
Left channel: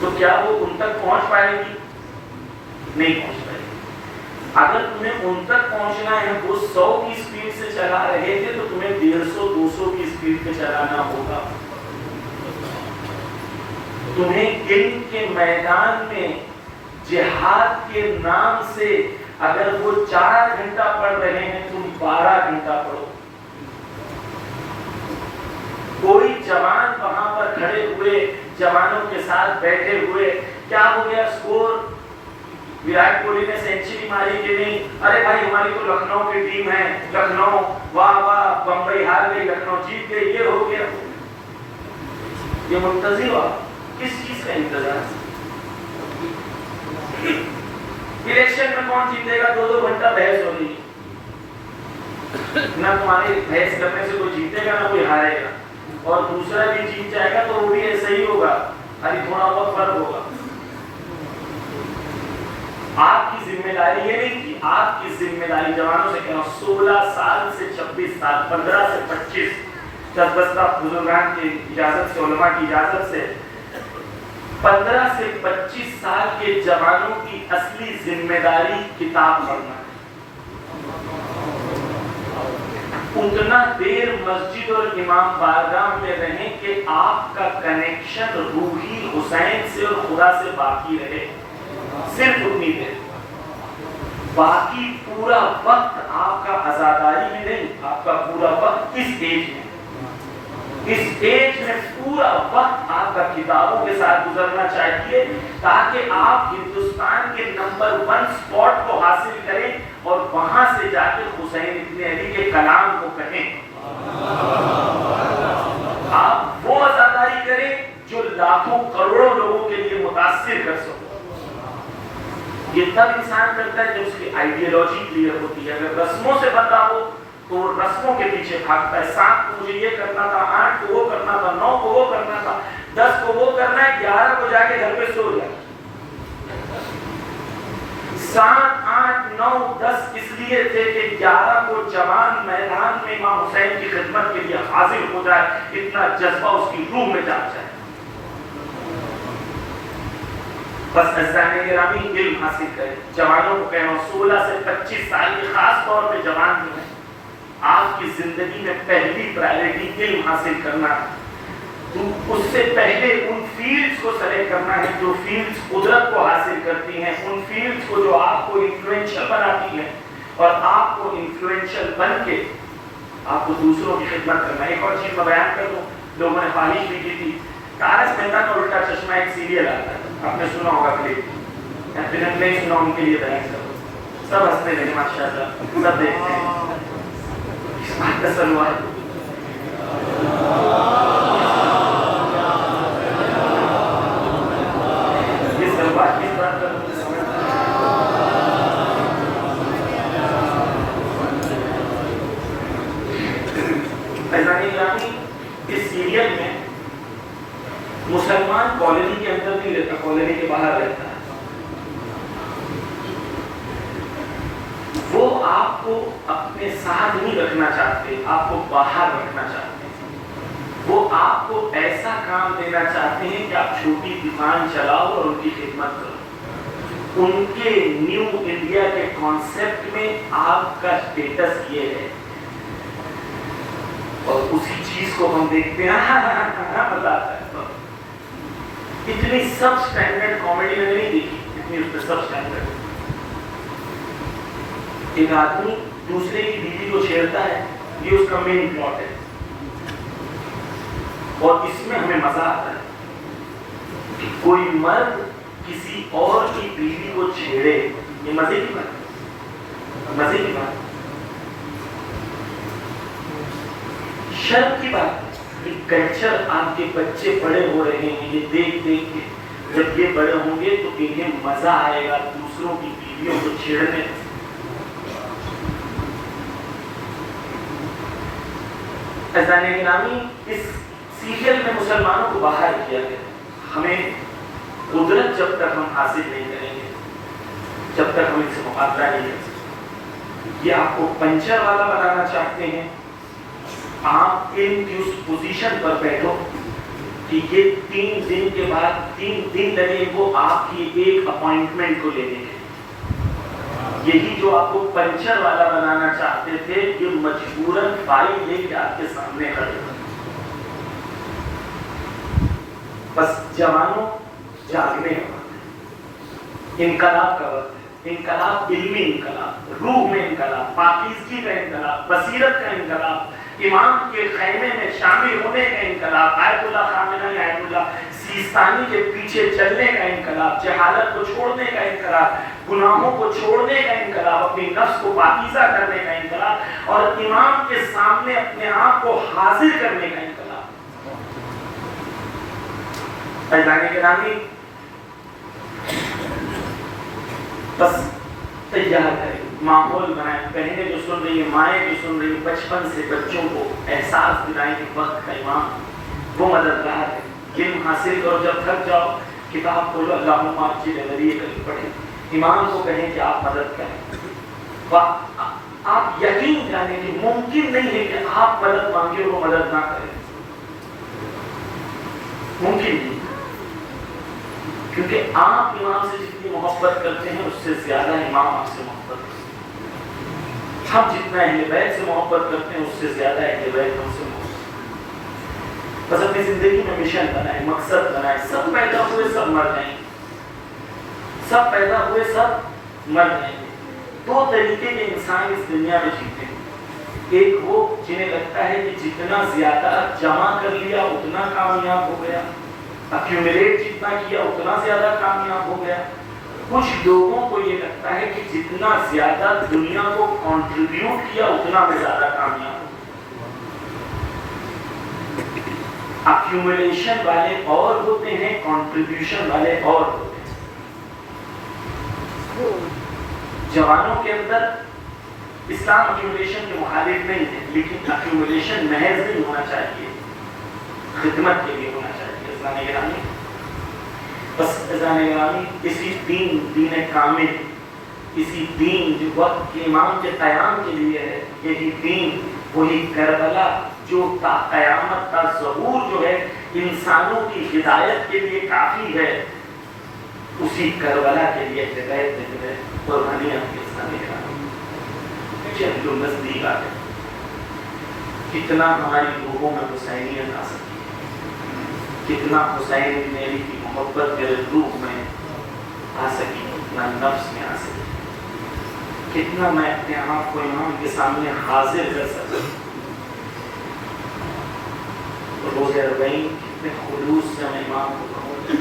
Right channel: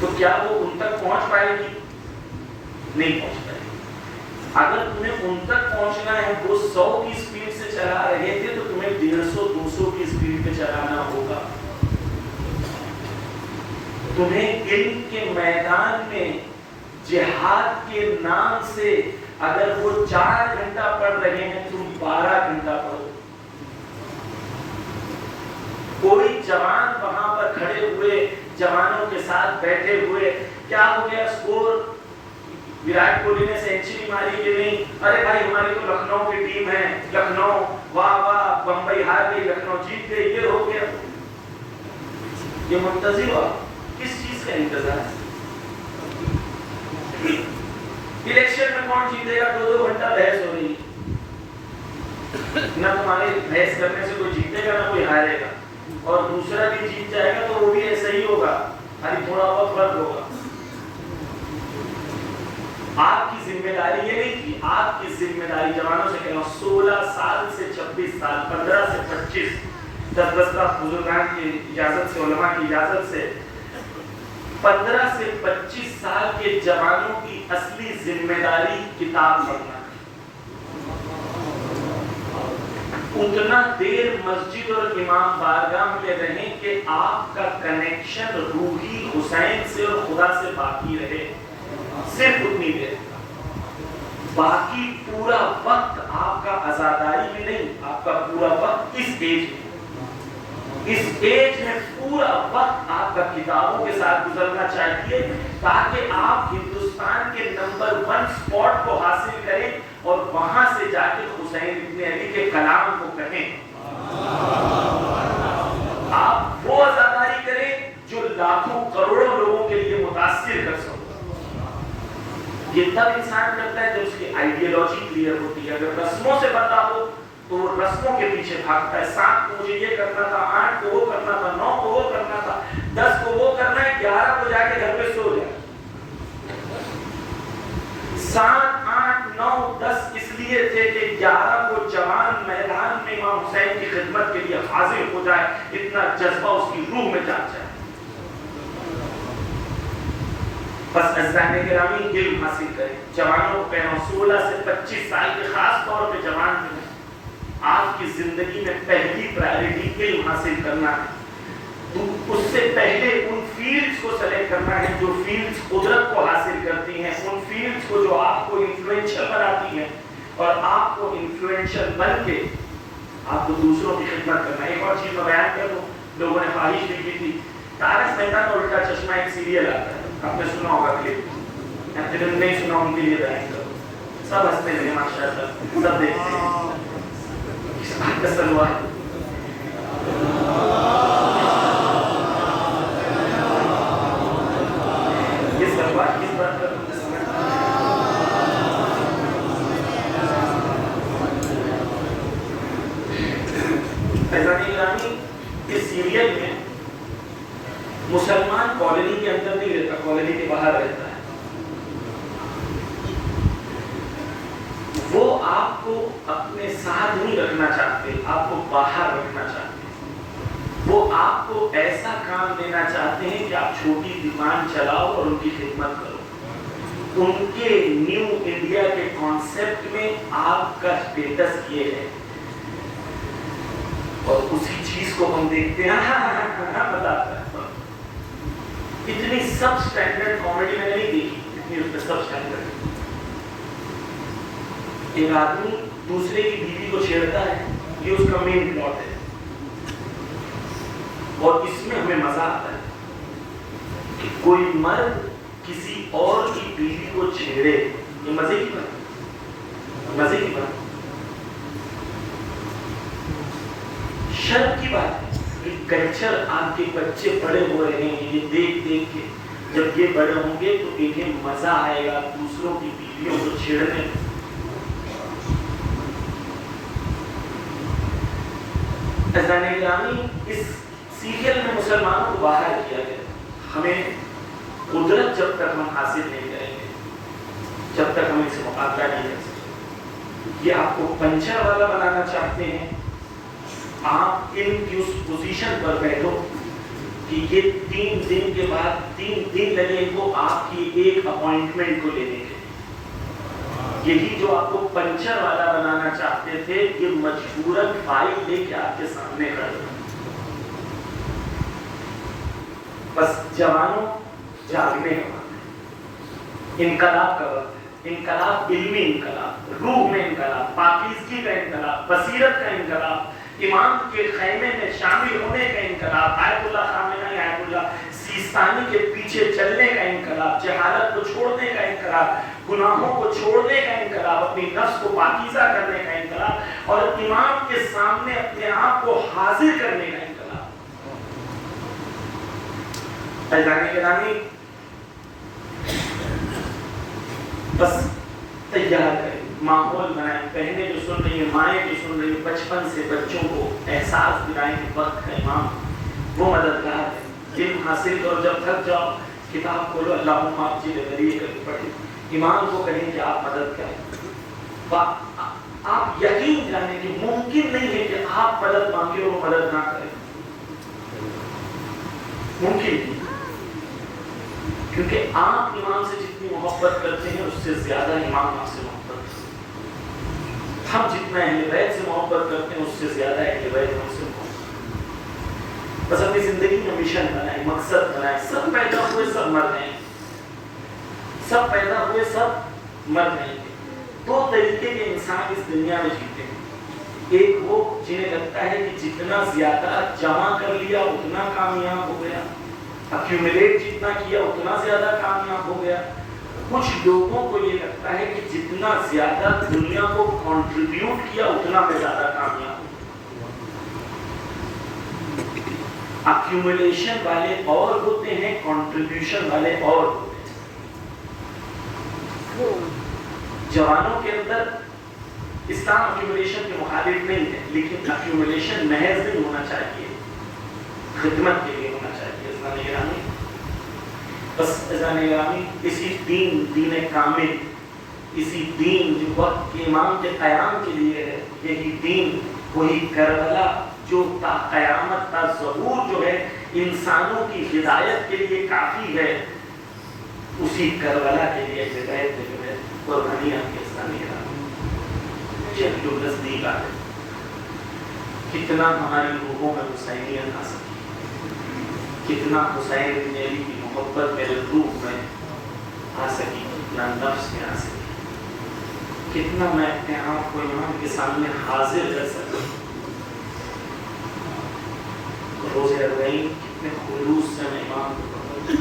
تو کیا وہ ان تک پہنچ پائے گی؟ نہیں پہنچ پائے گی۔ اگر تمہیں ان تک پہنچنا ہے، وہ 100 کی سپیڈ سے چلا رہے تھے تو تمہیں 150-200 کی سپیڈ پہ چلانا ہوگا۔ تمہیں علم کے میدان میں جہاد کے نام سے اگر وہ 4 گھنٹہ پڑھ رہے ہیں، تم 12 گھنٹہ پڑھو۔ کوئی جوان وہاں پر کھڑے ہوئے جوانوں کے ساتھ بیٹھے ہوئے، کیا ہو گیا اسکور، وراٹ کوہلی نے سینچری ماری کہ نہیں، ارے بھائی ہماری تو لکھنؤ کی ٹیم ہے، لکھنؤ واہ واہ، بمبئی ہار گئی، لکھنؤ جیت گئی، یہ ہو گیا۔ یہ منتظر ہوا کس چیز کا انتظار؟ الیکشن میں کون جیتے گا؟ 2 گھنٹہ بحث ہو رہی ہے، نہ تمہاری بحث کرنے سے کوئی جیتے گا نہ کوئی ہارے گا، اور دوسرا بھی جیت جائے گا تو وہ بھی ایسا ہی ہوگا، ابھی تھوڑا بہت فرق ہوگا۔ آپ کی ذمہ داری یہ نہیں کہ آپ کی ذمہ داری، جوانوں سے کہہ رہا ہوں، 16 سال سے 26 سال، 15 سے 25، 10 بزرگان کی اجازت سے، علماء کی اجازت سے 15 سے 25 سال کے جوانوں کی اصلی ذمہ داری کتاب پڑھنا ہے۔ اتنا دیر مسجد اور امام بارگاہ میں رہیں کہ آپ کا کنیکشن روحی حسین سے اور خدا سے باقی رہے، صرف اتنی دیر۔ باقی پورا وقت آپ کا عزاداری میں نہیں، آپ کا پورا وقت اس ایج میں، اس ایج میں پورا وقت آپ کا کتابوں کے ساتھ گزرنا چاہیے، تاکہ آپ ہندوستان کے نمبر 1 سپاٹ کو حاصل کریں اور وہاں سے جا کے حسین ابن علی کے کلام کو کہیں۔ آپ وہ عزاداری کریں جو لاکھوں کروڑوں لوگوں کے لیے متاثر کر سکو۔ یہ تب انسان کرتا ہے جب اس کی آئیڈیالوجی کلیئر ہوتی ہے۔ اگر رسموں سے بندہ ہو تو وہ رسموں کے پیچھے بھاگتا ہے، 7 کو مجھے یہ کرنا تھا، 8 کو وہ کرنا تھا، 9 کو وہ کرنا تھا، 10 کو وہ کرنا ہے، 11 کو جا کے گھر پہ سو جائے۔ 7، 8، 9، 10 اس لیے تھے کہ 11 کو جوان میدان میں امام حسین کی خدمت کے لیے حاضر ہو جائے، اتنا جذبہ اس کی روح میں جا جائے۔ بس عزیزان گرامی، علم حاصل کریں۔ جوانوں کو کہنا 16 سے 25 سال کے، خاص طور پہ جوان جو ہیں، آپ کی زندگی میں پہلی پرائیورٹی علم حاصل کرنا ہے۔ تو اس سے پہلے ان فیلڈز کو سلیکٹ کرنا ہے جو فیلڈز قدرت کو حاصل کرتی ہیں، ان فیلڈز کو جو آپ کو انفلوئنشل بناتی ہیں، اور آپ کو انفلوئنشل بن کے آپ کو دوسروں کی خدمت کرنا ہے۔ ایک اور چیز میں بیان کر دوں، لوگوں نے خواہش بھی کی تھی، تارک مہتا کا الٹا چشمہ ایک سیریل آتا ہے، آپ نے سنا ہوگا کلپ، یا پھر ہم نہیں سنا ان کے لیے بیان کرو، سب ہنستے ہیں ماشاءاللہ، سب دیکھتے ہیں، اس بات کا سلوار یہ سلوار کس بات کا اس سیریل میں مسلمان کالونی کے اندر نہیں رہتا، کالونی کے باہر رہتا ہے۔ وہ آپ کو اپنے ساتھ نہیں رکھنا چاہتے، آپ کو باہر رکھنا چاہتے ہیں۔ وہ آپ کو ایسا کام دینا چاہتے ہیں کہ آپ چھوٹی دکان چلاؤ اور ان کی خدمت کرو۔ ان کے نیو انڈیا کے کانسیپٹ میں آپ کا اسٹیٹس یہ ہے، اور اسی چیز کو ہم دیکھتے ہیں، مزہ آتا ہے۔ اتنی سب سٹینڈرڈ کامیڈی میں نہیں دیکھی، اتنی سب سٹینڈرڈ۔ ایک آدمی دوسرے کی بیوی کو چھیڑتا ہے، یہ اس کا مین پلاٹ ہے، اور اس میں ہمیں مزہ آتا ہے کہ کوئی مرد کسی اور کی بیوی کو چھیڑے، یہ مزے کی بات، مزے کی بات، شرم کی بات ہے۔ کلچر، آپ کے بچے بڑے ہو رہے ہیں، یہ دیکھ دیکھ کے جب یہ بڑے ہوں گے تو انہیں مزہ آئے گا دوسروں کی بیویوں کو چھیڑنے۔ عزیزان گرامی، اس سیریل میں مسلمانوں کو باہر کیا گیا۔ ہمیں قدرت جب تک ہم حاصل نہیں کریں گے، جب تک ہم ان سے مقابلہ نہیں کر سکتے۔ یہ آپ کو پنچر والا بنانا چاہتے ہیں، آپ علم کی اس پوزیشن پر بیٹھو کہ یہ 3 دن کے بعد 3 دن لگے وہ آپ کی ایک اپوائنٹمنٹ کو لینے کے. یہی جو آپ کو پنچر والا بنانا چاہتے تھے یہ مجبوراً فائل لے کے آپ کے سامنے کھڑے. بس جوانوں جاگنے کا وقت، انقلاب کا وقت، انقلاب علمی انقلاب، روح میں انقلاب، پاکیزگی کا انقلاب، بصیرت کا انقلاب، امام کے خیمے میں شامل ہونے کا انقلاب، آیت اللہ خامنہ آیت اللہ سیستانی کے پیچھے چلنے کا انقلاب، جہالت کو چھوڑنے کا انقلاب، گناہوں کو چھوڑنے کا انقلاب، اپنی نفس کو پاکیزہ کرنے کا انقلاب، اور امام کے سامنے اپنے آپ کو حاضر کرنے کا انقلاب. فیضان گرامی بس تیار کریں، ماحول بنائیں. بہنیں جو سن رہی ہیں، مائیں جو سن رہی ہیں، بچپن سے بچوں کو احساس دلائیں کہ وقت کا امام وہ مددگار ہے. علم حاصل کرو، جب تھک جاؤ کتاب کھولو، اللہم اجل ولی کر کے پڑھیں. امام کو کہیں کہ آپ مدد کریں. آپ یقین جانیں کہ ممکن نہیں ہے کہ آپ مدد مانگے وہ مدد نہ کریں. ممکن نہیں، کیونکہ آپ امام سے جتنی محبت کرتے ہیں اس سے زیادہ امام آپ سے محبت کرتے ہیں. ہم جتنا اہل بیت سے محبت کرتے ہیں اس سے زیادہ اہل بیت ہم سے محبت کرتے ہیں. بس اپنی زندگی میں مشن بنائیں، مقصد بنائیں. سب پیدا ہوئے سب مر جائیں گے، سب پیدا ہوئے سب مر جائیں گے. 2 طریقے کے انسان اس دنیا میں جیتے ہیں. ایک وہ جنہیں لگتا ہے کہ جتنا زیادہ جمع کر لیا اتنا کامیاب ہو گیا، ایکیومولیٹ جتنا کیا اتنا زیادہ کامیاب ہو گیا. کچھ لوگوں کو یہ لگتا ہے کہ جتنا زیادہ دنیا کو کنٹریبیوٹ کیا اتنا میں زیادہ کامیاب ہوں. ایکیومولیشن والے اور ہوتے ہیں، کنٹریبیوشن والے اور ہوتے ہیں. جوانوں کے اندر اسلام ایکیومولیشن کے مخالف نہیں ہے، لیکن ایکیومولیشن محض نہیں ہونا چاہیے، خدمت کے لیے ہونا چاہیے. اسلام گرامی بس اسلام گرامی اسی دین کامل، اسی دین جو وقت کے امام کے قیام کے لیے ہے، یہی دین وہی کربلا جو تا قیامت کا ظہور جو ہے انسانوں کی ہدایت کے لیے کافی ہے، اسی کربلا کے لیے ہدایت جو ہے قربانی آپ کے اسلام گرامی جو نزدیک آ گئے. کتنا ہماری روحوں میں حسینیت آ سکی، کتنا حسین میری کی محبت میرے روح میں آ سکی، کتنا نفس میں آ سکی، کتنا میں اپنے آپ کو امام کے سامنے حاضر کر سکتا. روزہ اربعین کتنے خلوص سے میں امام کو کہوں.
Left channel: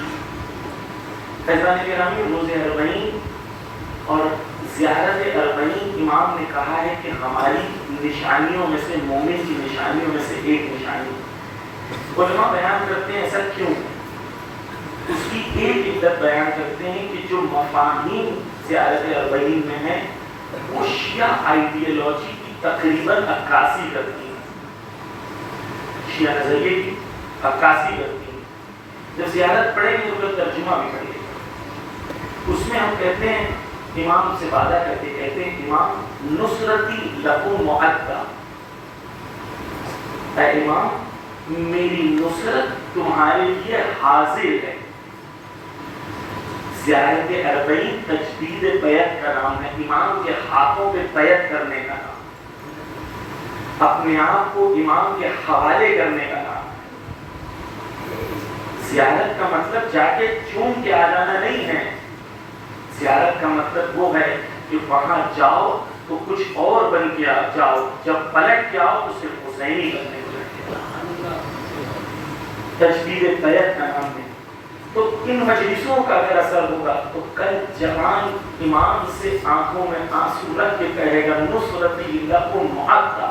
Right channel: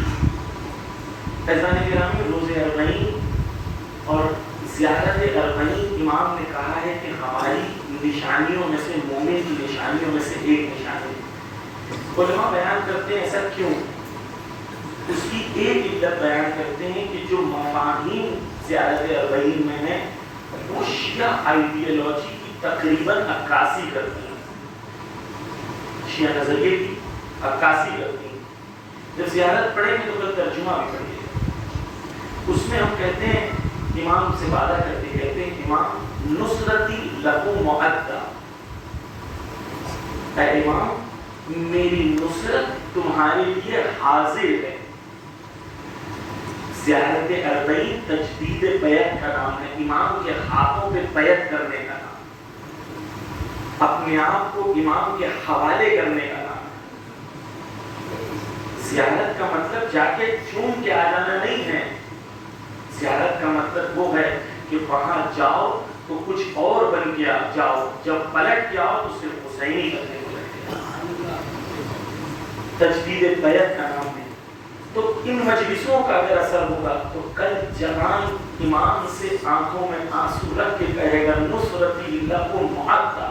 فیضان گرامی روزہ اربعین اور زیارت اربعین امام نے کہا ہے کہ ہماری نشانیوں میں سے، مومن کی نشانیوں میں سے ایک نشانی. علماء بیان کرتے ہیں ایسا کیوں؟ اس کی ایک علت بیان کرتے ہیں کہ جو مفاہیم زیارت اربعین میں ہیں وہ شیعہ آئیڈیالوجی کی تقریباً عکاسی کرتی ہیں، شیعہ نظریے کی عکاسی کرتی ہیں. جب زیارت پڑھیں گے تو پھر ترجمہ بھی پڑھیں گے. اس میں ہم کہتے ہیں، امام سے وعدہ کرتے کہتے ہیں امام نصرتی لکم معدہ، اے امام میری نصرت تمہارے لیے حاضر ہے. زیارت اربعین تجدید بیعت کا نام ہے، امام کے ہاتھوں پہ بیعت کرنے کا نام، اپنے آپ کو امام کے حوالے کرنے کا نام. زیارت کا مطلب جا کے چون کے آ جانا نہیں ہے. زیارت کا مطلب وہ ہے کہ وہاں جاؤ تو کچھ اور بن کے جاؤ، جب پلٹ کے آؤ تو صرف حسینی کرنے کو لگے. تجدید بیعت کا نام ہے. تو ان مجلسوں کا اگر اثر ہوگا تو کل جوان امام سے آنکھوں میں آنسو رکھ کے کہے گا نصرتی لکم معدہ،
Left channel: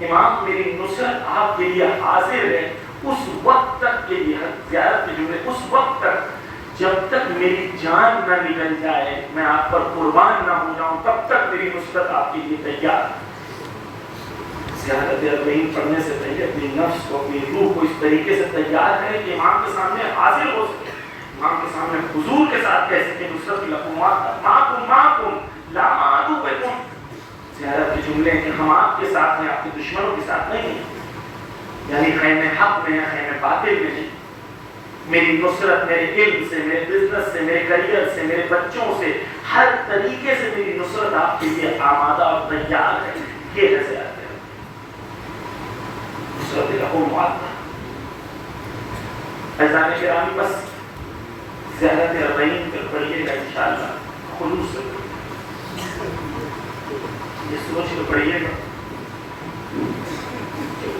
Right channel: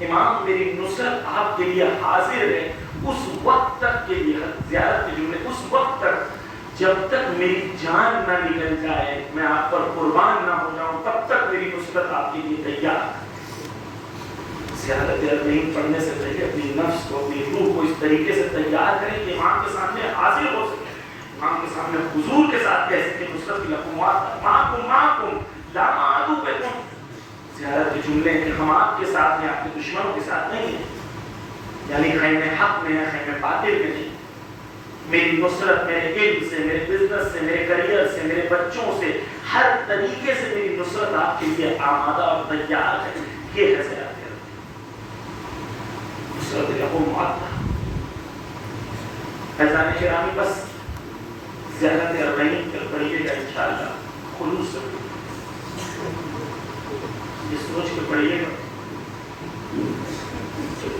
امام میری نصرت آپ کے لیے حاضر ہے. اس وقت تک کے لیے زیارت کے جملے، اس وقت تک جب تک میری جان نہ نکل جائے، میں آپ پر قربان نہ ہو جاؤں، تب تک میری نصرت آپ کے لیے تیار. زیارت اربعین پڑھنے سے پہلے اپنی نفس کو، اپنی روح کو اس طریقے سے تیار کریں کہ امام کے سامنے حاضر ہو سکے، امام کے سامنے حضور کے ساتھ کہہ سکے نصرت لکم معکم لا اعدوکم. زیارت کے جملے کہ ہم آپ کے ساتھ ہیں، آپ کے دشمنوں کے ساتھ نہیں ہیں، یعنی خیمے حق میں یا خیمے باطل میں نہیں. میری نصرت میرے علم سے، میرے بزنس سے، میرے کریئر سے، میرے بچوں سے، ہر طریقے سے میری نصرت آپ کے لیے آمادہ اور تیار ہے. یہ کیسے آتے ہیں؟ نصرت لہو معطا. ایزان گرامی بس زیارت اربعین پر پڑھیے گا انشاءاللہ خلوص سے. یہ سوچ کے پڑھیے گا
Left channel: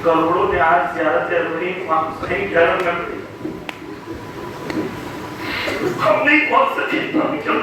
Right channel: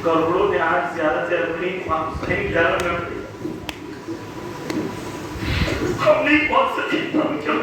کروڑوں میں آج زیارت اربعین نہیں گرم میں پڑھی، ہم نہیں پہنچ سکتے. ہم کیا